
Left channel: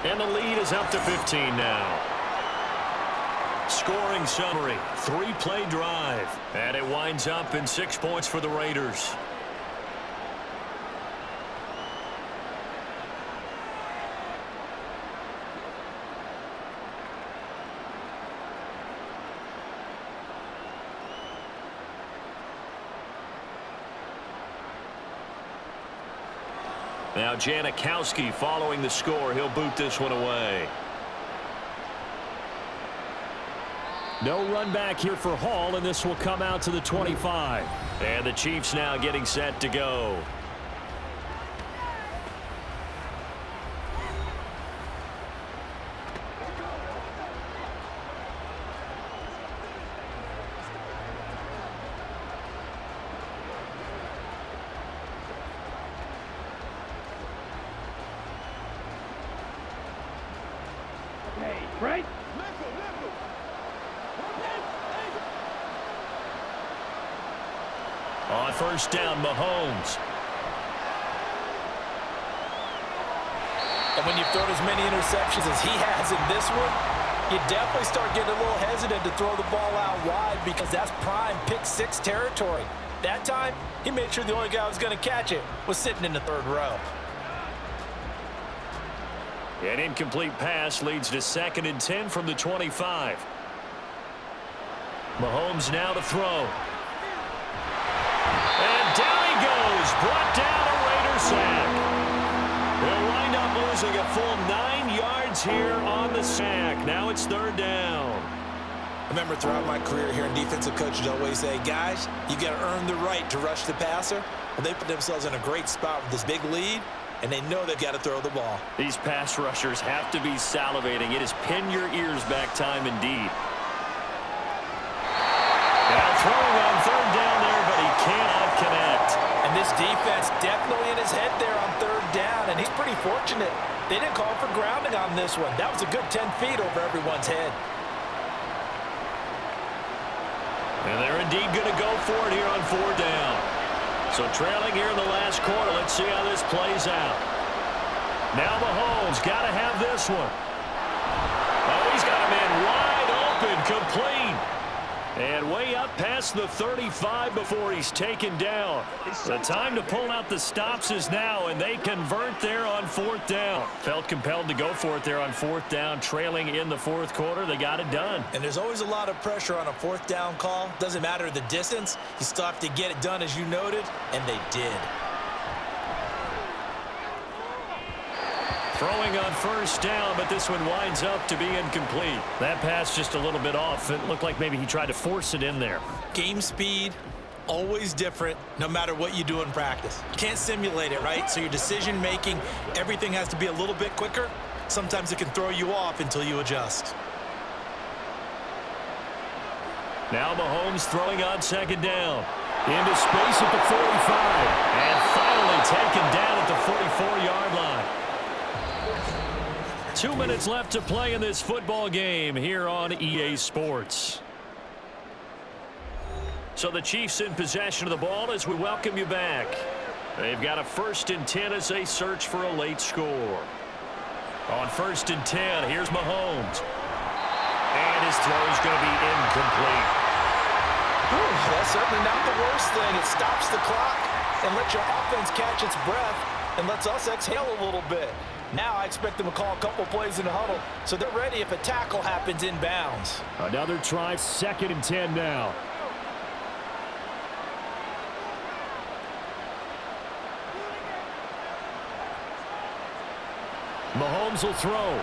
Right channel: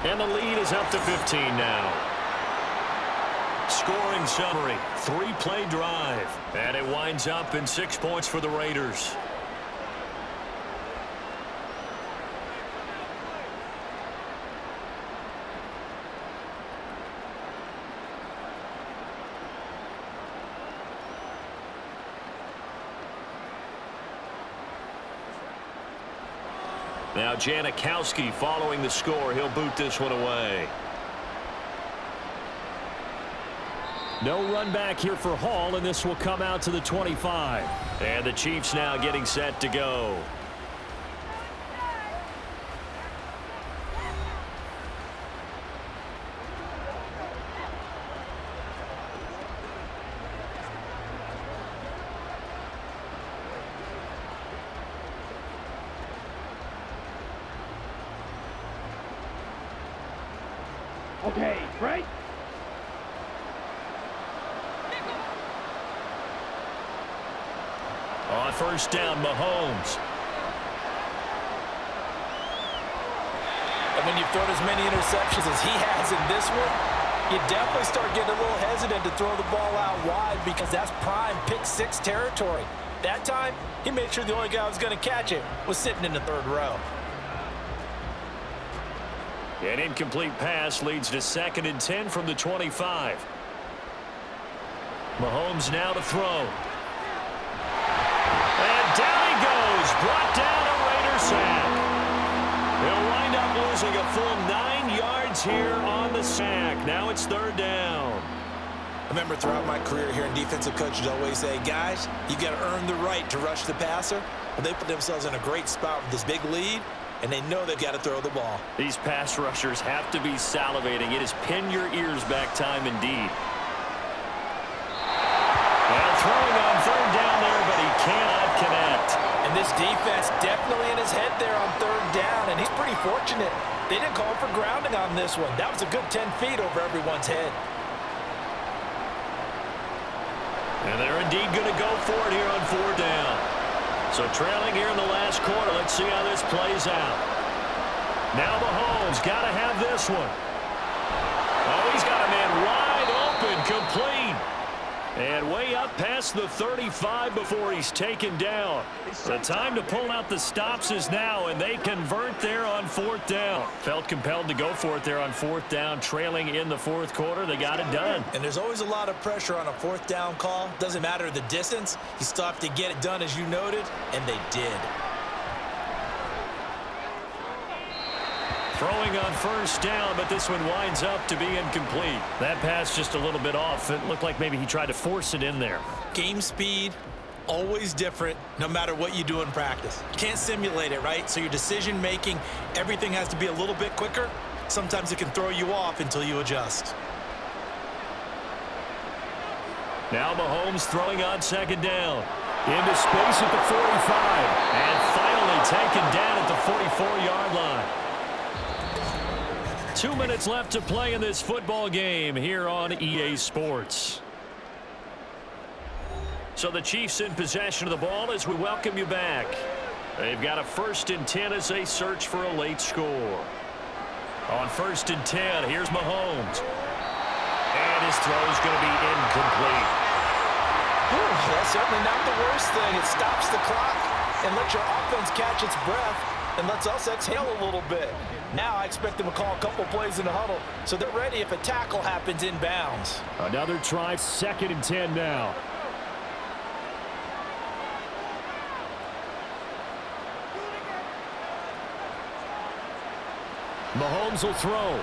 And the lead is up to 15 now. Scoring summary, 3-play drive. And it winds up in 6 points for the Raiders. Now Janikowski following the score. He'll boot this one away. No run back here for Hall, and this will come out to the 25. And the Chiefs now getting set to go. Okay, right? On first down, Mahomes. And when you've thrown as many interceptions as he has in this one, you definitely start getting a little hesitant to throw the ball out wide because that's prime pick-6 territory. That time, he made sure the only guy who was going to catch it was sitting in the third row. An incomplete pass leads to 2nd and 10 from the 25. Mahomes now to throw. And down he goes. Brought down a Raider sack. He'll wind up losing a full 9 yards here on the sack. Now it's 3rd down. I remember throughout my career hearing defensive coaches always say, guys, you got to earn the right to rush the passer. Well, they put themselves in a great spot with this big lead, and they know they've got to throw the ball. These pass rushers have to be salivating. It is pin your ears back time indeed. Now throwing on 3rd down there, but he cannot connect. And this defense definitely in his head there on 3rd down, and he's pretty fortunate. They didn't call him for grounding on this one. That was a good 10 feet over everyone's head. And they're indeed going to go for it here on 4th down. So trailing here in the last quarter. Let's see how this plays out. Now Mahomes got to have this one. Oh, he's got a man wide open, complete. And way up past the 35 before he's taken down. The time to pull out the stops is now, and they convert there on 4th down. Felt compelled to go for it there on 4th down, trailing in the 4th quarter. They got it done. And there's always a lot of pressure on a 4th down call. Doesn't matter the distance. You still have to get it done, as you noted, and they did. Throwing on 1st down, but this one winds up to be incomplete. That pass just a little bit off. It looked like maybe he tried to force it in there. Game speed, always different, no matter what you do in practice. You can't simulate it, right? So your decision making, everything has to be a little bit quicker. Sometimes it can throw you off until you adjust. Now Mahomes throwing on 2nd down. Into space at the 45. And finally taken down at the 44-yard line. 2 minutes left to play in this football game here on EA Sports. So the Chiefs in possession of the ball as we welcome you back. They've got a 1st and 10 as they search for a late score. On 1st and 10, here's Mahomes. And his throw is going to be incomplete. That's certainly not the worst thing. It stops the clock and lets your offense catch its breath and lets us exhale a little bit. Now I expect them to call a couple plays in the huddle so they're ready if a tackle happens inbounds. Another try, 2nd and 10 now. Mahomes will throw.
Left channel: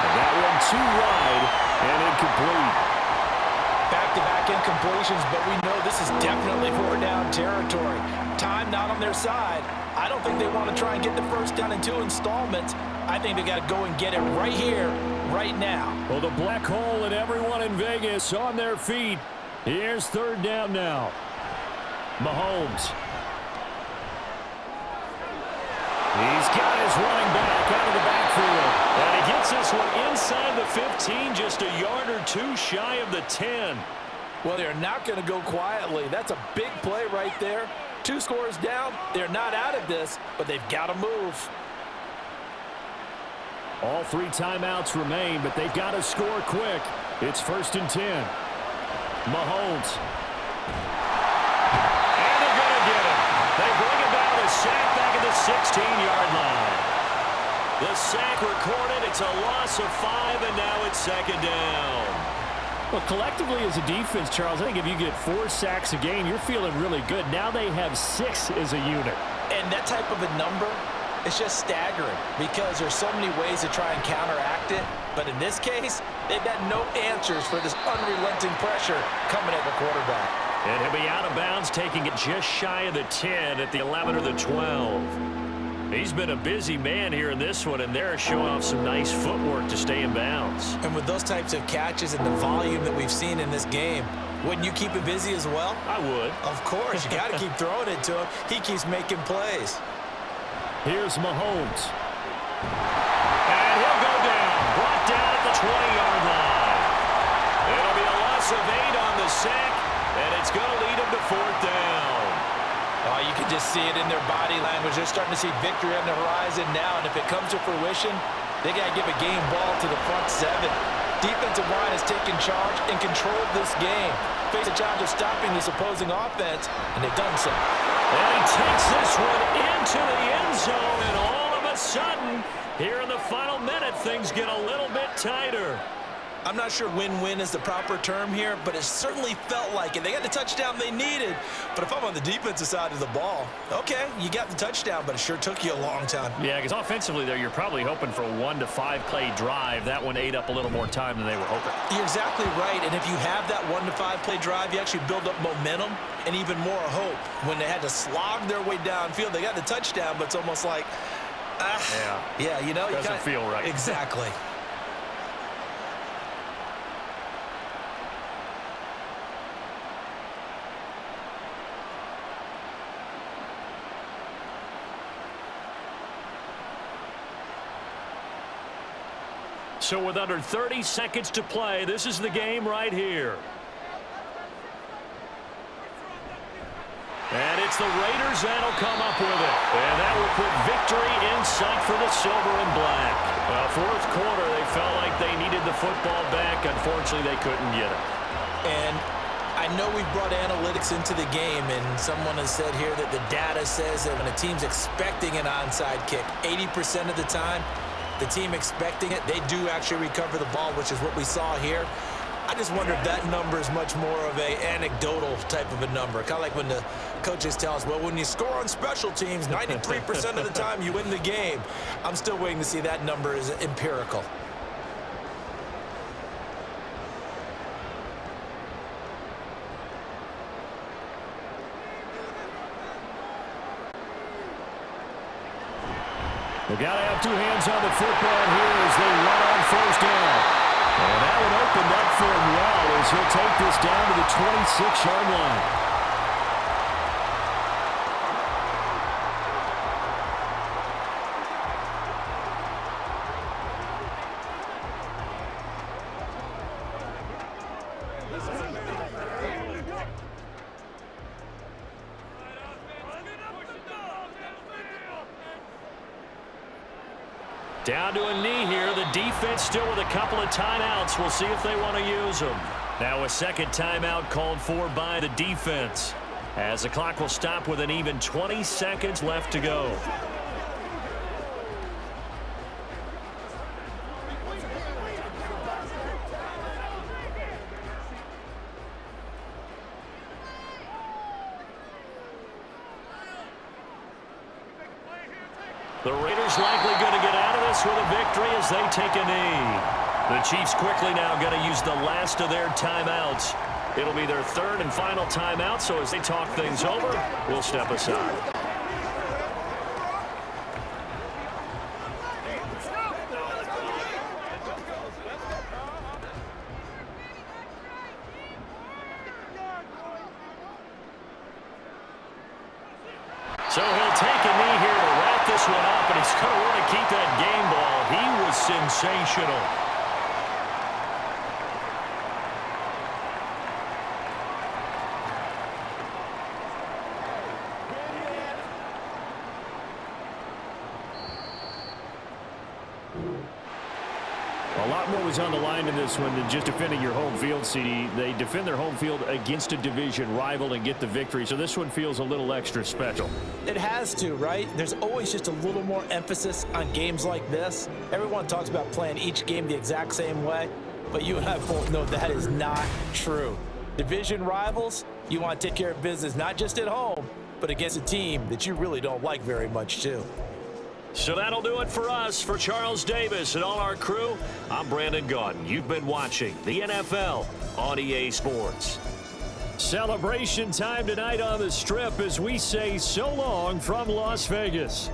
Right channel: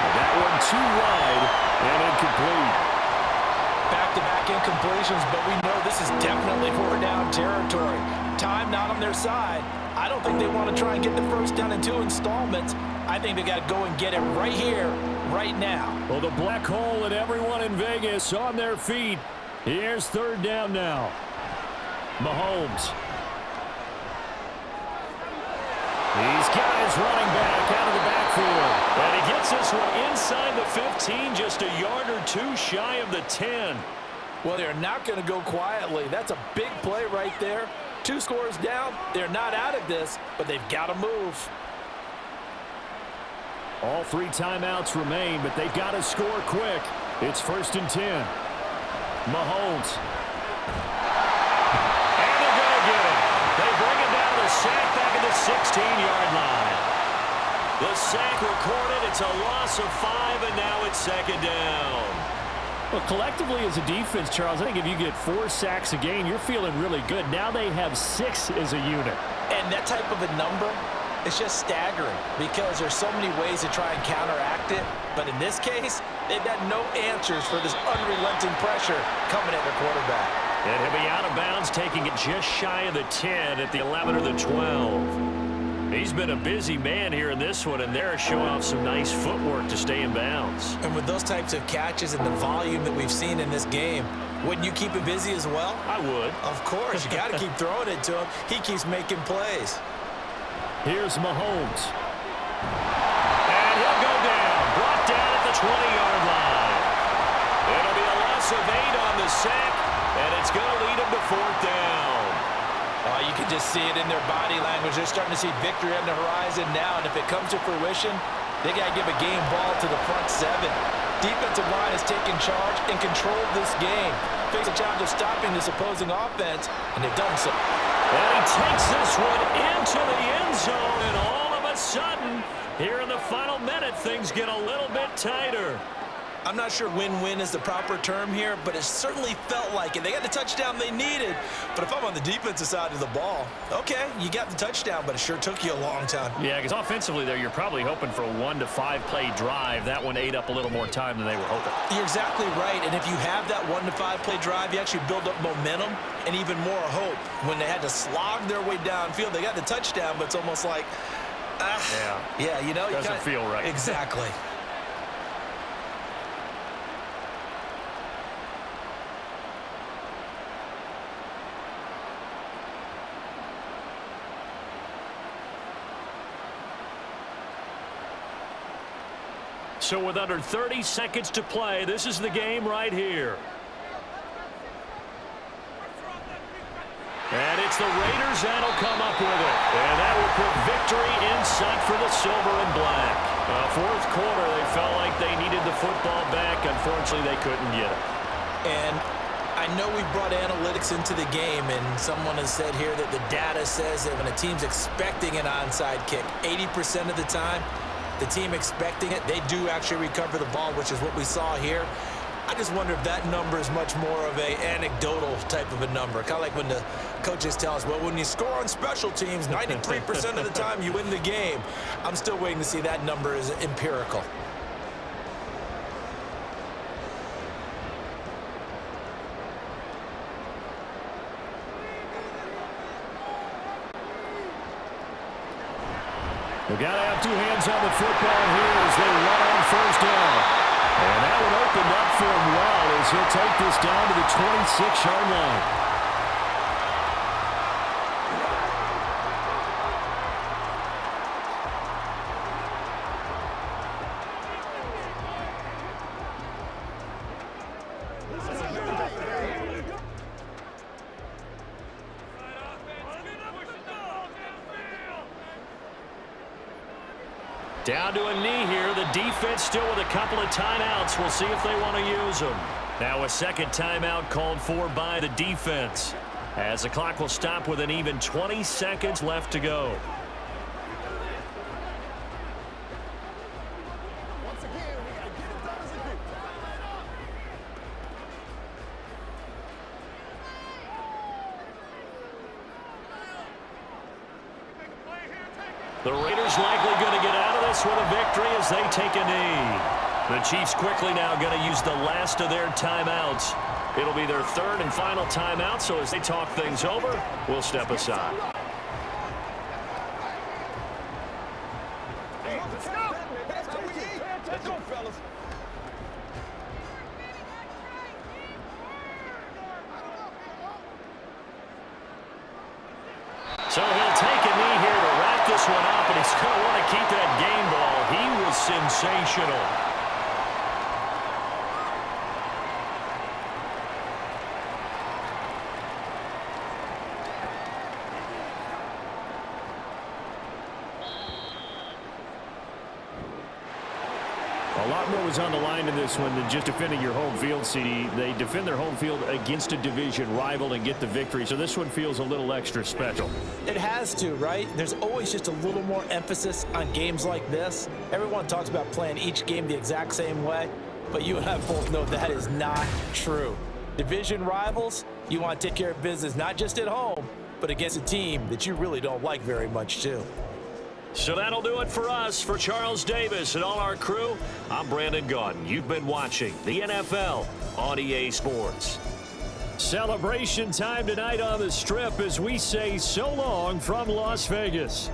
And that one too wide and incomplete. Back-to-back incompletions, but we know this is definitely 4-down territory. Time not on their side. I don't think they want to try and get the first down in 2 installments. I think they got to go and get it right here, right now. Well, the black hole and everyone in Vegas on their feet. Here's 3rd down now. Mahomes. He's got his running back out of the backfield. And he gets this one inside the 15, just a yard or 2 shy of the 10. Well, they're not going to go quietly. That's a big play right there. 2 scores down. They're not out of this, but they've got to move. All 3 timeouts remain, but they've got to score quick. It's 1st and 10. Mahomes. And they're going to get him. They bring him down to the sack back at the 16-yard line. The sack recorded. It's a loss of 5, and now it's 2nd down. Well, collectively as a defense, Charles, I think if you get 4 sacks a game, you're feeling really good. Now they have 6 as a unit. And that type of a number, it's just staggering because there's so many ways to try and counteract it. But in this case, they've got no answers for this unrelenting pressure coming at their quarterback. And he'll be out of bounds, taking it just shy of the 10 at the 11 or the 12. He's been a busy man here in this one, and they're showing off some nice footwork to stay in bounds. And with those types of catches and the volume that we've seen in this game, wouldn't you keep it busy as well? I would. Of course. You got to keep throwing it to him. He keeps making plays. Here's Mahomes. And he'll go down. Brought down at the 20-yard line. It'll be a loss of 8 on the sack, and it's going to lead him to 4th down. Oh, you can just see it in their body language. They're starting to see victory on the horizon now, and if it comes to fruition, they got to give a game ball to the front 7. Defensive line has taken charge and controlled this game. Face a challenge of stopping this opposing offense, and they've done so. And he takes this one into the end zone, and all of a sudden, here in the final minute, things get a little bit tighter. I'm not sure win-win is the proper term here, but it certainly felt like it. They got the touchdown they needed, but if I'm on the defensive side of the ball, okay, you got the touchdown, but it sure took you a long time. Yeah, because offensively there, you're probably hoping for a 1 to 5 play drive. That one ate up a little more time than they were hoping. You're exactly right, and if you have that 1 to 5 play drive, you actually build up momentum and even more hope. When they had to slog their way downfield, they got the touchdown, but it's almost like, yeah, you know. Doesn't feel right. Exactly. So with under 30 seconds to play, this is the game right here. And it's the Raiders that'll come up with it. And that will put victory in sight for the silver and black. Well, 4th quarter, they felt like they needed the football back. Unfortunately, they couldn't get it. And I know we've brought analytics into the game, and someone has said here that the data says that when a team's expecting an onside kick, 80% of the time, the team expecting it, they do actually recover the ball, which is what we saw here. I just wonder if that number is much more of a anecdotal type of a number. Kind of like when the coaches tell us, well, when you score on special teams, 93% of the time you win the game. I'm still waiting to see that number is empirical. They've got to have 2 hands on the football here as they run on 1st down. And that one opened up for him well as he'll take this down to the 26-yard line. Down to a knee here. The defense still with a couple of timeouts. We'll see if they want to use them. Now a second timeout called for by the defense, as the clock will stop with an even 20 seconds left to go. The Raiders likely going to get out of this with a victory as they take a knee. The Chiefs quickly now going to use the last of their timeouts. It'll be their third and final timeout, so as they talk things over, we'll step aside. So he'll take a knee here to wrap this one up, and he's going to want to keep that game ball. He was sensational. A lot more was on the line in this one than just defending your home field, CD. They defend their home field against a division rival and get the victory, so this one feels a little extra special. It has to, right? There's always just a little more emphasis on games like this. Everyone talks about playing each game the exact same way, but you and I both know that is not true. Division rivals, you want to take care of business not just at home, but against a team that you really don't like very much too. So that'll do it for us. For Charles Davis and all our crew, I'm Brandon Gaudin. You've been watching the NFL on EA Sports. Celebration time tonight on the Strip as we say so long from Las Vegas.